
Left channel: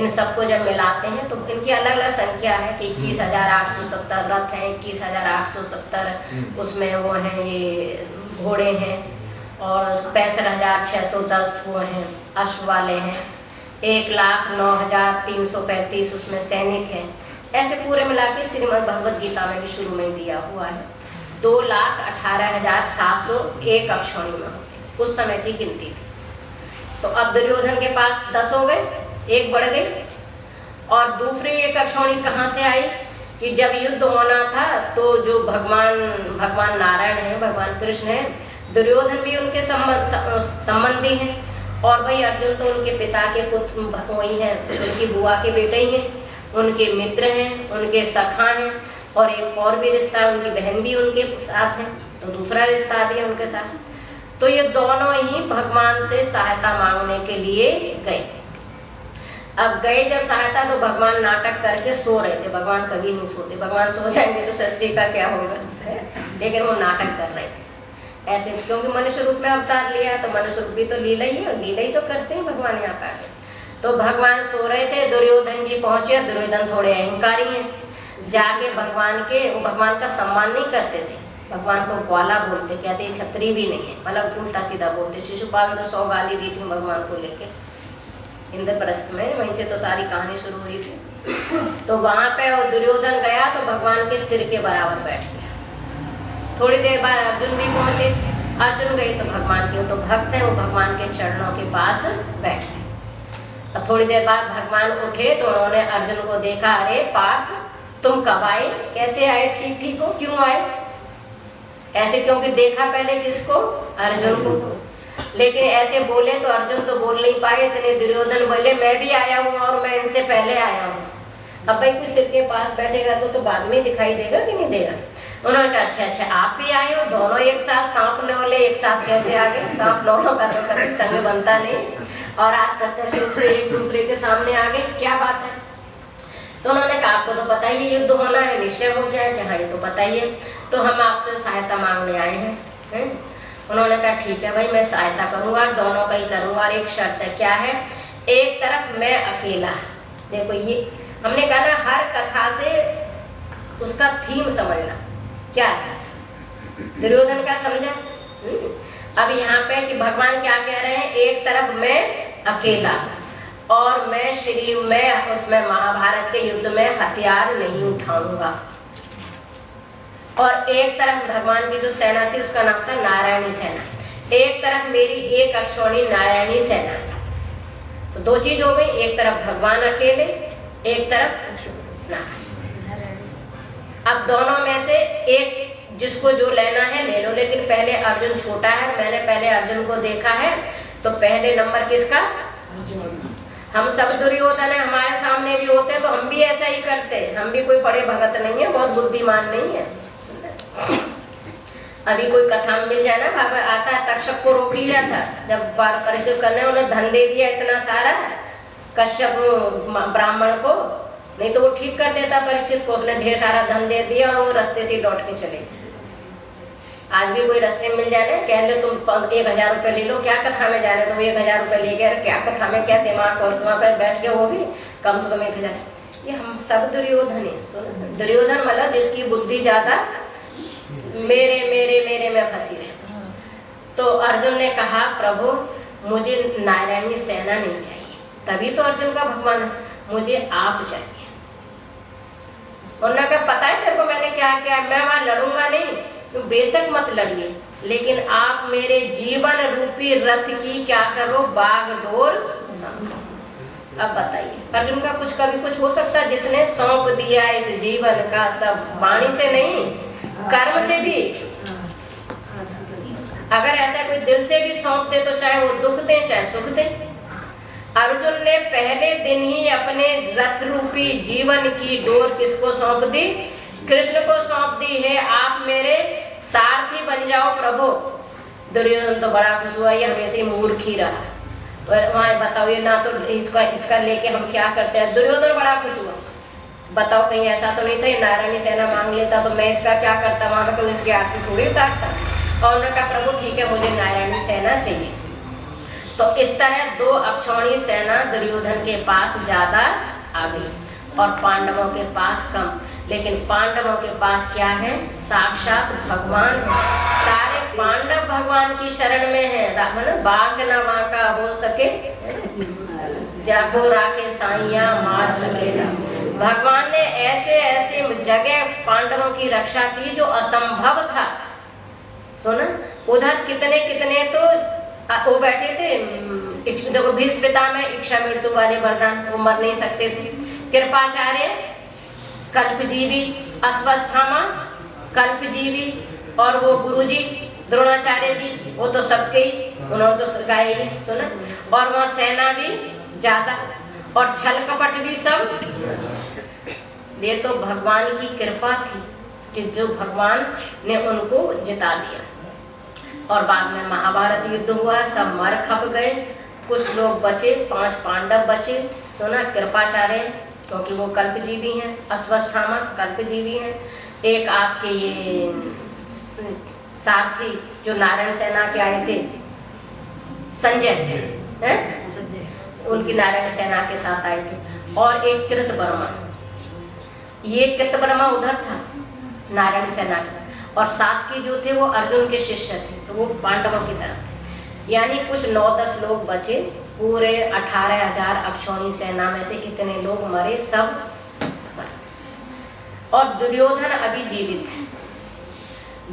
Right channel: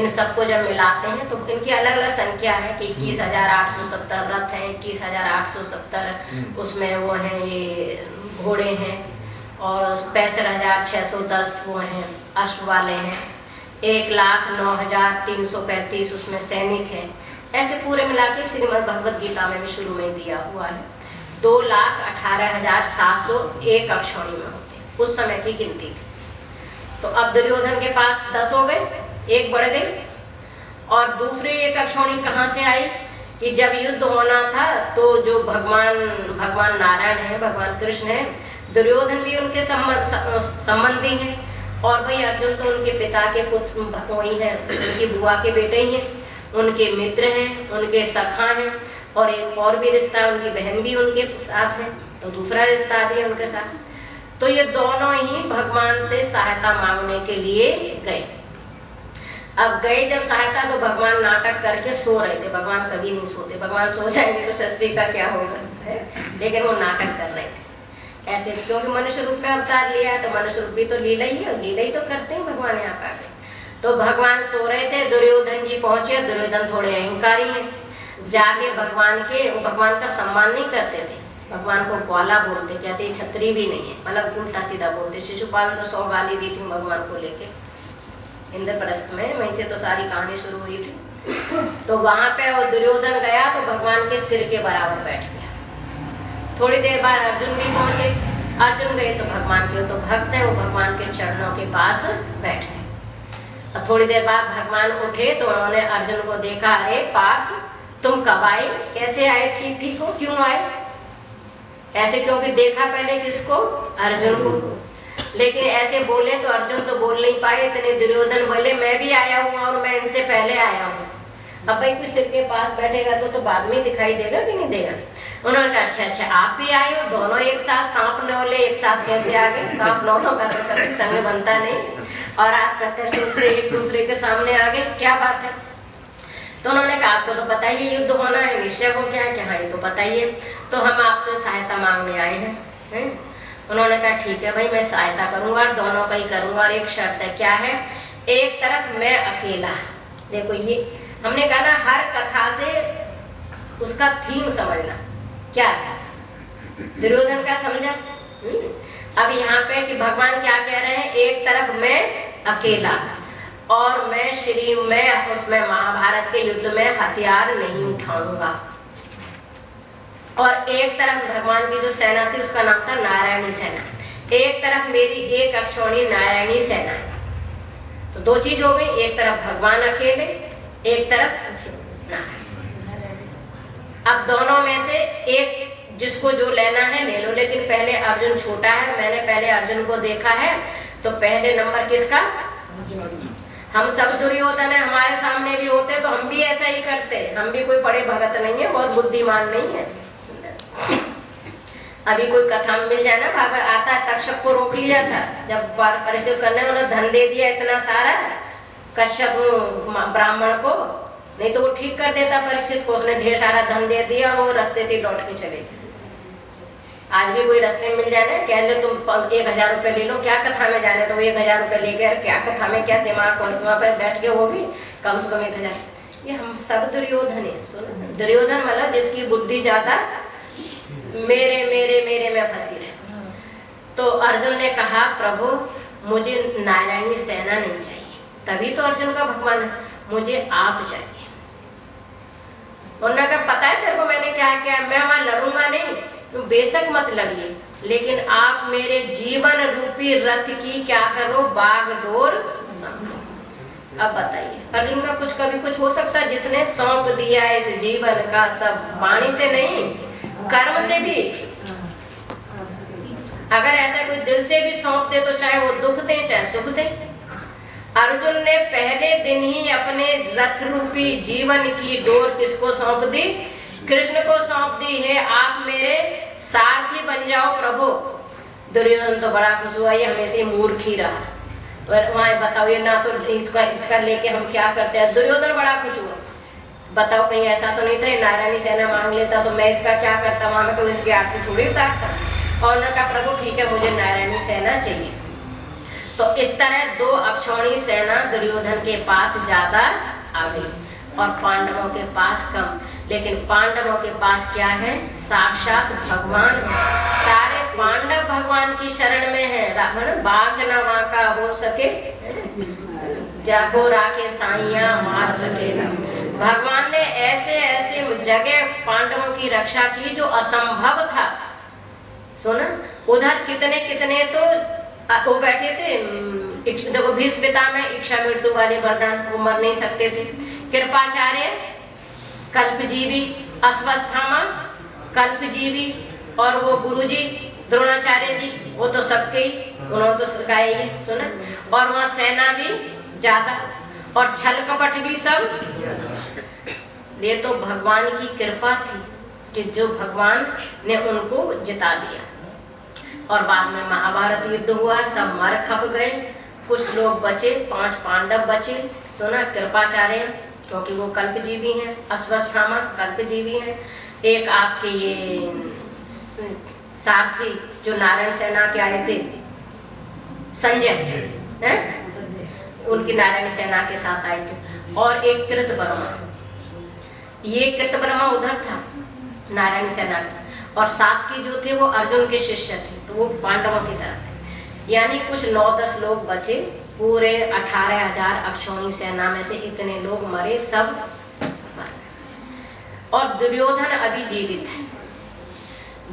इन सबको जब मिलाते हैं तो इनकी अलग अलग संख्या है कि 21,870 रथ है, 21,870 उसमें वो हैं ये घोड़े हैं, और 65,610 वो हैं अश्व वाले हैं, 1,09,335 उसमें सैनिक हैं, ऐसे पूरे मिला के श्रीमद् भगवद गीता में भी शुरू में दिया हुआ है 2,18,701 अक्षौणी में होते, उस समय की गिनती थी। तो अब दुर्योधन के पास 10 हो गए, एक बढ़ गई। और दूसरी एक अक्षौणी कहाँ से आई कि जब युद्ध होना था तो जो भगवान नारायण है, भगवान कृष्ण है, दुर्योधन भी उनके संबंधी हैं, और भाई अर्जुन तो उनके पिता के पुत्र वही हैं, उनकी बुआ के बेटे ही हैं, उनके मित्र हैं, उनके सखा हैं, और एक और भी रिश्ता है, उनकी बहन भी उनके साथ है, तो दूसरा रिश्ता भी है उनके साथ। तो ये दोनों ही भगवान से सहायता मांगने के लिए गए। अब गए जब सहायता, तो भगवान नाटक करके सो रहे थे। भगवान कभी नहीं सोते, भगवान सो जाएंगे तो सृष्टि का क्या होगा, लेकिन वो नाटक कर रहे थे ऐसे, क्योंकि मनुष्य रूप में अवतार लिया है, तो मनुष्य रूप भी तो लीला ही है, लीला ही तो करते हैं भगवान यहाँ का। तो भगवान सो रहे थे, दुर्योधन जी पहुंचे। दुर्योधन थोड़े अहंकारी हैं, जाके भगवान का सम्मान नहीं करते थे, भगवान को ग्वाला बोलते, कहते छतरी भी नहीं है, मतलब उल्टा सीधा बोलते। शिशुपाल तो 100 गाली दी थी भगवान को लेके इंद्रप्रस्थ में, वहीं से तो सारी कहानी शुरू हुई थी। तो वहां पे वो दुर्योधन गया तो भगवान के सिर के बराबर बैठ गया। थोड़ी देर बाद अर्जुन भी पहुंचे। अर्जुन गए तो भगवान के, वो तो भक्त है, वो भगवान के चरणों के पास बैठ गए। थोड़ी देर बाद भगवान उठे तो उन्होंने अर्जुन को देखा, अरे पार्थ तुम कब आए, कैसे आए, ठीक ठीक हो, क्यों आए ऐसे, क्योंकि देखा पहले किसको, अर्जुन को। लेकिन ऐसे बोले तो अर्जुन तो बोल नहीं पाए, इतने दुर्योधन बोले मैं भी आया हूँ और मैं इनसे पहले आया हूँ। अब भाई कोई सिर के पास बैठेगा तो बाद में दिखाई देगा कि नहीं देगा। उन्होंने कहा अच्छा आप भी आए हो, दोनों एक साथ, सांप नौले एक साथ कैसे आ गए, सांप नौलों का तो कभी संग बनता नहीं, और आप प्रत्यक्ष रूप से एक दूसरे के सामने आ गए, क्या बात है। तो उन्होंने कहा आपको तो पता ही है युद्ध होना है, निश्चय हो गया है कि हाँ ये तो पता ही है, तो हम आपसे सहायता मांगने आए हैं। उन्होंने कहा ठीक है भाई, मैं सहायता करूंगा और दोनों का ही करूंगा, और एक शर्त है, क्या है, एक तरफ मैं अकेला। देखो ये हमने कहा ना, हर कथा से उसका थीम समझना क्या है, दुर्योधन का समझा। अब यहाँ पे कि भगवान क्या कह रहे हैं, एक तरफ मैं अकेला और मैं उसमें महाभारत के युद्ध में हथियार नहीं उठाऊंगा, और एक तरफ भगवान की जो सेना थी उसका नाम था नारायणी सेना, एक तरफ मेरी एक अक्षौणी नारायणी सेना। तो दो चीज हो गई, एक तरफ भगवान अकेले, एक तरफ नारायण। अब दोनों में से एक जिसको जो लेना है ले लो, लेकिन पहले अर्जुन छोटा है, मैंने पहले अर्जुन को देखा है, तो पहले नंबर किसका, हम सब दुर्योधन है, हमारे सामने भी होते तो हम भी ऐसा ही करते, हम भी कोई बड़े भगत नहीं है, बहुत बुद्धिमान नहीं है। अभी कोई कथा में मिल जाए ना, भागवत आता है, तक्षक को रोक लिया था जब परिस्थित करने, उन्हें धन दे दिया इतना सारा कश्यप ब्राह्मण को, नहीं तो वो ठीक कर देता परीक्षित को, उसने ढेर सारा धन दे दिया और वो रास्ते से लौट के चले गए। आज भी कोई रास्ते में मिल जाए ना, कह दे तुम 1000 रुपए ले लो, क्या कथा में जाने, तो 1000 रुपए लेकर क्या कथा में, क्या दिमाग को पर बैठ के वो भी कम से कम 1000। ये हम सब दुर्योधन है। सुनो, दुर्योधन मतलब जिसकी बुद्धि ज्यादा मेरे मेरे मेरे में फंसी रहे। तो अर्जुन ने कहा प्रभु मुझे नारायणी सेना नहीं चाहिए, तभी तो अर्जुन का भगवान है, मुझे आप चाहिए। उन्होंने कहा पता है तेरे को मैंने क्या किया, मैं वहां लड़ूंगा नहीं, तो बेशक मत लड़िए, लेकिन आप मेरे जीवन रूपी रथ की क्या करो, बागडोर। अब बताइए अर्जुन का कुछ कभी कुछ हो सकता है, जिसने सौंप दिया है इस जीवन का सब, वाणी से नहीं कर्म से भी। अगर ऐसा कोई दिल से भी सौंप दे तो चाहे वो दुख दे चाहे सुख दे। अर्जुन ने पहले दिन ही अपने रथ रूपी जीवन की डोर किसको सौंप दी, कृष्ण को सौंप दी है, आप मेरे सारथी बन जाओ प्रभु। दुर्योधन तो बड़ा खुश हुआ, ये हमेशा ही मूर्ख ही रहा, वहां बताओ ये ना तो इसका लेके हम क्या करते हैं। दुर्योधन बड़ा खुश हुआ, बताओ कहीं ऐसा तो नहीं था नारायणी सेना मांग लेता तो मैं इसका क्या करता, वहां में कोई इसकी आरती थोड़ी उतारता। और उन्होंने कहा प्रभु ठीक है मुझे नारायणी सेना चाहिए। तो इस तरह 2 अक्षौणी सेना दुर्योधन के पास ज्यादा आ गई और पांडवों के पास कम। लेकिन पांडवों के पास क्या है, साक्षात भगवान है, सारे पांडव भगवान की शरण में है। बाग ना वहां का हो सके, जागो राखे साइया मार सके। भगवान ने ऐसे ऐसे जगह पांडवों की रक्षा की जो असंभव था। सुना, उधर कितने कितने तो वो बैठे थे, देखो भीष्म पितामह इच्छा मृत्यु वाले वरदान, वो मर नहीं सकते थे। कृपाचार्य कल्पजीवी, अश्वत्थामा कल्पजीवी, और वो गुरुजी द्रोणाचार्य जी, वो तो सबके ही, उन्होंने तो सिखाया ही। सुना, और वहाँ सेना भी ज्यादा और छल कपट भी सब। ये तो भगवान की कृपा थी कि जो भगवान ने उनको जिता दिया। और बाद में महाभारत युद्ध हुआ, सब मर खप गए, कुछ लोग बचे, 5 पांडव बचे। सुना, कृपाचार्य क्योंकि वो कल्पजीवी हैं, अश्वत्थामा कल्पजीवी हैं, एक आपके ये सारथी जो नारायण सेना के आए थे, संजय हैं, उनकी नारायण सेना के साथ आए थे, और एक कृतवर्मा, ये कृतवर्मा उधर था नारायण सेना के, और साथ के जो थे वो अर्जुन के शिष्य थे, तो वो पांडवों की तरफ थे। यानी कुछ 9-10 लोग बचे, पूरे 18,000 अक्षौणी सेना में से इतने लोग मरे सब। और दुर्योधन अभी जीवित है,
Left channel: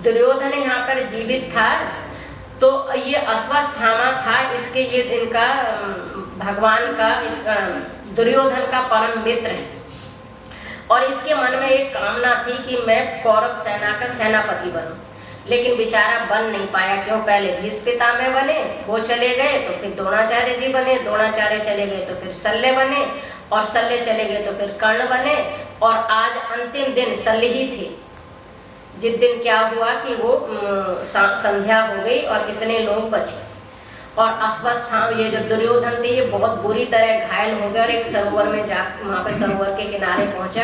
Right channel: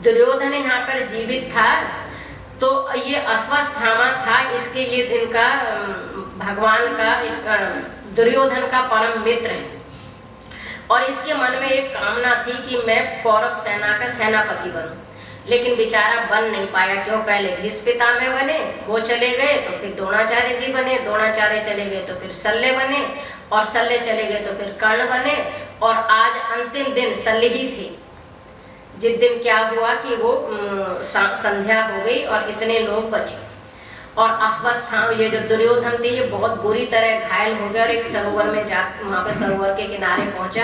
दुर्योधन यहाँ पर जीवित था, तो ये अश्वत्थामा था, इसके ये इनका भगवान का, इसका दुर्योधन का परम मित्र है। और इसके मन में एक कामना थी कि मैं कौरव सेना का सेनापति बनूं, लेकिन बेचारा बन नहीं पाया। क्यों? पहले भीष्म पितामह बने, वो चले गए, तो फिर द्रोणाचार्य जी बने, द्रोणाचार्य चले गए तो फिर शल्य बने, और शल्य चले गए तो फिर कर्ण बने, और आज अंतिम दिन शल्य ही थे। जिस दिन क्या हुआ कि वो संध्या हो गई और इतने लोग बचे, और अश्वत्थामा ये जो दुर्योधन थे ये बहुत बुरी तरह घायल हो गए, और एक सरोवर में जा, वहां पर सरोवर के किनारे पहुंचा।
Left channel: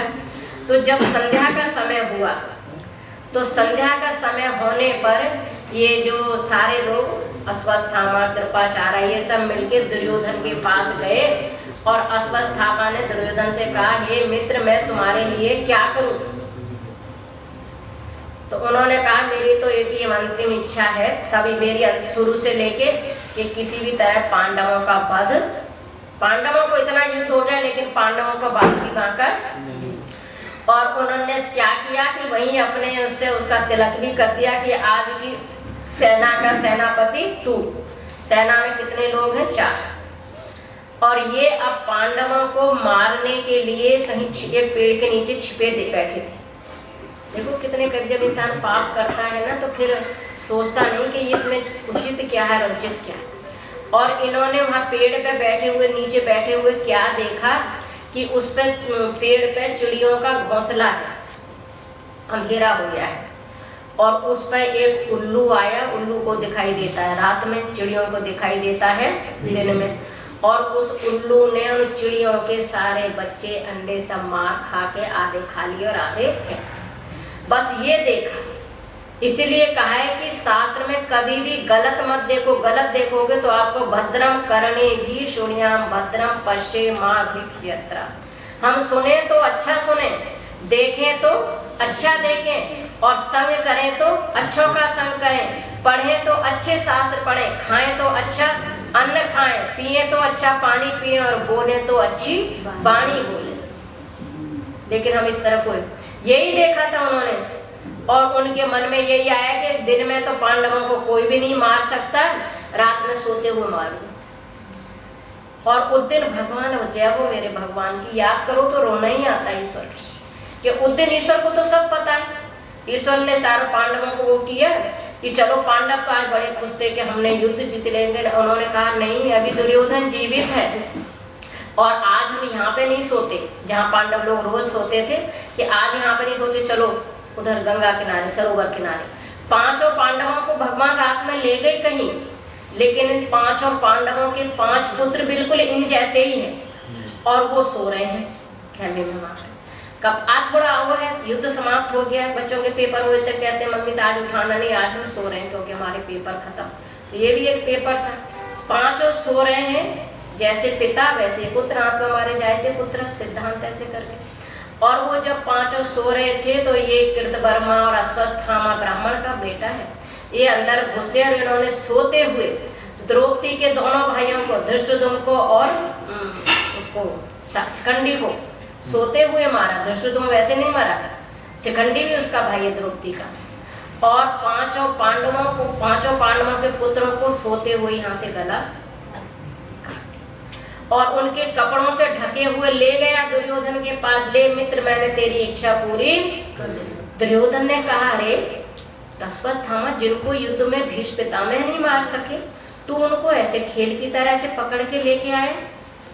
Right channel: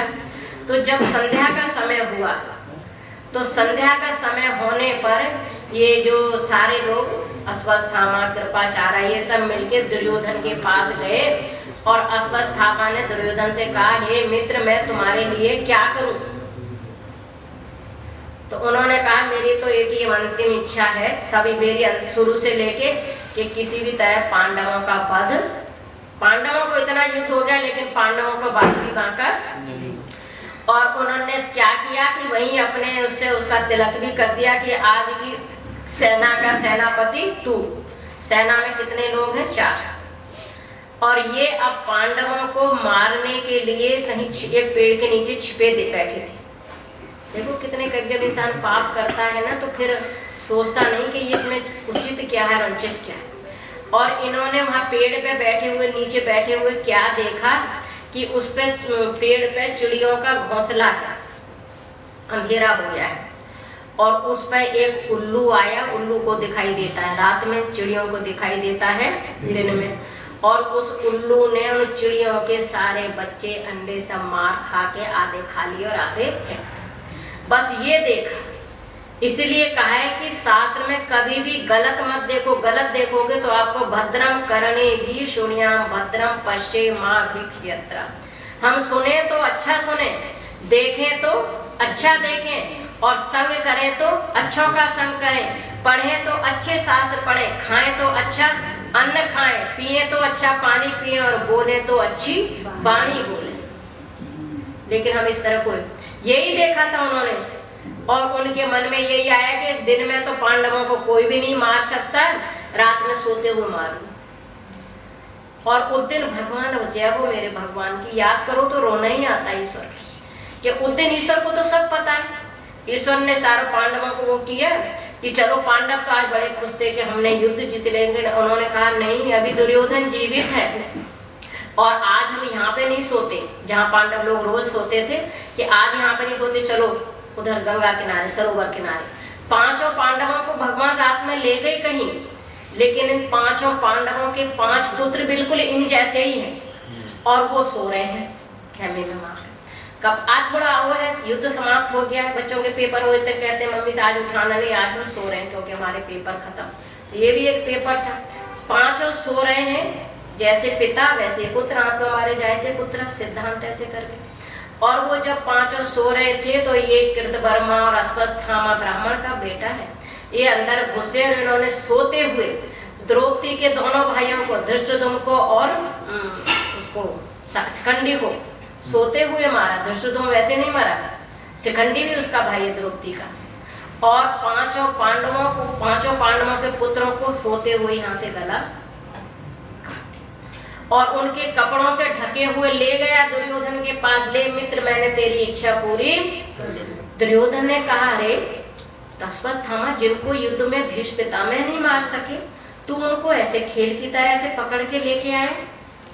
तो जब संध्या का समय हुआ, तो संध्या का समय होने पर ये जो सारे लोग अश्वत्थामा, कृपाचार्य, ये सब मिलके दुर्योधन के पास गए, और अश्वत्थामा ने दुर्योधन से कहा, हे मित्र, मैं तुम्हारे लिए क्या करूं? तो उन्होंने कहा, मेरी तो एक ही अंतिम इच्छा है, सभी मेरी शुरू से लेके कि किसी भी तरह पांडवों का वध, पांडवों को इतना युद्ध हो गया लेकिन पांडवों का वध भी बांका। और उन्होंने क्या किया कि वहीं अपने उससे उसका तिलक भी कर दिया कि आज की सेना का सेनापति तू। सेना में कितने लोग हैं? 4। और ये अब पांडवों को मारने के लिए कहीं एक पेड़ के नीचे छिपे बैठे थे। देखो कितने, जब इंसान पाप करता है ना तो फिर सोचता नहीं कि इसमें उचित क्या है, अनुचित क्या है। और इन्होंने वहां पेड़ पे बैठे हुए, नीचे बैठे हुए क्या देखा कि उस पे पेड़ पे चिड़ियों का घोंसला है, अंधेरा हो गया है, और उस पे एक उल्लू आया, उल्लू को दिखाई देता है रात में, चिड़ियों को दिखाई देता है दिन में, और उस उल्लू ने उन चिड़ियों के सारे बच्चे अंडे सब मार खा के आधे खा लिए और आधे बस ये देखा। इसलिए कहा है कि शास्त्र में कभी भी गलत मत देखो, गलत देखोगे तो आपको भद्रम करणे भी शून्याम भद्रम पश्ये मां भिक्षयत्र। हम सुने तो अच्छा सुने, देखें तो अच्छा देखें, और संग करें तो अच्छों का संग करें, पढ़ें तो अच्छे शास्त्र पढ़ें, खाएं तो अच्छा अन्न खाएं, पिए तो अच्छा पानी पिए, और बोले तो अच्छी वाणी बोले। लेकिन हम इस तरह कोई, यही देखा था उन्होंने, और उनके मन में यही आया कि दिन में तो पांडवों को कोई भी नहीं मार सकता, रात में सोते हुए मारूं। और उस दिन भगवान, जय हो मेरे भगवान की, याद करो तो रोना ही आता है ईश्वर कि उस दिन ईश्वर को तो सब पता है। ईश्वर ने सारे पांडवों को वो किया कि चलो, पांडव तो आज बड़े खुश थे कि हमने युद्ध जीत लेंगे। उन्होंने कहा नहीं, अभी दुर्योधन जीवित है, और आज हम यहाँ पे नहीं सोते जहाँ पांडव लोग रोज सोते थे, कि आज यहाँ पे नहीं सोते, चलो उधर गंगा किनारे, सरोवर किनारे। 5 पांडवों को भगवान रात में ले गए कहीं, लेकिन इन 5 पांडवों के 5 पुत्र बिल्कुल इन जैसे ही हैं, और वो सो रहे हैं खेमे में। कब आज थोड़ा वो है, युद्ध समाप्त हो गया, बच्चों के पेपर हुए थे, कहते मम्मी से आज उठाना नहीं, आज हम सो रहे हैं क्योंकि हमारे पेपर खत्म। तो ये भी एक पेपर था। 5 सो रहे हैं, जैसे पिता वैसे पुत्र, आप हमारे जाए थे पुत्र, सिद्धांत ऐसे करके। और वो जब 5 सो रहे थे तो ये कृतवर्मा और अश्वत्थामा ब्राह्मण का बेटा है, ये अंदर घुसे, और इन्होंने सोते हुए द्रौपदी के दोनों भाइयों को, धृष्टद्युम्न को और उसको शिखंडी को सोते हुए मारा। धृष्टद्युम्न वैसे नहीं मारा, शिखंडी भी उसका भाई है द्रौपदी का। और पांचों पांडवों के पुत्रों को सोते हुए यहाँ से गला काट दिया और उनके कपड़ों से ढके हुए ले गया दुर्योधन के पास। ले मित्र, मैंने तेरी इच्छा पूरी। दुर्योधन ने कहा, अरे अश्वत्थामा, जिनको युद्ध में भीष्म पितामह नहीं मार सके, तू उनको ऐसे खेल की तरह से पकड़ के लेके आए।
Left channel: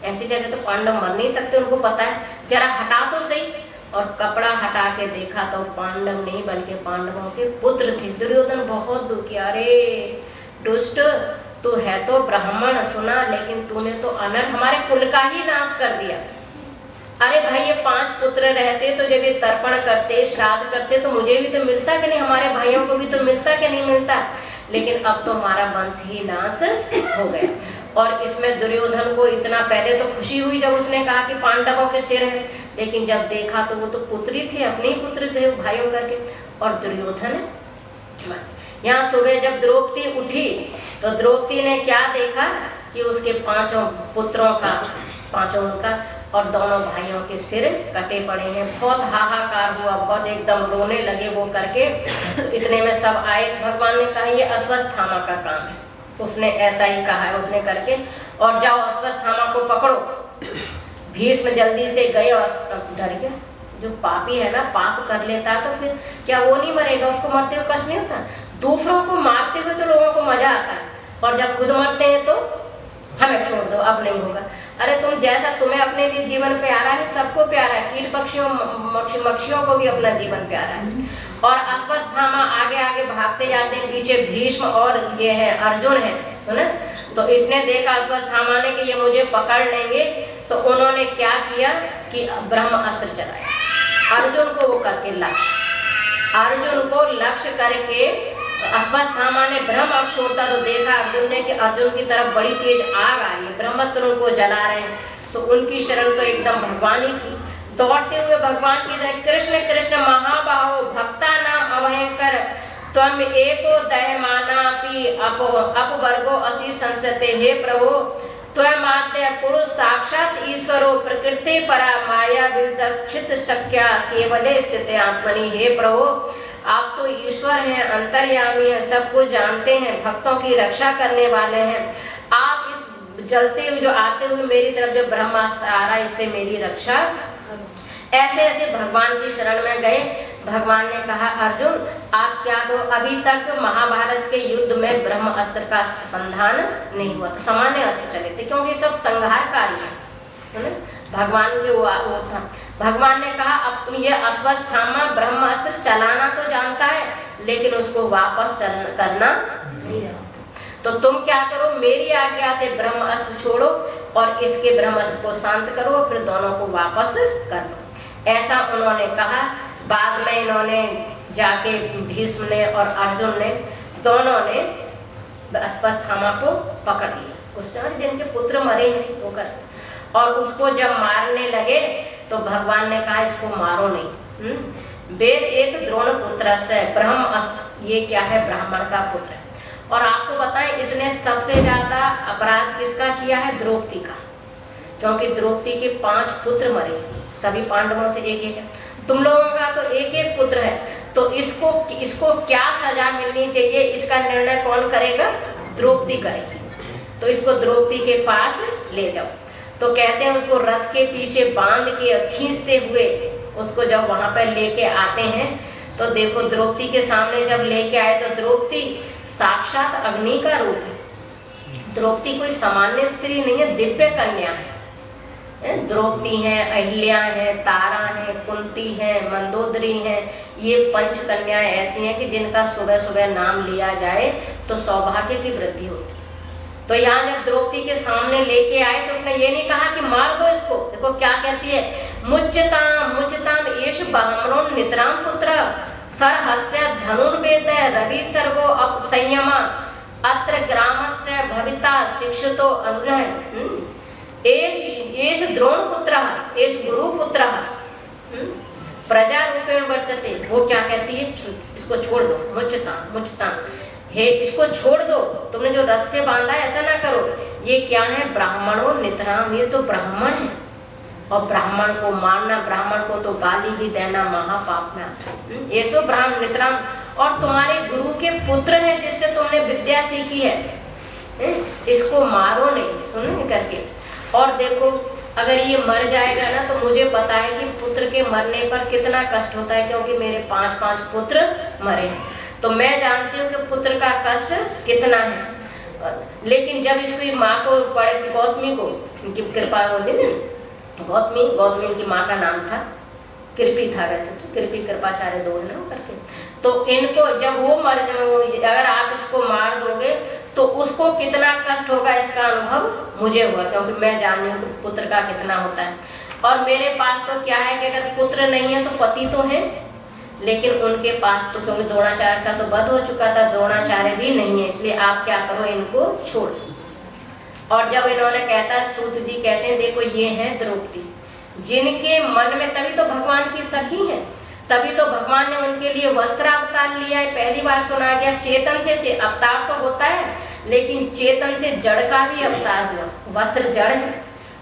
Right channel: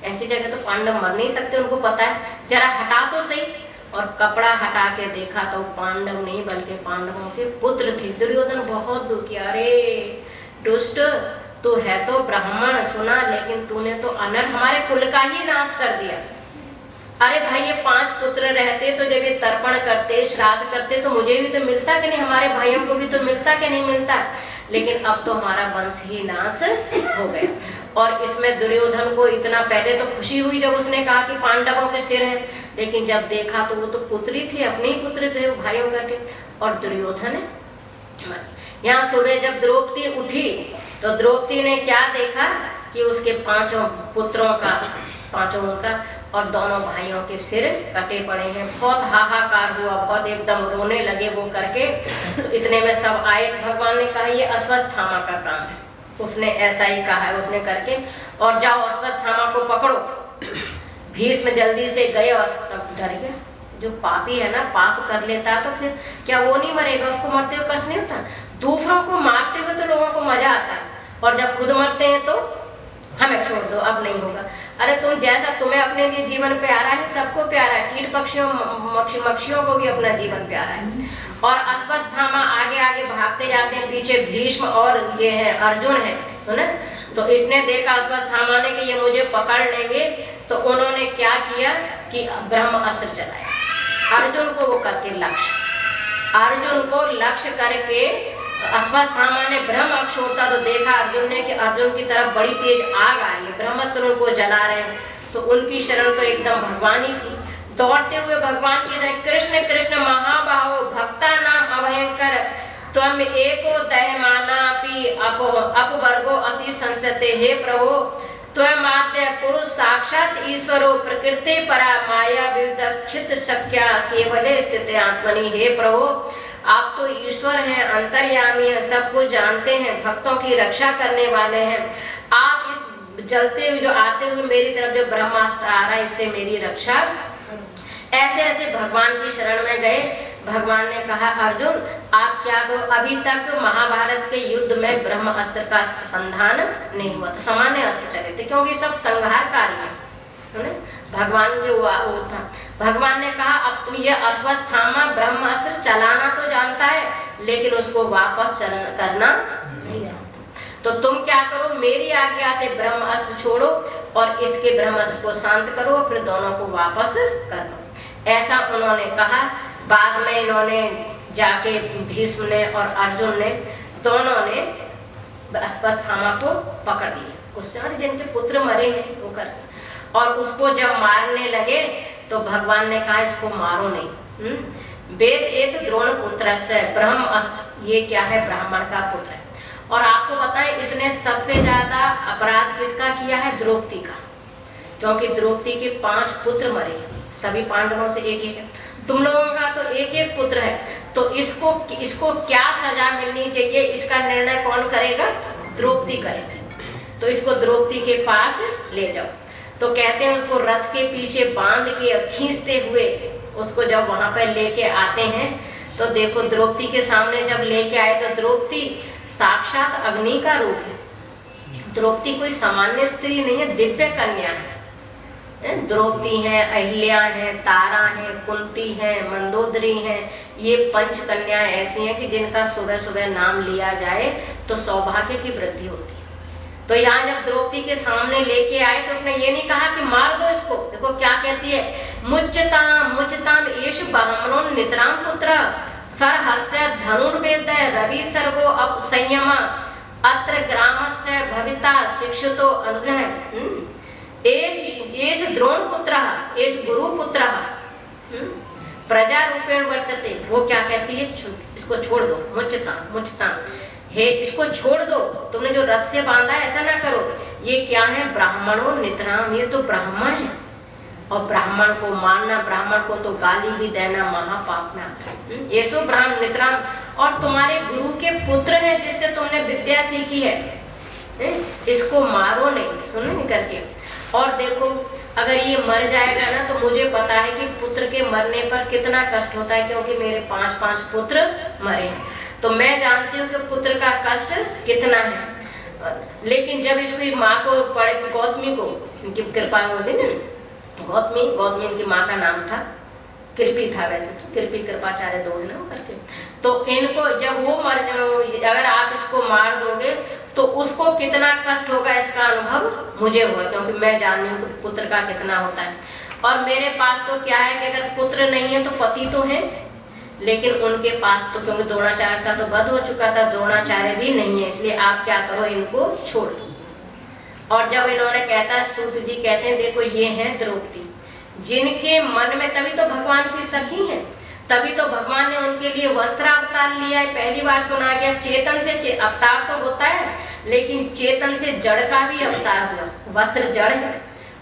ऐसी जगह तो पांडव मर नहीं सकते, उनको पता है, जरा हटा तो सही। और कपड़ा हटा के देखा तो पांडव नहीं बल्कि पांडवों के पुत्र थे। दुर्योधन बहुत दुखी, अरे दुष्ट, तू है तो ब्राह्मण सुना, लेकिन तूने तो अनर्थ हमारे कुल का ही नाश कर दिया। अरे भाई, ये 5 पुत्र रहते तो जब ये तर्पण करते, श्राद्ध करते, तो मुझे भी तो मिलता कि नहीं, हमारे भाइयों को भी तो मिलता कि नहीं मिलता। लेकिन अब तो हमारा वंश ही नाश हो गया। और इसमें दुर्योधन को इतना पहले तो खुशी हुई जब उसने कहा कि पांडवों के सिर है, लेकिन जब देखा तो वो तो पुत्री थे, अपने ही पुत्र थे भाइयों करके। और दुर्योधन यहाँ सुबह जब द्रौपदी उठी तो द्रौपदी ने क्या देखा कि उसके 5 पुत्रों का, 5 का और दोनों भाइयों के सिर कटे पड़े हैं। बहुत हाहाकार हुआ, बहुत एकदम रोने लगे वो करके। तो इतने में सब आए, भगवान ने कहा ये अश्वत्थामा का काम है। उसने ऐसा ही कहा है उसने करके, और जाओ अश्वत्थामा को पकड़ो। भीष्म जल्दी से गए और तब डर गया। जो पापी है ना, पाप कर लेता है तो फिर क्या वो नहीं मरेगा, उसको मरते हुए कष्ट नहीं होता। दूसरों को मारते हुए तो लोगों को मजा आता है, और जब खुद मरते हैं तो हमें छोड़ दो, अब नहीं होगा। अरे तुम जैसा तुम्हें अपने लिए जीवन प्यारा है, सबको प्यारा है, कीट पक्षियों मक्षियों को भी अपना जीवन प्यारा है। और अश्वत्थामा आगे आगे भागते जाते हैं, पीछे भीष्म और ये है अर्जुन है ना। तो इसने देखा अश्वत्थामा ने कि ये मुझे पकड़ लेंगे, तो उन्होंने क्या किया कि ब्रह्म अस्त्र चलाया अर्जुन को वो करके लक्ष्य, अर्जुन को लक्ष्य करके अश्वत्थामा ने ब्रह्म छोड़ा तो देखा अर्जुन ने कि अर्जुन की तरफ बड़ी तेज आग आ रही है, ब्रह्मास्त्र उनको जला रहे हैं। तो उनकी शरण तो एकदम भगवान ही थी। दौड़ते हुए भगवान की जय, कृष्ण कृष्ण महाबाहो भक्ता नाम अभयंकर, त्वम एको दहमानापि अपवर्गो असि संस्यते। हे प्रभु, त्वम आद्य पुरुष साक्षात ईश्वरो प्रकृति परा माया विदक्षित शक्या केवले स्थित आत्मनि। हे प्रभु, आप तो ईश्वर हैं, अंतर्यामी हैं, सब कुछ जानते हैं, भक्तों की रक्षा करने वाले हैं। आप इस जलते हुए जो आते हुए मेरी तरफ जो ब्रह्मास्त्र आ रहा है, इससे मेरी रक्षा। ऐसे ऐसे भगवान की शरण में गए। भगवान ने कहा, अर्जुन आप क्या दो, अभी तक महाभारत के युद्ध में ब्रह्म अस्त्र का संधान नहीं हुआ, सामान्य अस्त्र चले थे, क्योंकि सब संहारकारी है ना। भगवान के वो था। भगवान ने कहा, अब तुम ये अश्वत्थामा ब्रह्म अस्त्र चलाना तो जानता है, लेकिन उसको वापस करना नहीं जानता। तो तुम क्या करो, मेरी आज्ञा से ब्रह्म अस्त्र छोड़ो और इसके ब्रह्म अस्त्र को शांत करो, फिर दोनों को वापस कर लो। ऐसा उन्होंने कहा। बाद में इन्होंने जाके भीष्म ने और अर्जुन ने दोनों ने अश्वत्थामा को पकड़ लिया। उस सारे जिनके पुत्र मरे हैं वो कर, और उसको जब मारने लगे तो भगवान ने कहा इसको मारो नहीं। वेद एक द्रोण पुत्र से ब्रह्म अस्त्र, ये क्या है, ब्राह्मण का पुत्र है। और आपको बताएं इसने सबसे ज्यादा अपराध किसका किया है, द्रौपदी का, क्योंकि द्रौपदी के 5 पुत्र मरे, सभी पांडवों से एक एक है। तुम लोगों का तो एक एक पुत्र है, तो इसको क्या सजा मिलनी चाहिए, इसका निर्णय कौन करेगा, द्रौपदी करेगी। तो इसको द्रौपदी के पास ले जाओ। तो कहते हैं उसको रथ के पीछे बांध के खींचते हुए उसको जब वहां पर लेके आते हैं, तो देखो द्रौपदी के सामने जब लेके आए तो द्रौपदी साक्षात अग्नि का रूप है। द्रौपदी कोई सामान्य स्त्री नहीं है, दिव्य कन्या है। द्रौपदी है, अहिल्या है, तारा है, कुंती है, मंदोदरी है। ये 5 कन्याएं ऐसी हैं कि जिनका सुबह सुबह नाम लिया जाए तो सौभाग्य की वृद्धि होती है। तो यहाँ जब द्रौपदी के सामने लेके आए तो उसने ये नहीं कहा कि मार दो इसको। देखो क्या कहती है, मुच्यताम मुच्यताम एष ब्राह्मणो नितराम पुत्र सरहस्य धनुर्वेद रवि सर्गो अप संयमा अत्र ग्रामस्य भविता शिक्षितो अनुनय एष द्रोण पुत्र एष गुरु पुत्र प्रजा रूपेण वर्तते। वो क्या कहती है, इसको छोड़ दो, मुच्यताम मुच्यताम, हे इसको छोड़ दो, तुमने जो रथ से बांधा ऐसा ना करो। ये क्या है, ब्राह्मणों नितराम, ये तो ब्राह्मण है और ब्राह्मण को मारना, ब्राह्मण को तो गाली भी देना महापाप में। ये सो ब्राह्मण मित्रान, और तुम्हारे गुरु के पुत्र हैं जिससे तुमने विद्या सीखी है, इसको मारो नहीं, सुनो करके। और देखो अगर ये मर जाएगा ना तो मुझे पता है कि पुत्र के मरने पर कितना कष्ट होता है, क्योंकि मेरे 5 पुत्र मरे हैं, तो मैं जानती हूँ कि पुत्र का कष्ट कितना है। लेकिन जब इसकी माँ को पड़े, गौतमी को कृपा होती ना, गौतमी की माँ का नाम था कृपी था, वैसे तो कृपी कृपाचार्य दो ना करके, तो इनको जब वो मर, अगर आप इसको मार दोगे तो उसको कितना कष्ट होगा इसका अनुभव मुझे हुआ, क्योंकि मैं जानती हूँ कि पुत्र का कितना होता है। और मेरे पास तो क्या है कि अगर पुत्र नहीं है तो पति तो है, लेकिन उनके पास तो, क्योंकि द्रोणाचार्य का तो वध हो चुका था, द्रोणाचार्य भी नहीं है, इसलिए आप क्या करो, इनको छोड़ दो। और जब इन्होंने कहता, सूत जी कहते हैं देखो ये है द्रौपदी, जिनके मन में, तभी तो भगवान की सखी है, तभी तो भगवान ने उनके लिए वस्त्र अवतार लिया है। पहली बार सुना गया चेतन से अवतार तो होता है, लेकिन चेतन से जड़ का भी अवतार हुआ, वस्त्र जड़ है,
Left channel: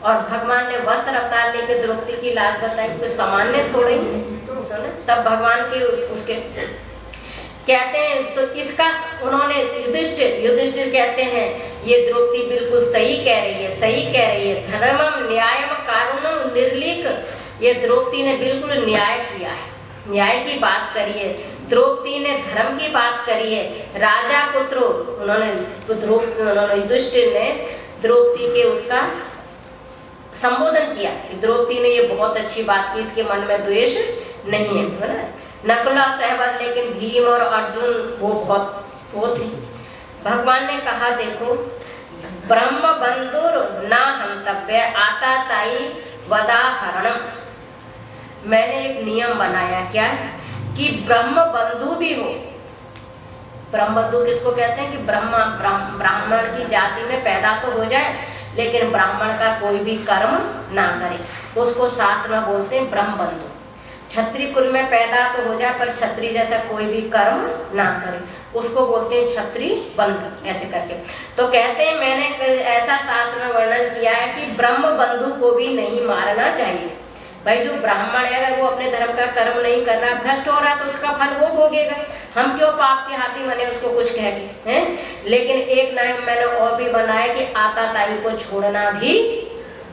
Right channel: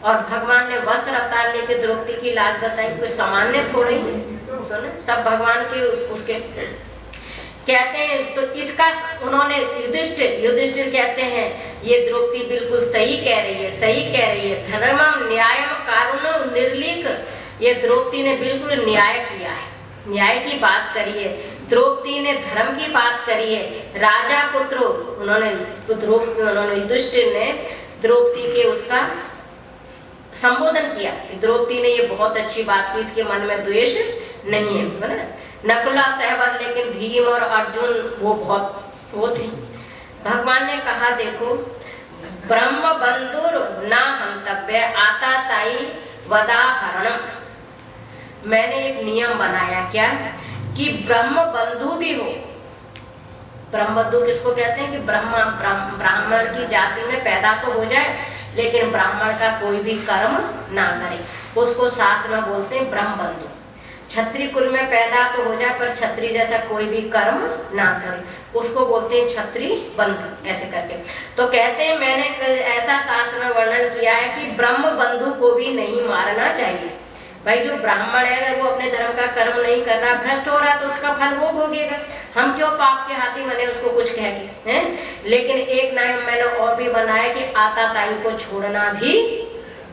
और भगवान ने वस्त्र अवतार लेकर द्रौपदी की लाज बताई, कोई सामान्य थोड़ी है, सुने सब भगवान के उसके कहते हैं। तो इसका उन्होंने युधिष्ठिर कहते हैं ये द्रौपदी बिल्कुल सही कह रही है, सही कह रही है, धर्मम न्यायम कारुण्यम निर्लीक, ये द्रौपदी ने बिल्कुल न्याय किया है, न्याय की बात करी है, द्रौपदी ने धर्म की बात करी है। राजा पुत्रो, उन्होंने युधिष्ठिर ने द्रौपदी के उसका संबोधन किया, द्रौपदी ने ये बहुत अच्छी बात की, इसके मन में द्वेष नहीं है। नकुला सहमत, लेकिन भीम और अर्जुन वो बहुत वो थे। भगवान ने कहा देखो, ब्रह्म बंधुर ना हंतव्य आता ताई वदाहरणम, मैंने एक नियम बनाया क्या, कि ब्रह्म बंधु भी हो। ब्रह्म बंधु किसको कहते हैं, कि ब्राह्मण की जाति में पैदा तो हो जाए लेकिन ब्राह्मण का कोई भी कर्म ना करे, उसको साथ में बोलते हैं ब्रह्म बंधु। क्षत्रिय कुल में पैदा तो हो जाए पर क्षत्रिय जैसा कोई भी कर्म ना करे, उसको बोलते हैं क्षत्रिय बंधु, ऐसे करके। तो कहते हैं मैंने ऐसा साथ में वर्णन किया है कि ब्रह्म बंधु को भी नहीं मारना चाहिए। भाई जो ब्राह्मण है अगर वो अपने धर्म का कर्म नहीं कर रहा, भ्रष्ट हो रहा, तो उसका फल वो भोगेगा, हम क्यों पाप के हाथी बने उसको कुछ कहेंगे, हैं? लेकिन एक नियम मैंने और भी बनाया कि आताताई को छोड़ना भी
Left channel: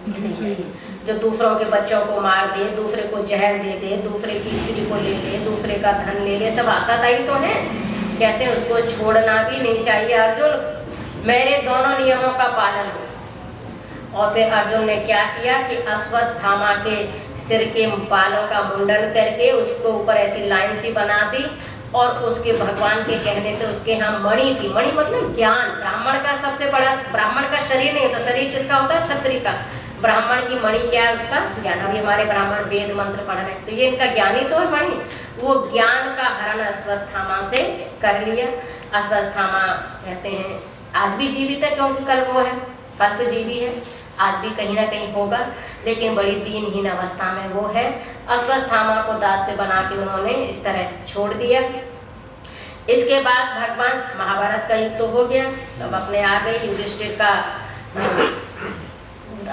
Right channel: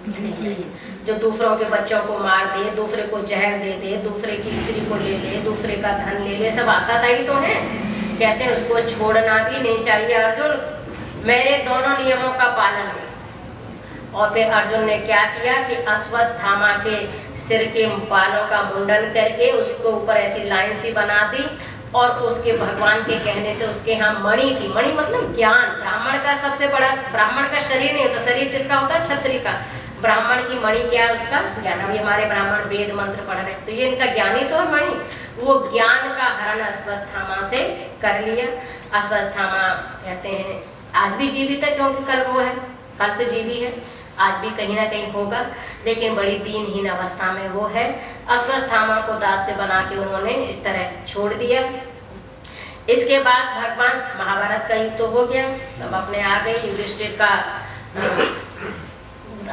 नहीं चाहिए। जो दूसरों के बच्चों को मार दे, दूसरे को जहर दे दे, दूसरे की स्त्री को ले ले, दूसरे का धन ले ले, सब आताताई तो है, कहते हैं उसको छोड़ना भी नहीं चाहिए। अर्जुन मेरे दोनों नियमों का पालन हो। और फिर अर्जुन ने क्या किया कि अश्वत्थामा के सिर के बालों का मुंडन करके उसको ऊपर ऐसी लाइन सी बना दी, और उसके भगवान के कहने से उसके यहाँ मणि थी, मणि मतलब ज्ञान, ब्राह्मण का सबसे बड़ा, ब्राह्मण का शरीर नहीं होता, शरीर किसका होता है, क्षत्रिय का, ब्राह्मण की मणि क्या है, उसका ज्ञान। अभी हमारे ब्राह्मण वेद मंत्र पढ़ रहे हैं, तो ये इनका ज्ञानी तो है मणि, वो ज्ञान का हरण अश्वत्थामा से कर लिया। अश्वत्थामा कहते हैं आज भी जीवित है, क्योंकि कल वो है, कल तो जीवी है, आज भी कहीं ना कहीं होगा, लेकिन बड़ी दीनहीन अवस्था में वो है। अश्वत्थामा को दास से बना के उन्होंने इस तरह छोड़ दिया। इसके बाद भगवान महाभारत का युद्ध तो हो गया, सब अपने आ गए, युधिष्ठिर का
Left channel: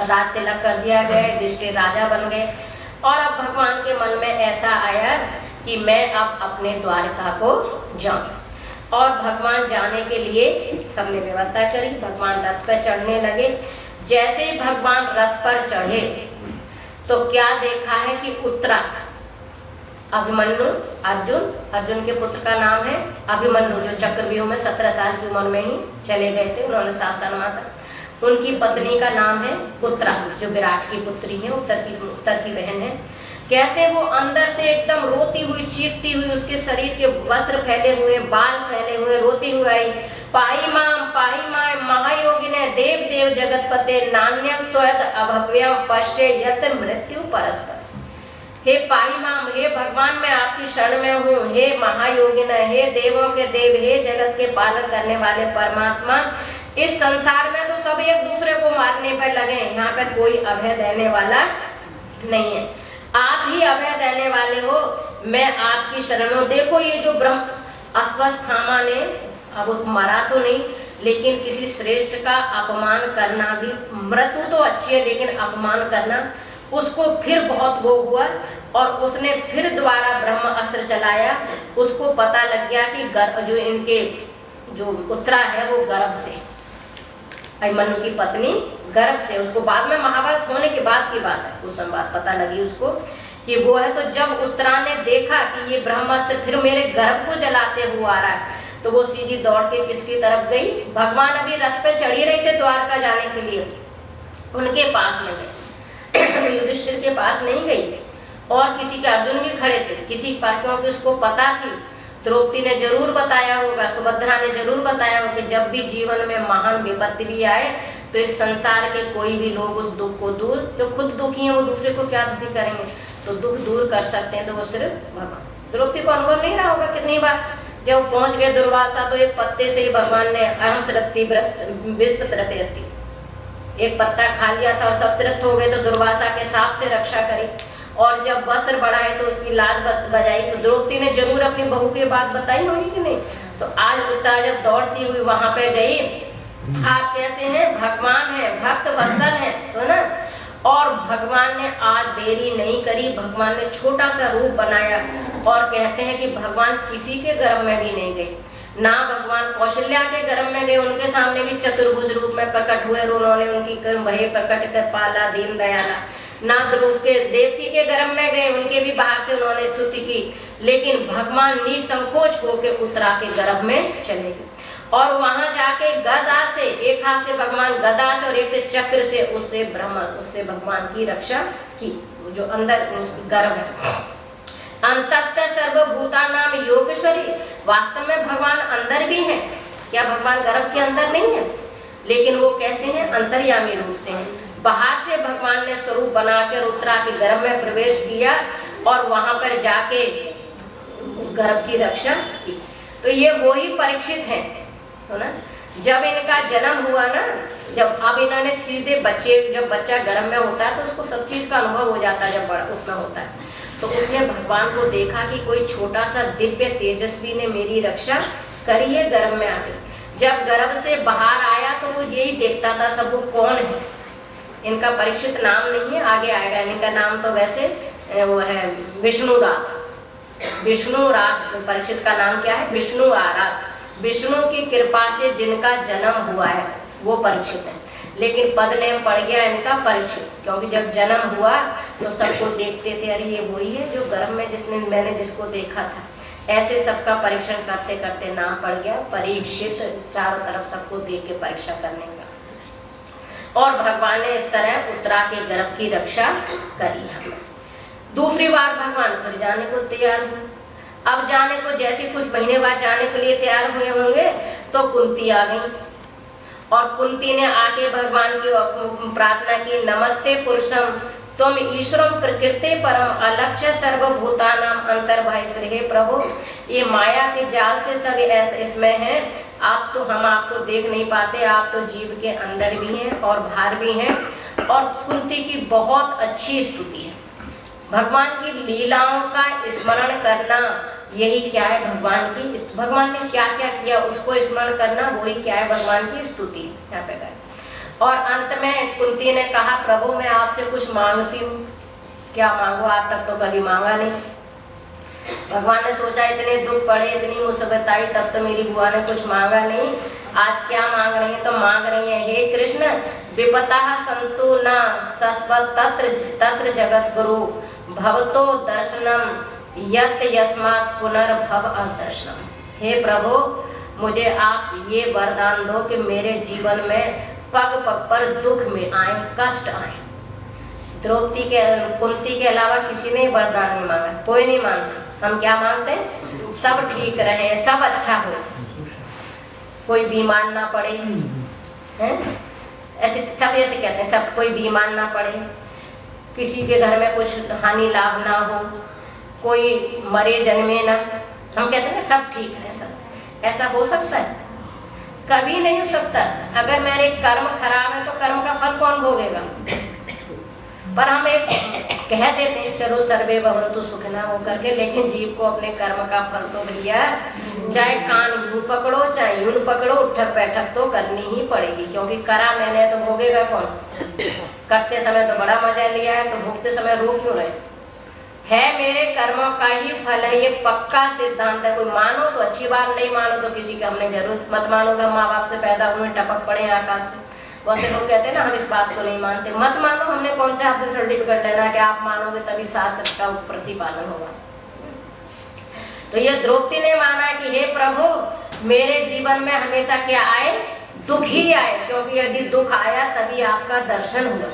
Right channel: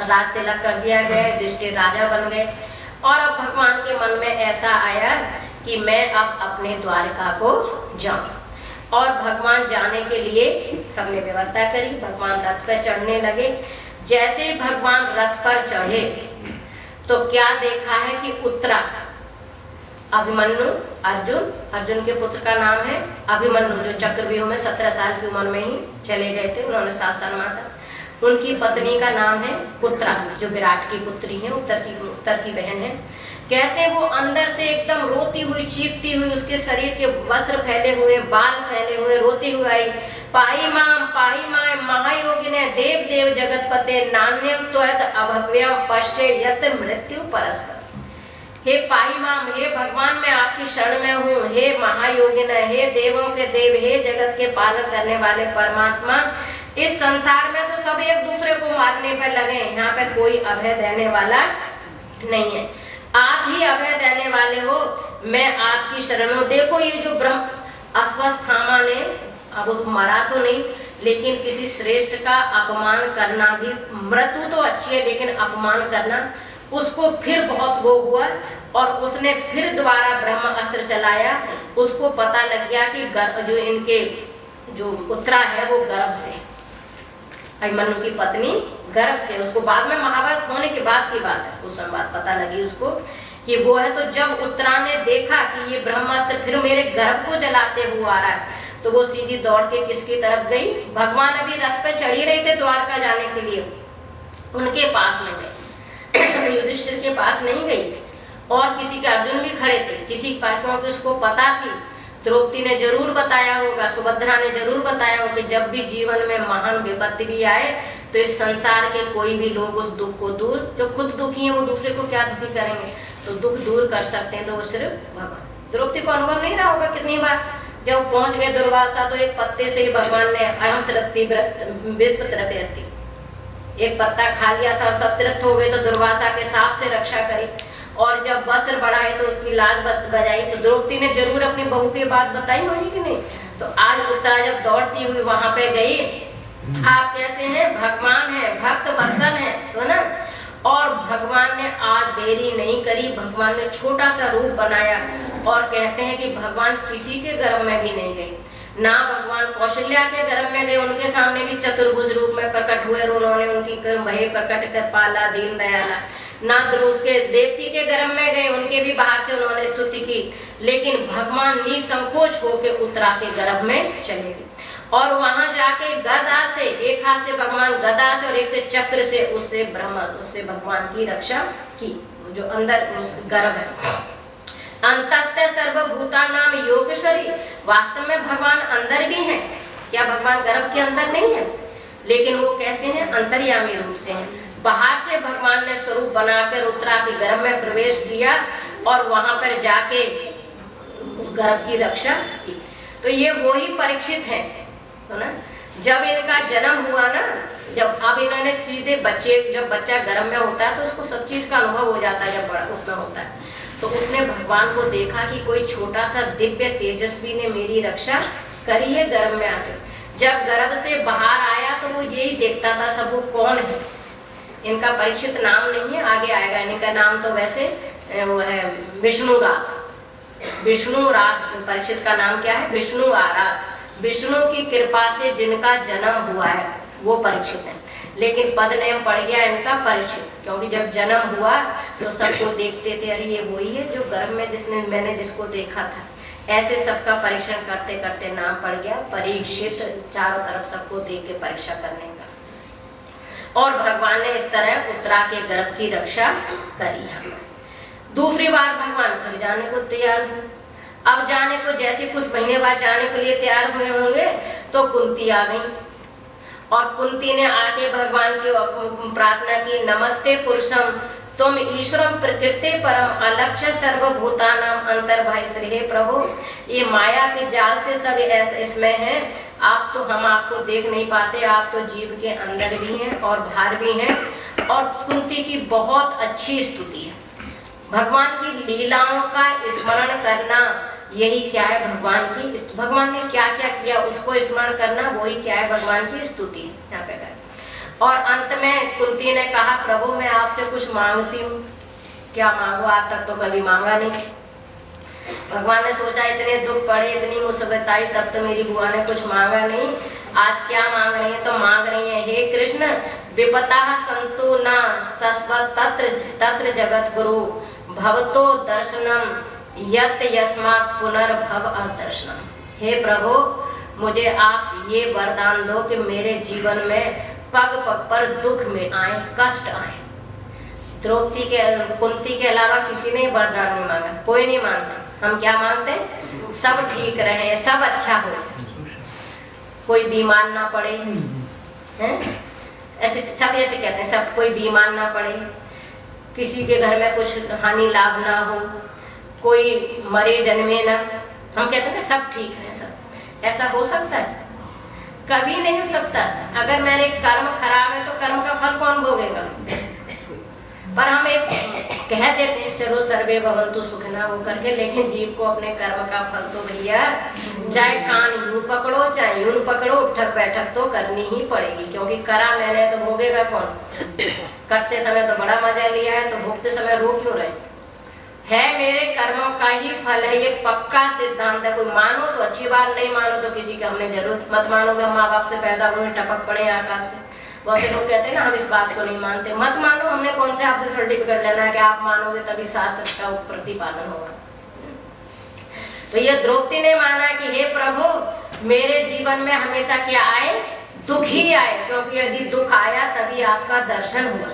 राज तिलक कर दिया गया, युधिष्ठिर राजा बन गए। और अब भगवान के मन में ऐसा आया कि मैं अब अपने द्वारका को जाऊं, और भगवान जाने के लिए सबने व्यवस्था करी। भगवान रथ पर चढ़ने लगे। जैसे ही भगवान रथ पर चढ़े तो क्या देखा है कि उत्तरा अभिमन्यु, अर्जुन के पुत्र का नाम है अभिमन्यु, जो चक्रव्यूह में 17 साल की उम्र में ही चले गए थे, उन्होंने 7 साल मारा। उनकी पत्नी का नाम है उत्तरा, जो विराट की पुत्री है, उत्तर की बहन है। कहते हैं वो अंदर से एकदम रोती हुई, चीखती हुई, उसके शरीर के वस्त्र फैले हुए, बाल फैले हुए, रोती हुई आई, पाही मां महायोगिने देव देव जगतपते नान्यम त्वद अभव्यम पश्चे यत्र मृत्यु परस्पर। हे पाही मां, हे भगवान मैं आपकी शरण में हूँ, हे महायोगिन, हे देवों के देव, हे जगत के पालन करने वाले परमात्मा, इस संसार में तो सब एक दूसरे को मारने पर लगे, यहाँ पे कोई अभय देने वाला नहीं है, आप ही अभय देने वाले हो, मैं आपकी शरण हूँ। देखो ये जो ब्रह्म अश्वत्थामा ने, अब वो मरा तो नहीं, लेकिन किसी श्रेष्ठ का अपमान करना भी, मृत्यु तो अच्छी है लेकिन अपमान करना, उसको फिर बहुत वो हुआ और उसने फिर दोबारा ब्रह्म अस्त्र चलाया। उसको पता लग गया कि जो इनके जो उत्तरा है वो गर्भ से, अभिमन्यु की पत्नी गर्भ से, उसको बाद में महाभारत होने के बाद की बात है, उस समय बात पता लगी उसको कि वो है। तो जब उत्तरा ने देखा कि ये ब्रह्मास्त्र फिर मेरे गर्भ को जलाते हुए आ रहा है, तो वो सीधी दौड़ के किसकी तरफ गई? भगवान अभी रथ पे चढ़ी रहे थे द्वारका जाने के लिए, उनके पास में गई। युधिष्ठिर के पास नहीं गई और किसी के अर्जुन भी खड़े थे, किसी क्योंकि उसको पता थी, द्रौपदी ने जरूर बताया होगा, सुभद्रा ने जरूर बताया होगा कि जब भी जीवन में महान विपत्ति भी आए तो इस संसार के कोई भी लोग उस दुख को दूर, जो खुद दुखी है वो दूसरे को क्या दुखी करेंगे, तो दुख दूर कर सकते हैं तो वो सिर्फ भगवान। द्रौपदी को अनुभव नहीं रहा होगा कितनी बार जब पहुंच गए दुर्वासा तो एक पत्ते से ही भगवान ने अहम तृप्ति विश्व तृप्ति, एक पत्ता खा लिया था और सब तृप्त हो गए तो दुर्वासा के साप से रक्षा करी। और जब वस्त्र बढ़ाए तो उसकी लाज बजाई, तो द्रौपदी ने जरूर अपनी बहू की बात बताई होगी कि नहीं। तो आज उत्तरा जब दौड़ती हुई वहां पे गई, आप कैसे हैं? भगवान है, भक्त वत्सल है, सुना। और भगवान ने आज देरी नहीं करी, भगवान ने छोटा सा रूप बनाया और कहते हैं कि भगवान किसी के गर्भ में भी नहीं गए, ना भगवान कौशल्या के गर्भ में गए, उनके सामने भी चतुर्भुज रूप में प्रकट हुए, उन्होंने उनकी वही प्रकट कर पाला दीन दयाला। ना ध्रुव के देवकी के गर्भ में गए, उनके भी बाहर से उन्होंने स्तुति की, लेकिन भगवान निसंकोच होकर उत्तरा के गर्भ में चले गए और वहां जाके गदा से, एक हाथ से भगवान गदा से और एक से चक्र से उससे भगवान की रक्षा की, जो अंदर गर्भ है। अंतस्थ सर्वभूता नाम योगेश्वरी, वास्तव में भगवान अंदर भी है, क्या भगवान गर्भ के अंदर नहीं है? लेकिन वो कैसे हैं? अंतर्यामी रूप से हैं। बाहर से भगवान ने स्वरूप बनाकर उत्तरा के गर्भ में प्रवेश किया और वहां पर जाके गर्भ की रक्षा की। तो ये वही परीक्षित हैं, सुना। जब इनका जन्म हुआ ना, जब अब इन्होंने सीधे बच्चे, जब बच्चा गर्भ में होता है तो उसको सब चीज का अनुभव हो जाता है, जब बड़ा उसमें होता है तो उसने भगवान को देखा कि कोई छोटा सा दिव्य तेजस्वी ने मेरी रक्षा करी है गर्भ में आके। जब गर्भ से बाहर आया तो वो यही देखता था सब वो कौन है। इनका परीक्षित नाम नहीं है, आगे आएगा। इनका नाम तो वैसे वो है विष्णुरात। विष्णुरात परीक्षित का नाम क्या है? विष्णु आरात। विष्णु की कृपा से जिनका जन्म हुआ है वो परीक्षित है, लेकिन पद नेम पड़ गया इनका परीक्षित, क्योंकि जब जन्म हुआ तो सबको देखते थे, अरे ये वही है जो गर्भ में मैंने जिसको देखा था। ऐसे सबका परीक्षण करते करते नाम पड़ गया परीक्षित, चारों तरफ सबको देख के परीक्षा करने का। और भगवान ने इस तरह उत्तरा के गर्भ की रक्षा करी है। दूसरी बार भगवान फिर जाने को तैयार हुए। अब जाने को जैसे कुछ महीने बाद जाने के लिए तैयार हुए होंगे तो कुंती आ गई और कुंती ने आके भगवान की प्रार्थना की, नमस्ते पुरुषम तुम ईश्वरम प्रकृति परम अलक्ष्य सर्वभूतानाम अंतर्बाह्य। हे प्रभु, ये माया के जाल से सब ऐसे इसमें है, आप तो हम आपको देख नहीं पाते, आप तो जीव के अंदर भी हैं और बाहर भी हैं। और कुंती की बहुत अच्छी स्तुति है। भगवान की लीलाओं का स्मरण करना, यही क्या है भगवान की, भगवान ने क्या क्या किया उसको स्मरण करना, वही क्या है भगवान की स्तुति यहाँ पे। और अंत में कुंती ने कहा, प्रभु मैं आपसे कुछ मांगती हूँ। क्या मांगो? आज तक तो कभी मांगा नहीं। भगवान ने सोचा इतने दुख पड़े, इतनी मुसीबत आई, तब तो मेरी बुआ ने कुछ मांगा नहीं, आज क्या मांग रही है? तो मांग रही है, हे कृष्ण विपता संतु न सस्वत तत्र जगत गुरु भवतो दर्शनम यत यस्मात् पुनर्भव अदर्शनम। हे प्रभु, मुझे आप ये वरदान दो कि मेरे जीवन में पग पग पर दुख में आए, कष्ट आए। द्रौपदी के, कुंती के अलावा किसी ने वरदान नहीं मांगा, कोई नहीं मांगता। हम क्या मांगते हैं? सब ठीक रहे, सब अच्छा हो, कोई बीमार ना पड़े, हैं? ऐसे सब ऐसे कहते हैं, सब कोई बीमार ना पड़े, किसी के घर में कुछ हानि लाभ ना हो, कोई मरे जन्मे ना। हम कहते हैं सब ठीक है, सब। ऐसा हो सकता है? कभी नहीं हो सकता। अगर मेरे कर्म खराब है तो कर्म का फल कौन भोगेगा? पर हम एक कह देते हैं चलो सर्वे भवन्तु सुखिनः वो करके, लेकिन जीव को अपने कर्म का फल तो भैया चाहे कान यूं पकड़ो चाहे यूं पकड़ो, उठक बैठक तो करनी ही पड़ेगी, क्योंकि करा मैंने तो भोगेगा कौन? करते समय तो बड़ा मजा लिया है, तो भोगते समय रो क्यों रहे? है मेरे कर्मों का ही फल है, ये पक्का सिद्धांत है। कोई मानो तो अच्छी बात, नहीं मानो तो किसी का हमने जरूरत मत मानोगे। माँ बाप से पैदा हुए, टपक पड़े आकाश से, वैसे लोग कहते हैं ना हम इस बात को नहीं मानते, मत मानो। हमने कौन से आपसे सर्टिफिकेट लेना है कि आप मानोगे तभी शास्त्र का प्रतिपालन होगा। तो ये द्रौपदी ने माना कि हे प्रभु मेरे जीवन में हमेशा क्या आए? दुख ही आए, क्योंकि यदि दुख आया तभी आपका दर्शन हुआ।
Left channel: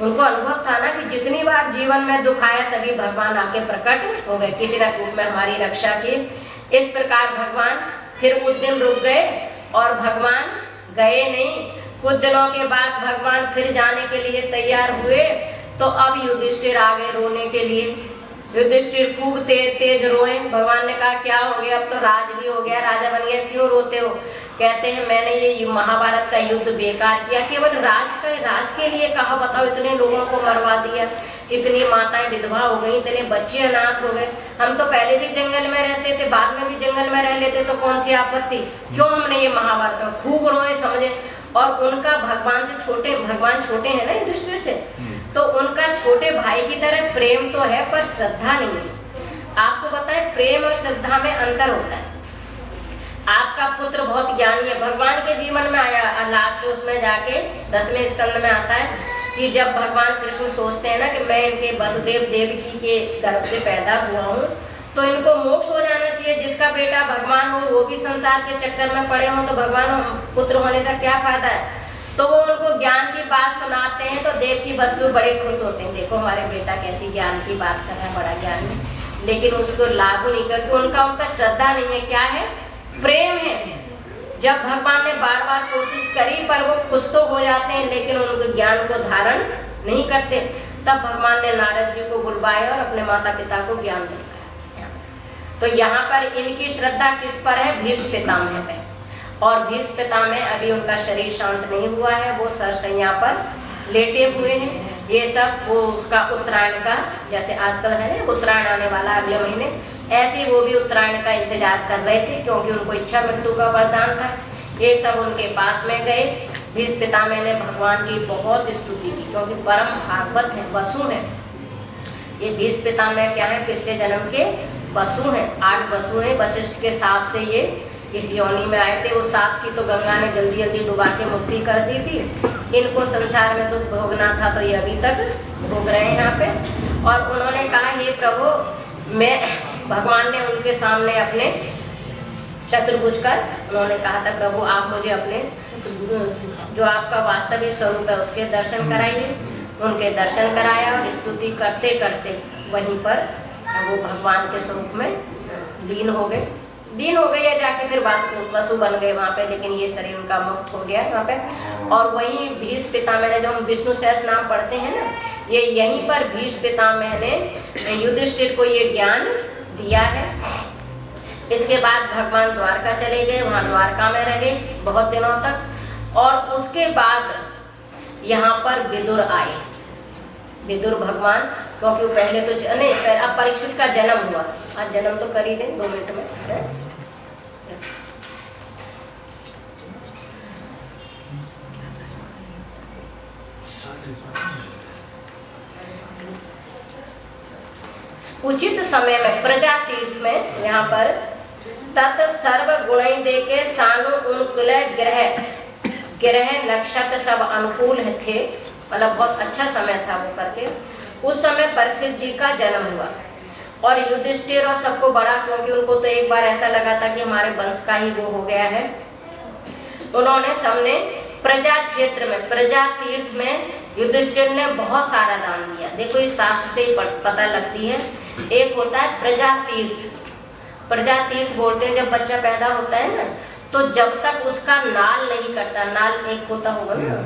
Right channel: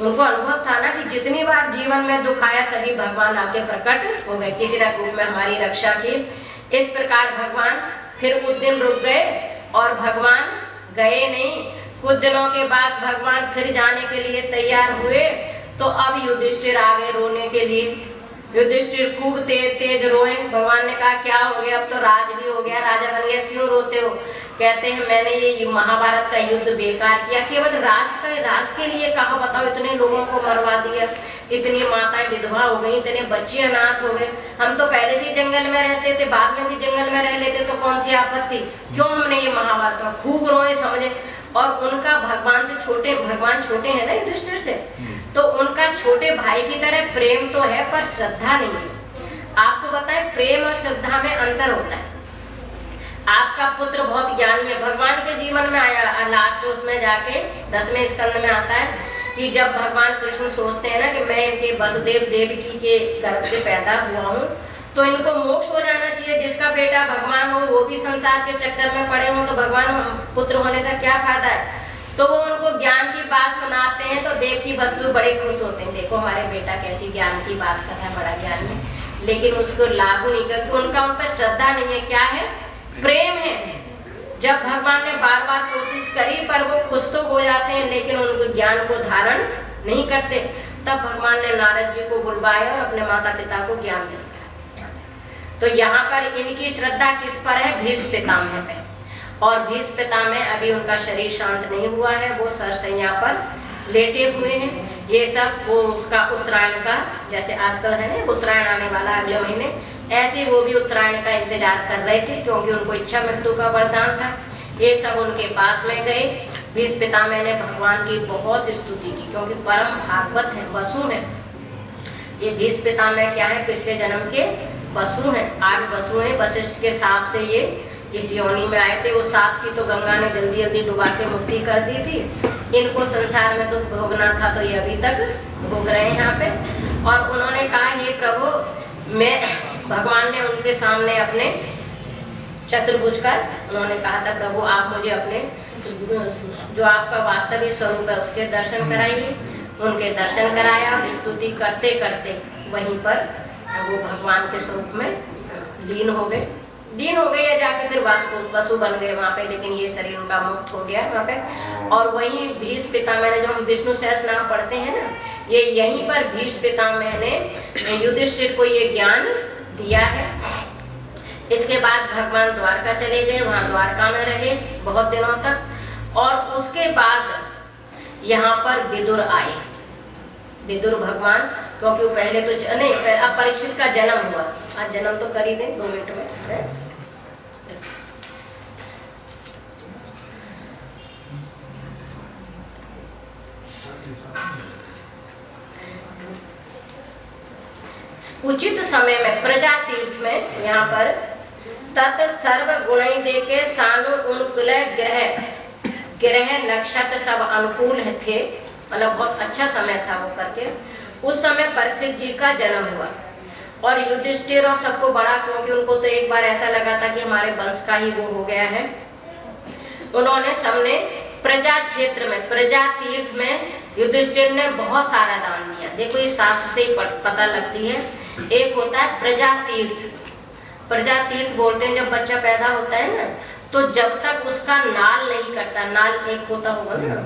उनको अनुभव था ना कि जितनी बार जीवन में दुख आया तभी भगवान आके प्रकट हो गए, किसी न रूप में हमारी रक्षा की। इस प्रकार भगवान फिर कुछ दिन रुक गए और भगवान गए नहीं। कुछ दिनों के बाद भगवान फिर जाने के लिए तैयार हुए, तो अब युधिष्ठिर आ गए रोने के लिए। युधिष्ठिर खूब तेज रोए। भगवान ने कहा क्या हो गया? अब तो राज भी हो गया, राजा बन गया, क्यों रोते हो? कहते हैं मैंने ये महाभारत का युद्ध बेकार किया, केवल राज के लिए कहा, बताओ इतने लोगों को मरवा दिया, इतनी माताएं विधवा हो गई, इतने बच्चे अनाथ हो गए। हम तो पहले से जंगल में रहते थे, बाद में भी जंगल में रह लेते, तो कौन सी आपत्ति? क्यों हमने ये महाभारत? खूब रोए समझे। और उनका भगवान से छोटे, भगवान छोटे हैं ना युधिष्ठिर से, तो उनका छोटे भाई की तरह प्रेम तो है पर श्रद्धा नहीं है। आपको बताए प्रेम और श्रद्धा में अंतर होता है। आपका पुत्र बहुत ज्ञानी है, भगवान के जीवन में आया, लास्ट उसमें जाके 10वें स्कंद में आता है कि जब भगवान कृष्ण सोचते हैं ना कि मैं इनके वसुदेव देवकी के गर्भ से पैदा हुआ हूँ, तो इनको मोक्ष हो जाना चाहिए। जिसका बेटा भगवान हो वो भी संसार के चक्कर में पड़े हो, तो भगवान पुत्र होने से क्या फायदा है? तो वो उनको ज्ञान की बात सुनाते हैं, तो देवकी वस्तु बड़े खुश होते हैं, देखो हमारे बेटा कैसी ज्ञान की बात कर रहा है, बड़ा ज्ञानी। लेकिन उसको लागू नहीं करके, उनका उन पर श्रद्धा नहीं है। क्या है? प्रेम है। जब भगवान ने बार बार कोशिश करी पर वो खुश तो हो जाते हैं, लेकिन उनको ज्ञान को धारण नहीं करते। तब भगवान ने नारद जी को बुलवाया और अपने माता पिता को ज्ञान दिया। तो यहाँ पर इनकी श्रद्धा किस पर है? भीष्म पितामह पे। और भीष्म पितामह अभी उनका शरीर शांत नहीं हुआ है, वो सरसैया पर लेटे हुए हैं। ये सब वो उसका उत्तरायण का, जैसे आजकल है ना उत्तरायण आने वाला अगले महीने, ऐसे वो भी उत्तरायण का इंतजार कर रहे थे, क्योंकि उनको इच्छा मृत्यु का वरदान था। ये सब उनके पास में गए। भीष्म पितामह ने भगवान की बहुत स्तुति की, क्योंकि परम भागवत है, वसु है। ये भीष्म पितामह क्या है? पिछले जन्म के वसु हैं, 8 वसु हैं। वशिष्ठ के साप से ये इस योनि में आए थे। वो साप की तो गंगा ने जल्दी जल्दी डुबा के मुक्ति कर दी थी। इनको संसार में तो भोगना था, तो ये अभी तक भोग रहे हैं यहाँ पे। और उन्होंने कहा हे प्रभु, मैं भगवान ने उनके सामने अपने चतुर्भुज कर उन्होंने कहा था प्रभु आप मुझे अपने जो आपका वास्तविक स्वरूप है उसके दर्शन कराइए। उनके दर्शन कराया और स्तुति करते करते वहीं पर वो भगवान के स्वरूप में लीन हो गए या जाके फिर वसु बन गए वहाँ पे। लेकिन ये शरीर उनका मुक्त हो गया वहाँ पे। और वहीं भीष्म पितामह ने, जो हम विष्णु सहस्त्र नाम पढ़ते हैं ना, ये यहीं पर भीष्म पितामह ने युधिष्ठिर को ये ज्ञान दिया है। इसके बाद भगवान द्वारका चले गए, वहाँ द्वारका में रहे बहुत दिनों तक। और उसके बाद यहाँ पर विदुर आए। विदुर भगवान, क्योंकि वो पहले तो नहीं, अब परीक्षित का जन्म हुआ। आज जन्म तो कर ही दें 2 मिनट में है? उचित समय में प्रजा तीर्थ में यहाँ पर तत् सर्व गुण दे के सानुकूल ग्रह नक्षत्र सब अनुकूल थे, मतलब बहुत अच्छा समय था वो करके। उस समय परीक्षित जी का जन्म हुआ और युधिष्ठिर और सबको बड़ा, क्योंकि उनको तो एक बार ऐसा लगा था कि हमारे वंश का ही वो हो गया है। उन्होंने सबने प्रजा क्षेत्र में, प्रजा तीर्थ में युधिष्ठिर ने बहुत सारा दान दिया। देखो इस शास्त्र से ही पता लगती है। एक होता है प्रजा तीर्थ। प्रजा तीर्थ बोलते हैं जब बच्चा पैदा होता है ना, तो जब तक उसका नाल नहीं कटता, नाल एक होता होगा ना,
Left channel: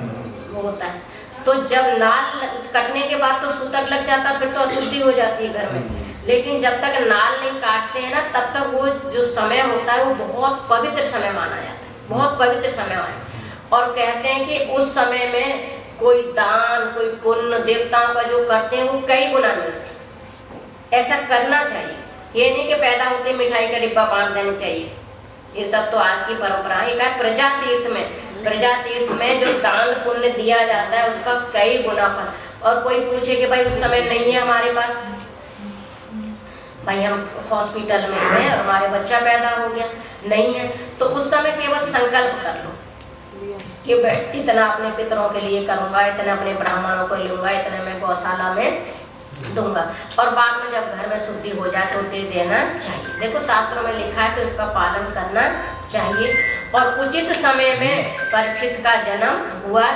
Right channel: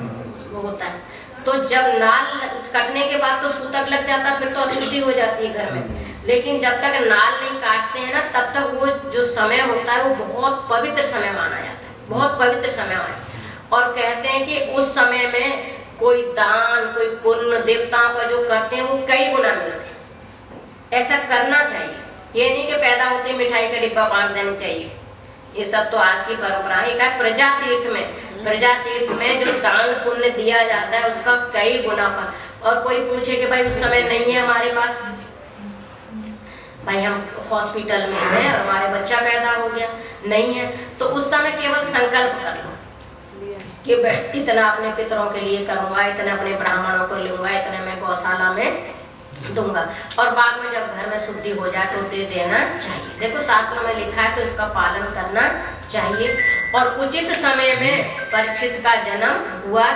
वो होता है, तो जब नाल कटने के बाद तो सूतक लग जाता, फिर तो अशुद्धि हो जाती है घर में। लेकिन जब तक नाल नहीं काटते हैं ना, तब तक वो जो समय होता है वो बहुत पवित्र समय माना जाता है, बहुत पवित्र समय माना। और कहते हैं कि उस समय में कोई दान, कोई पुण्य देवताओं का जो करते हैं वो कई गुना मिलते हैं। ऐसा करना चाहिए, ये नहीं कि पैदा होते मिठाई का डिब्बा बांध देना चाहिए। ये सब तो आज की परंपरा है। प्रजा तीर्थ में प्रजा तीर्थ में जो दान पुण्य दिया जाता है उसका कई गुना फल। और कोई पूछे कि भाई उस समय नहीं है हमारे पास, भाई हम हॉस्पिटल में हैं और हमारे बच्चा पैदा हो गया, नहीं है, तो उस समय केवल संकल्प कर लो कि इतना अपने पितरों के लिए करूंगा, इतना अपने ब्राह्मणों को लूंगा, इतना मैं गौशाला में दूंगा, और बाद में जब घर में शुद्धि हो जाए तो दे देना चाहिए। देखो शास्त्रों में लिखा है तो इसका पालन करना चाहिए। और उचित समय में परीक्षित का जन्म हुआ।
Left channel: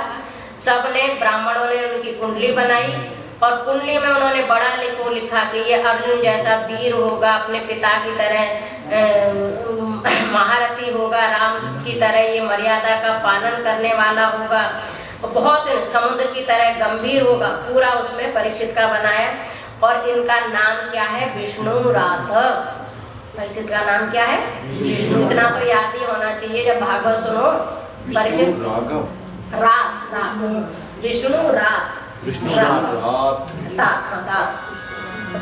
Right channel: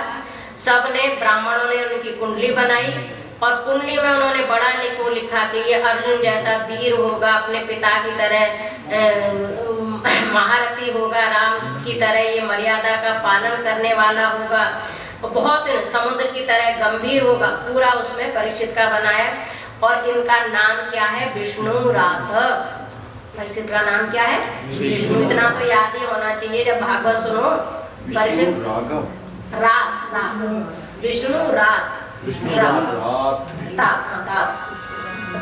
सबने ब्राह्मणों ने उनकी कुंडली बनाई और कुंडली में उन्होंने बड़ा लिखा कि ये अर्जुन जैसा वीर होगा, अपने पिता की तरह महारथी होगा, राम की तरह ये मर्यादा का पालन करने वाला होगा, बहुत समुद्र की तरह गंभीर होगा, पूरा उसमें परीक्षित का बनाया। और इनका नाम क्या है? विष्णु राथ। परीक्षित का नाम क्या है? विष्णु। इतना तो याद ही होना चाहिए जब भागवत सुनो। परीक्षित रात, विष्णु रात,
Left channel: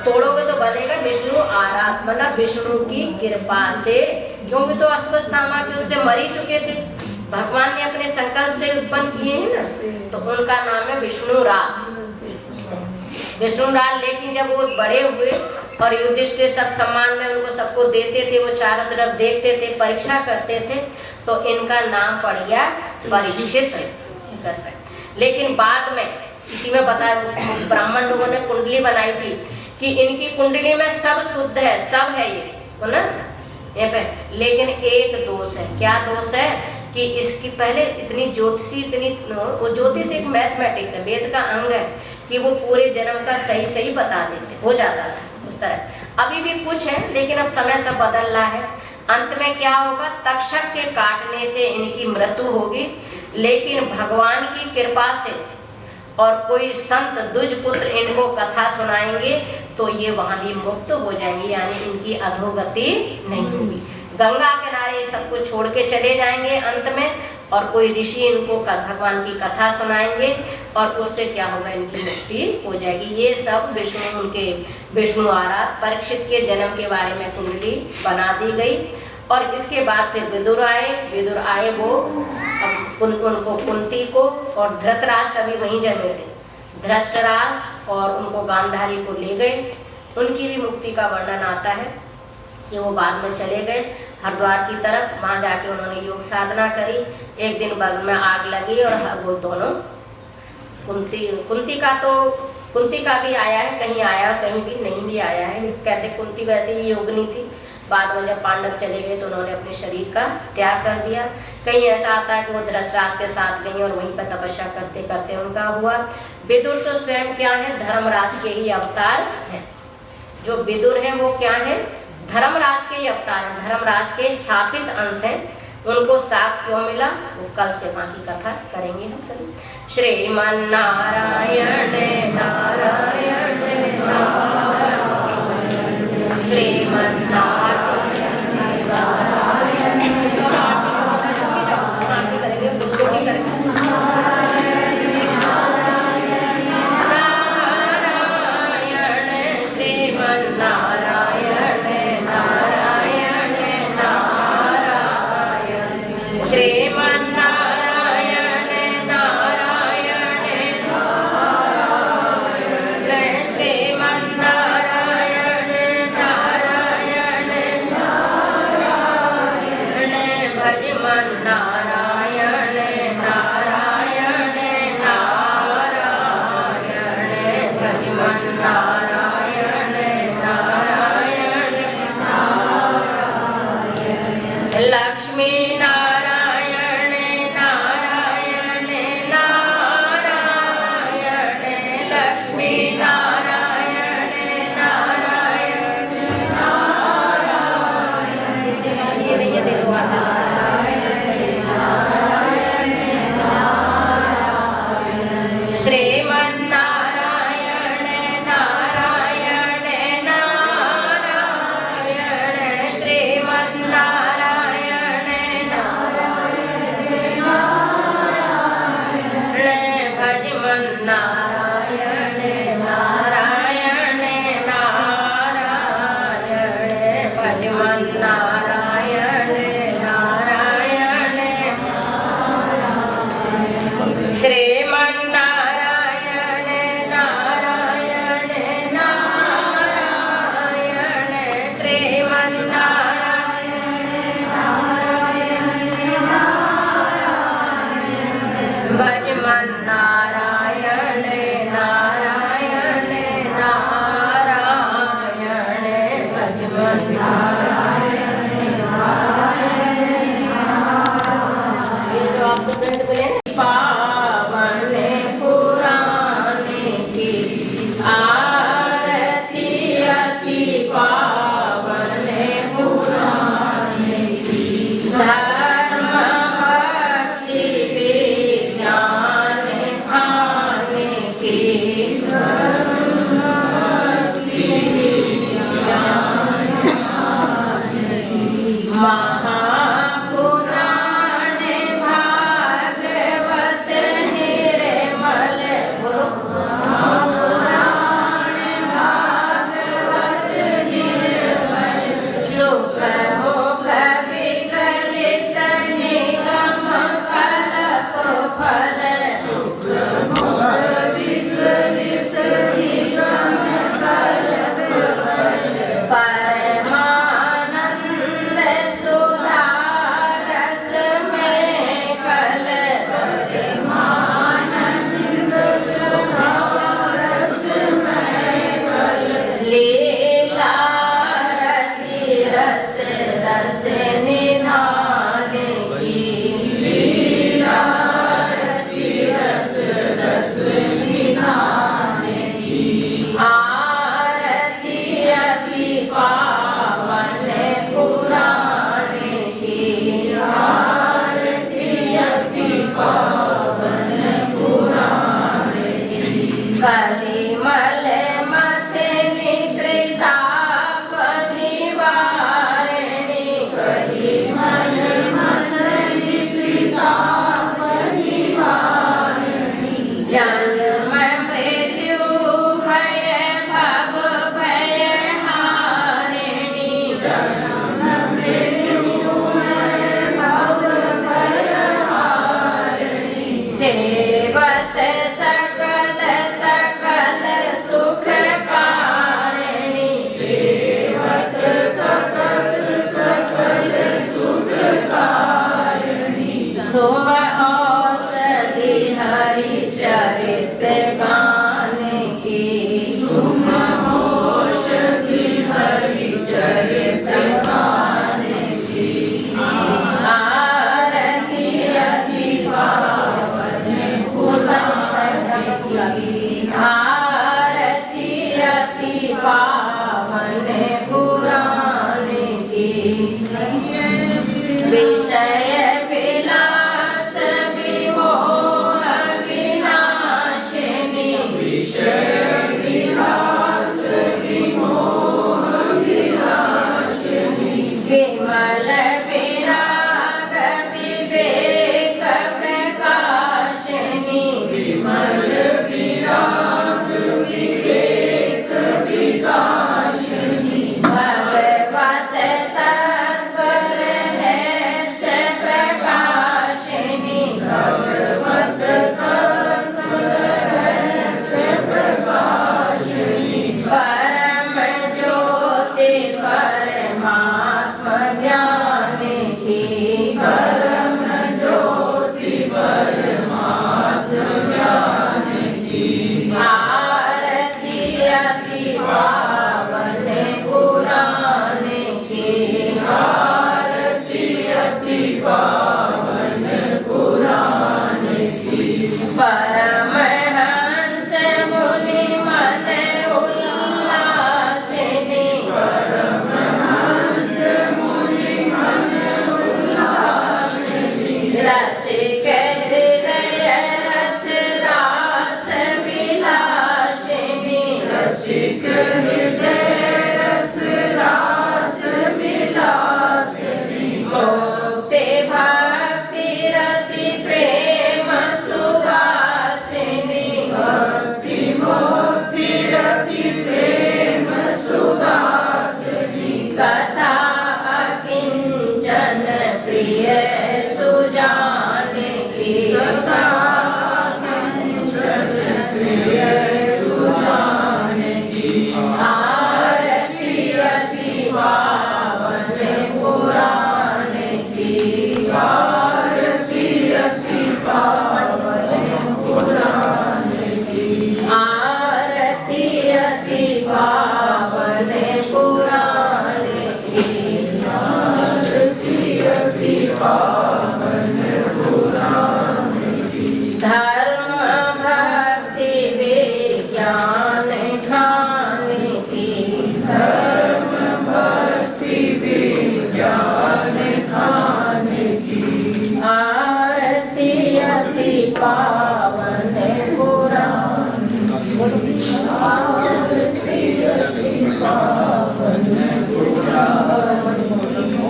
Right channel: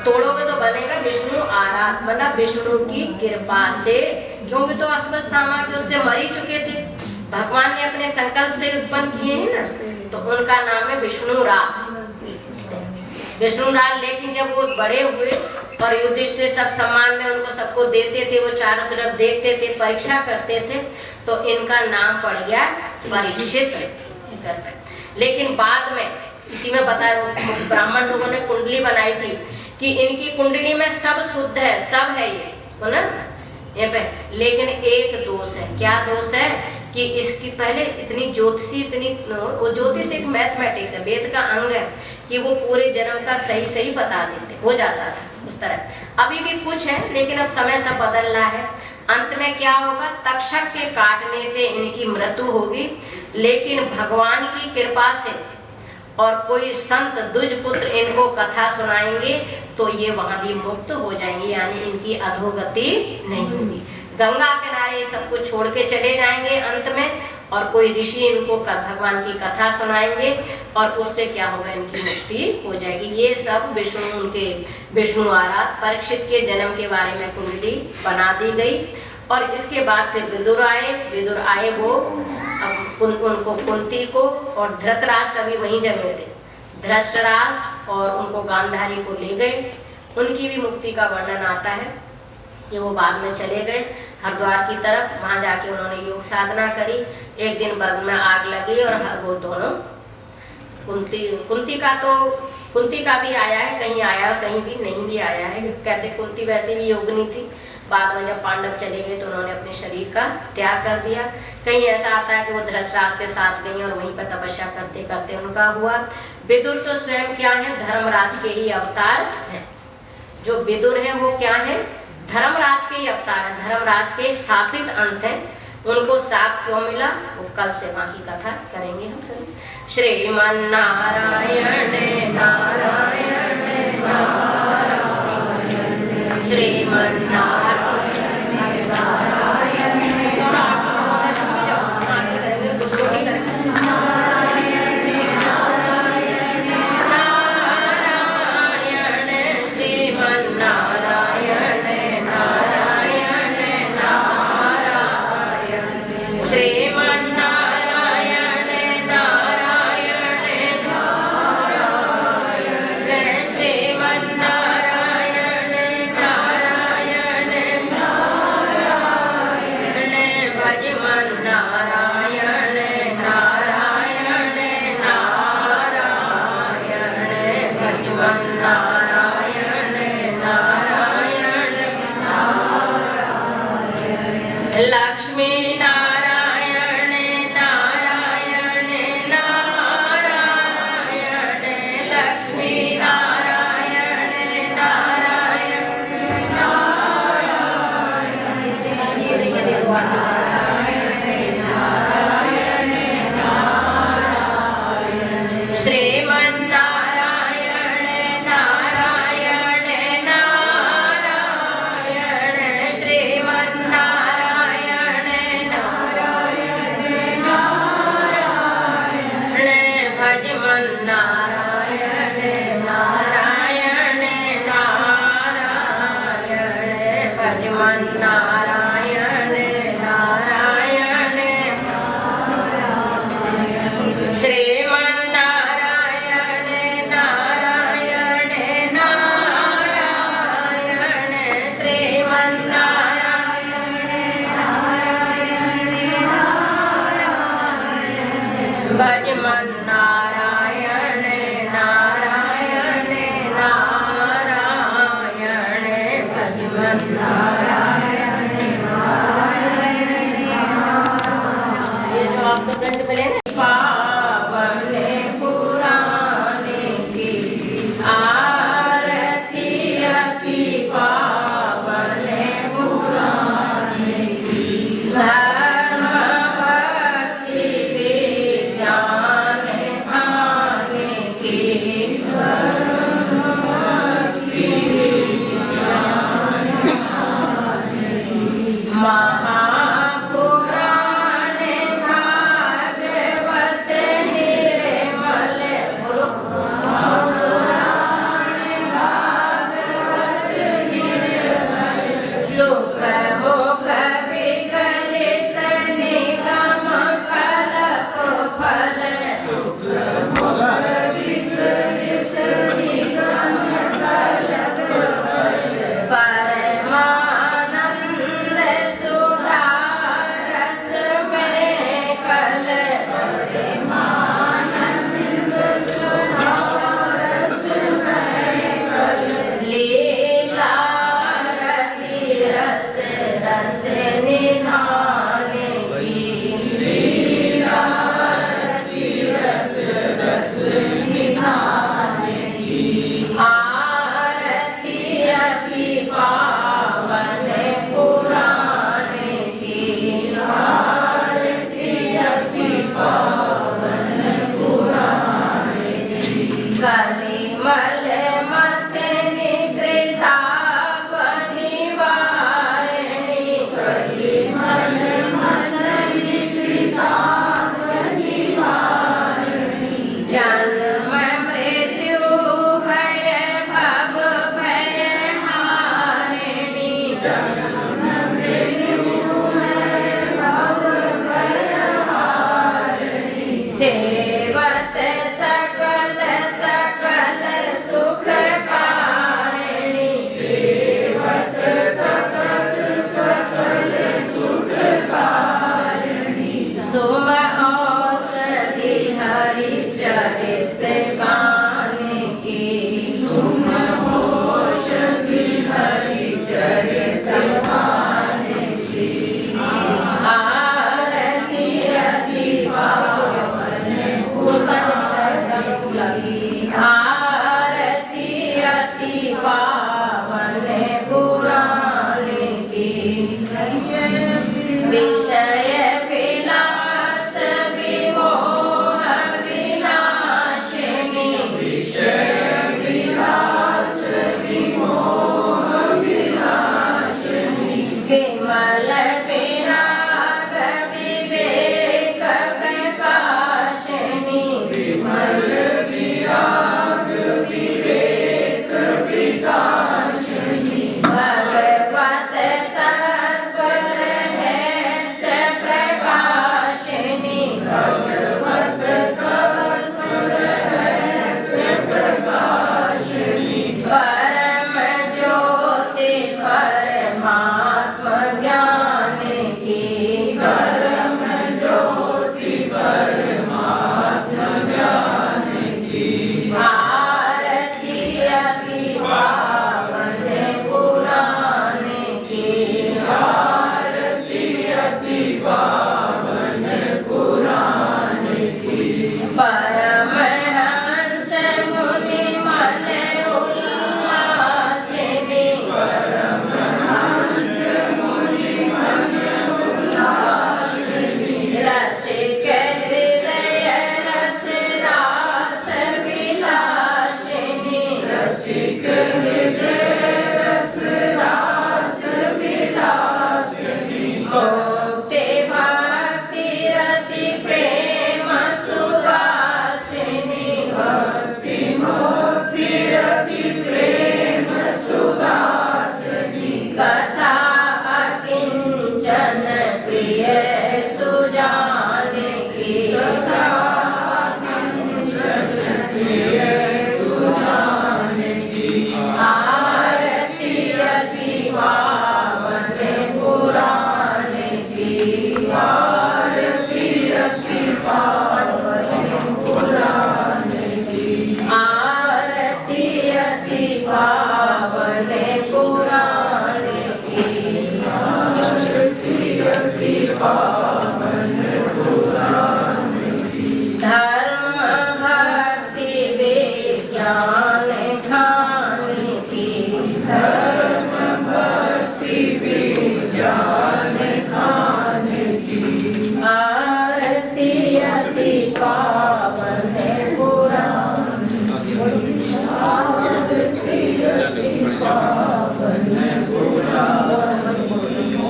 तोड़ोगे तो बनेगा विष्णु आराध, मतलब विष्णु की कृपा से, क्योंकि तो अश्वत्थामा के उससे मर ही चुके थे, भगवान ने अपने संकल्प से उत्पन्न किए हैं ना, तो उनका नाम है विष्णु राज। विष्णु राज। लेकिन जब वो बड़े हुए और युधिष्ठिर सब सम्मान में उनको सबको देते थे, वो चारों तरफ देखते थे, परीक्षा करते थे, तो इनका नाम पड़ गया परीक्षित। लेकिन बाद में इसी में बताया, ब्राह्मण लोगों ने कुंडली बनाई थी कि इनकी कुंडली में सब शुद्ध है, सब है ये, तो ना ये पे, लेकिन एक दोष है। क्या दोष है? कि इसकी पहले इतनी ज्योतिषी, वो ज्योतिष एक मैथमेटिक्स है, वेद का अंग है, कि वो पूरे जन्म का सही सही बता देते, हो जाता था उस तरह। अभी भी कुछ है, लेकिन अब समय सब बदल रहा है। अंत में क्या होगा? तक्षक के काटने से इनकी मृत्यु होगी, लेकिन भगवान की कृपा से और कोई संत दुज पुत्र इनको कथा सुनाएंगे तो ये वहां भी मुक्त हो जाएंगे, यानी इनकी अधोगति नहीं होगी। गंगा किनारे सब कुछ छोड़ के चले जाएंगे अंत में, और कोई ऋषि इनको भगवान की कथा सुनाएंगे और उससे क्या होगा? इनकी मुक्ति हो जाएगी। ये सब विष्णु, उनके विष्णु आराध परीक्षित के जन्म के बारे में कुंडली बना दी गई। और इसके बाद फिर विदुर आए, वो उनको कुंती को और धृतराष्ट्र भी वहीं जमे थे, धृतराष्ट्र और उनको गांधारी को ले गए। उनकी भी मुक्ति का वर्णन आता है कि वो बाद में चले गए हरिद्वार की तरफ, वहां जाके उन्होंने योग साधना करी। एक दिन बग में आग लगी और वो दोनों, कुंती का भी आया है, कहीं आया और कहीं भी नहीं भी आया है। कहते कुंती वैसे भी योगिनी थी, बाद में जब पांडव चले गए तो उन्होंने अपने शरीर का त्याग कर दिया। कहीं ऐसा आता है कि वो धृतराष्ट्र के साथ गई और वहीं पर तपस्या करते करते उनका हुआ। विदुर तो स्वयं क्या है? धर्मराज के ही अवतार है। जो विदुर है वो क्या है? धर्मराज के ही अवतार है, धर्मराज के शापित अंश है। उनको शाप क्यों मिला? वो कल से वहां की कथा करेंगे हम सब। श्रीमन नारायण नारायण नारायण, श्रीमन नारायण नारायण नारायण, श्रीमन नारायण नारायण नारायण, श्रीमन नारायण नारायण नारायण, श्रीमन नारायण नारायण नारायण, भजमन नारायण नारायण नारायण, भजमन नारायण नारायण नारायण, लक्ष्मी नारायण नारायण नारायण, लक्ष्मी नारायण नारायण नारायण, श्रीमन नारायण नारायण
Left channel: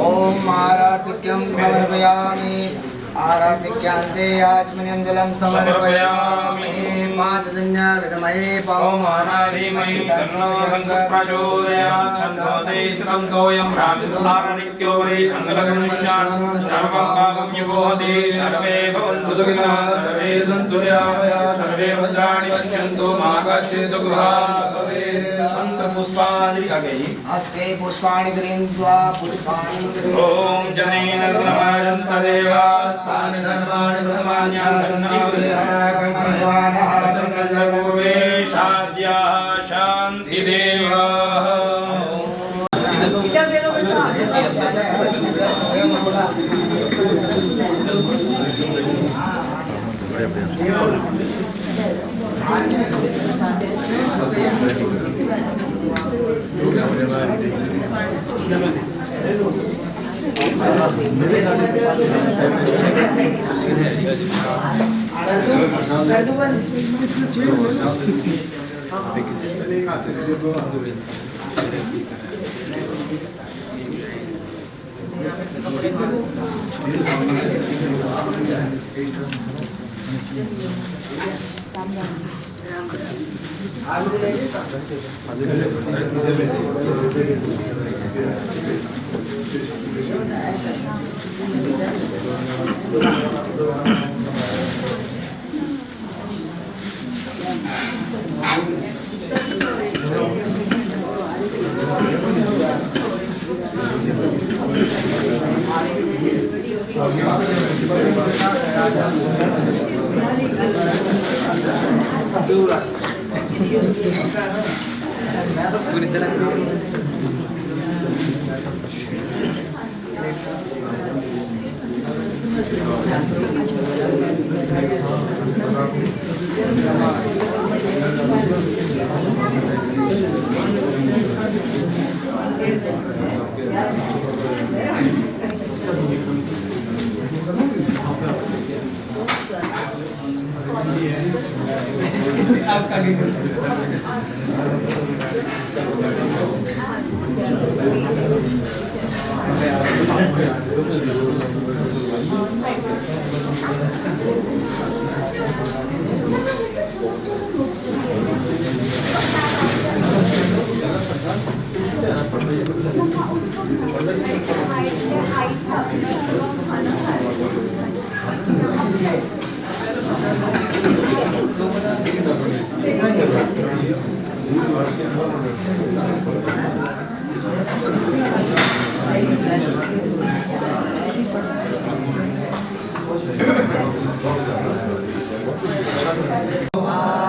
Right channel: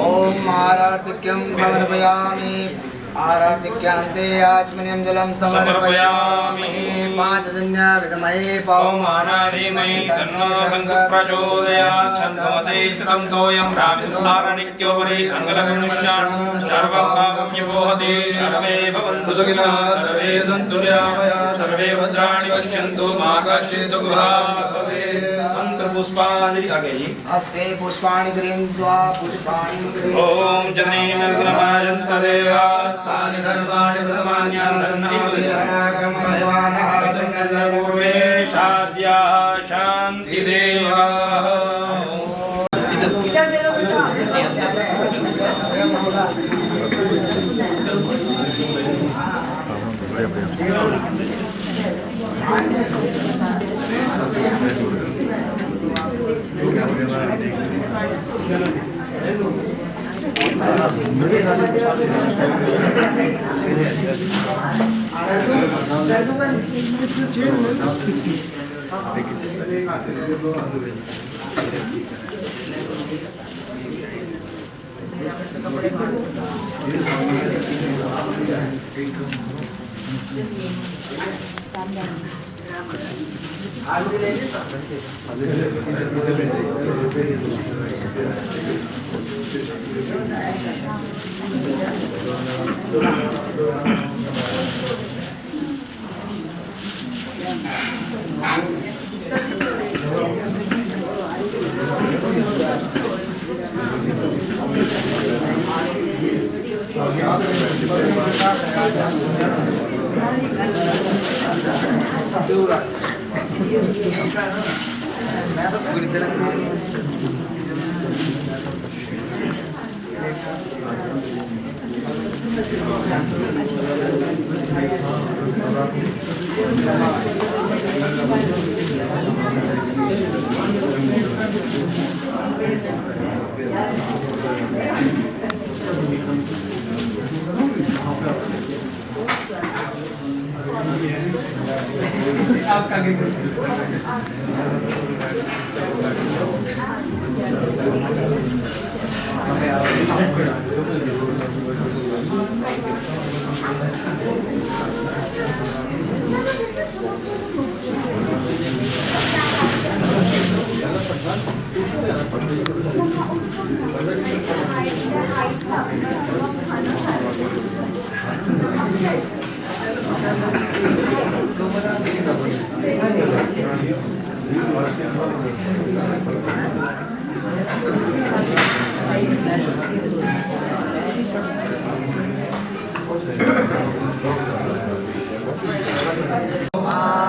ओम आराधिक्यं समर्पयामि। आराधिक्यांते आचमनीयं जलं समर्पयामि। पांचजन्य विद्महे पवमानाधीमहि तन्नो शंकर प्रचोदयात्। छन्दोदे सुतं तोयं राजधारणित्यो वै अंगलगणश्याम सर्वं भागं यवोहति। सर्वे भवन्तु सुखिनः सर्वे सन्तु निरामयाः सर्वे भद्राणि पश्यन्तु मा कश्चित् दुःखभाग् भवेत्। पुष्पाणि आगे हस्ते पुष्पाणि गृहीत्वा पुष्पाणि ओम जनेन गुणमायन्त देवास्तानि धर्माणि ब्रह्माण्यासन्निभयाकं भगवानः पूर्वे शाद्या शान्ति देवाः।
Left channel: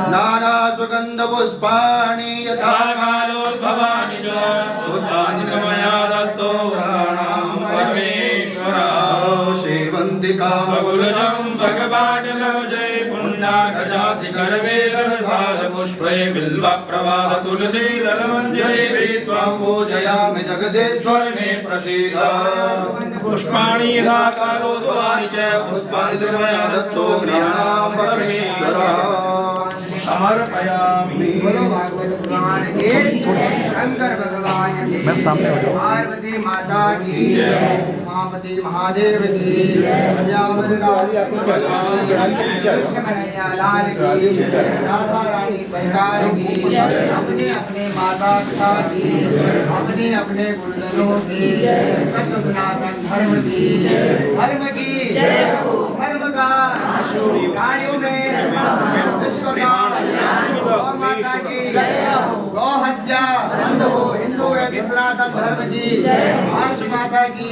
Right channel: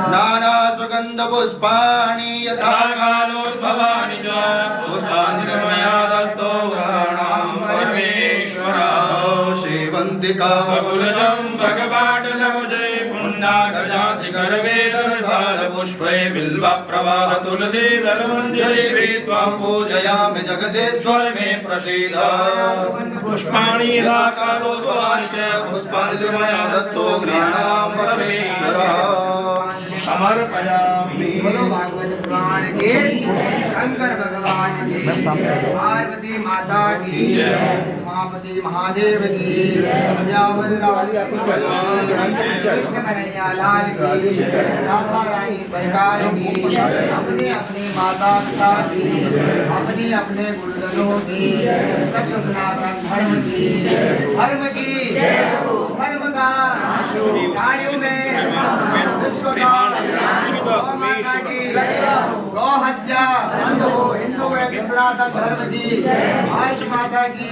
नाना सुगंध पुष्पाणि यथा कालोद्भवानि च पुष्पाणि मया दत्तो ग्रहाणां परमेश्वरः श्रीवन्दिका बकुलजं भगवाटलं जय पुण्डाकजाति करवेलरसाल पुष्पै बिल्वप्रवाह तुलसीदल मञ्जरी त्वां पूजयामि जगदेश्वर मे प्रसीद पुष्पाणि यथा कालोद्भवानि च पुष्पाणि मया दत्तो ग्रहाणां परमेश्वरः समर्पयामि। बोलो भागवत पुराण के शंकर भगवान की पार्वती माता की उमापति महादेव की श्यामल कृष्ण कन्हैया लाल की राधा रानी सरकार की अपने अपने माता पिता की अपने अपने गुरुजनों की सत्य सनातन धर्म की धर्म का प्राणियों में विश्व का गौ माता की गौ हत्या बंद हो हिंदू सनातन धर्म की भारत माता की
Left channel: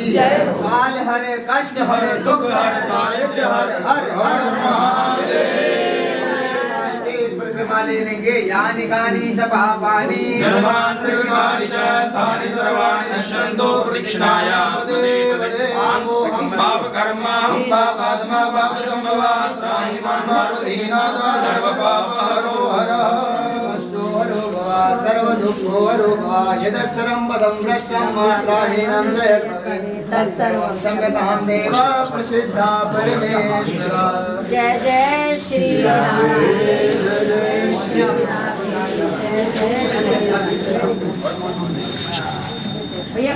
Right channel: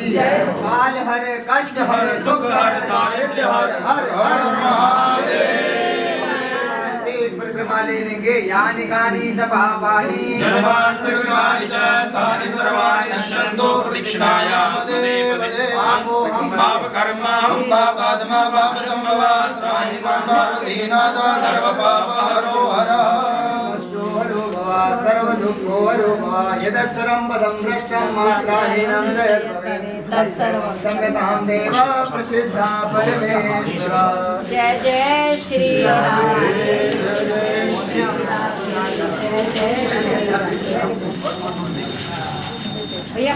काल हर कष्ट हर दुख हर दारिद्र्य हर हर हर महादेव परिक्रमा ले लेंगे यानी कानी च पापानि जन्मान्तरिकानि च तानि सर्वाणि नश्यन्तो प्रदक्षिणाया पापकर्मा पापात्मा पापसम्भवात् त्राहि मां सर्वपापहरो हरः हरो भव सर्वदुःखो हरो भव यदक्षरं पदं भ्रष्टं मात्राहीनं जयद्भवे तत्सर्वं संगतां देव प्रसिद्धा परमेश्वर। जय जय श्री राम। भैया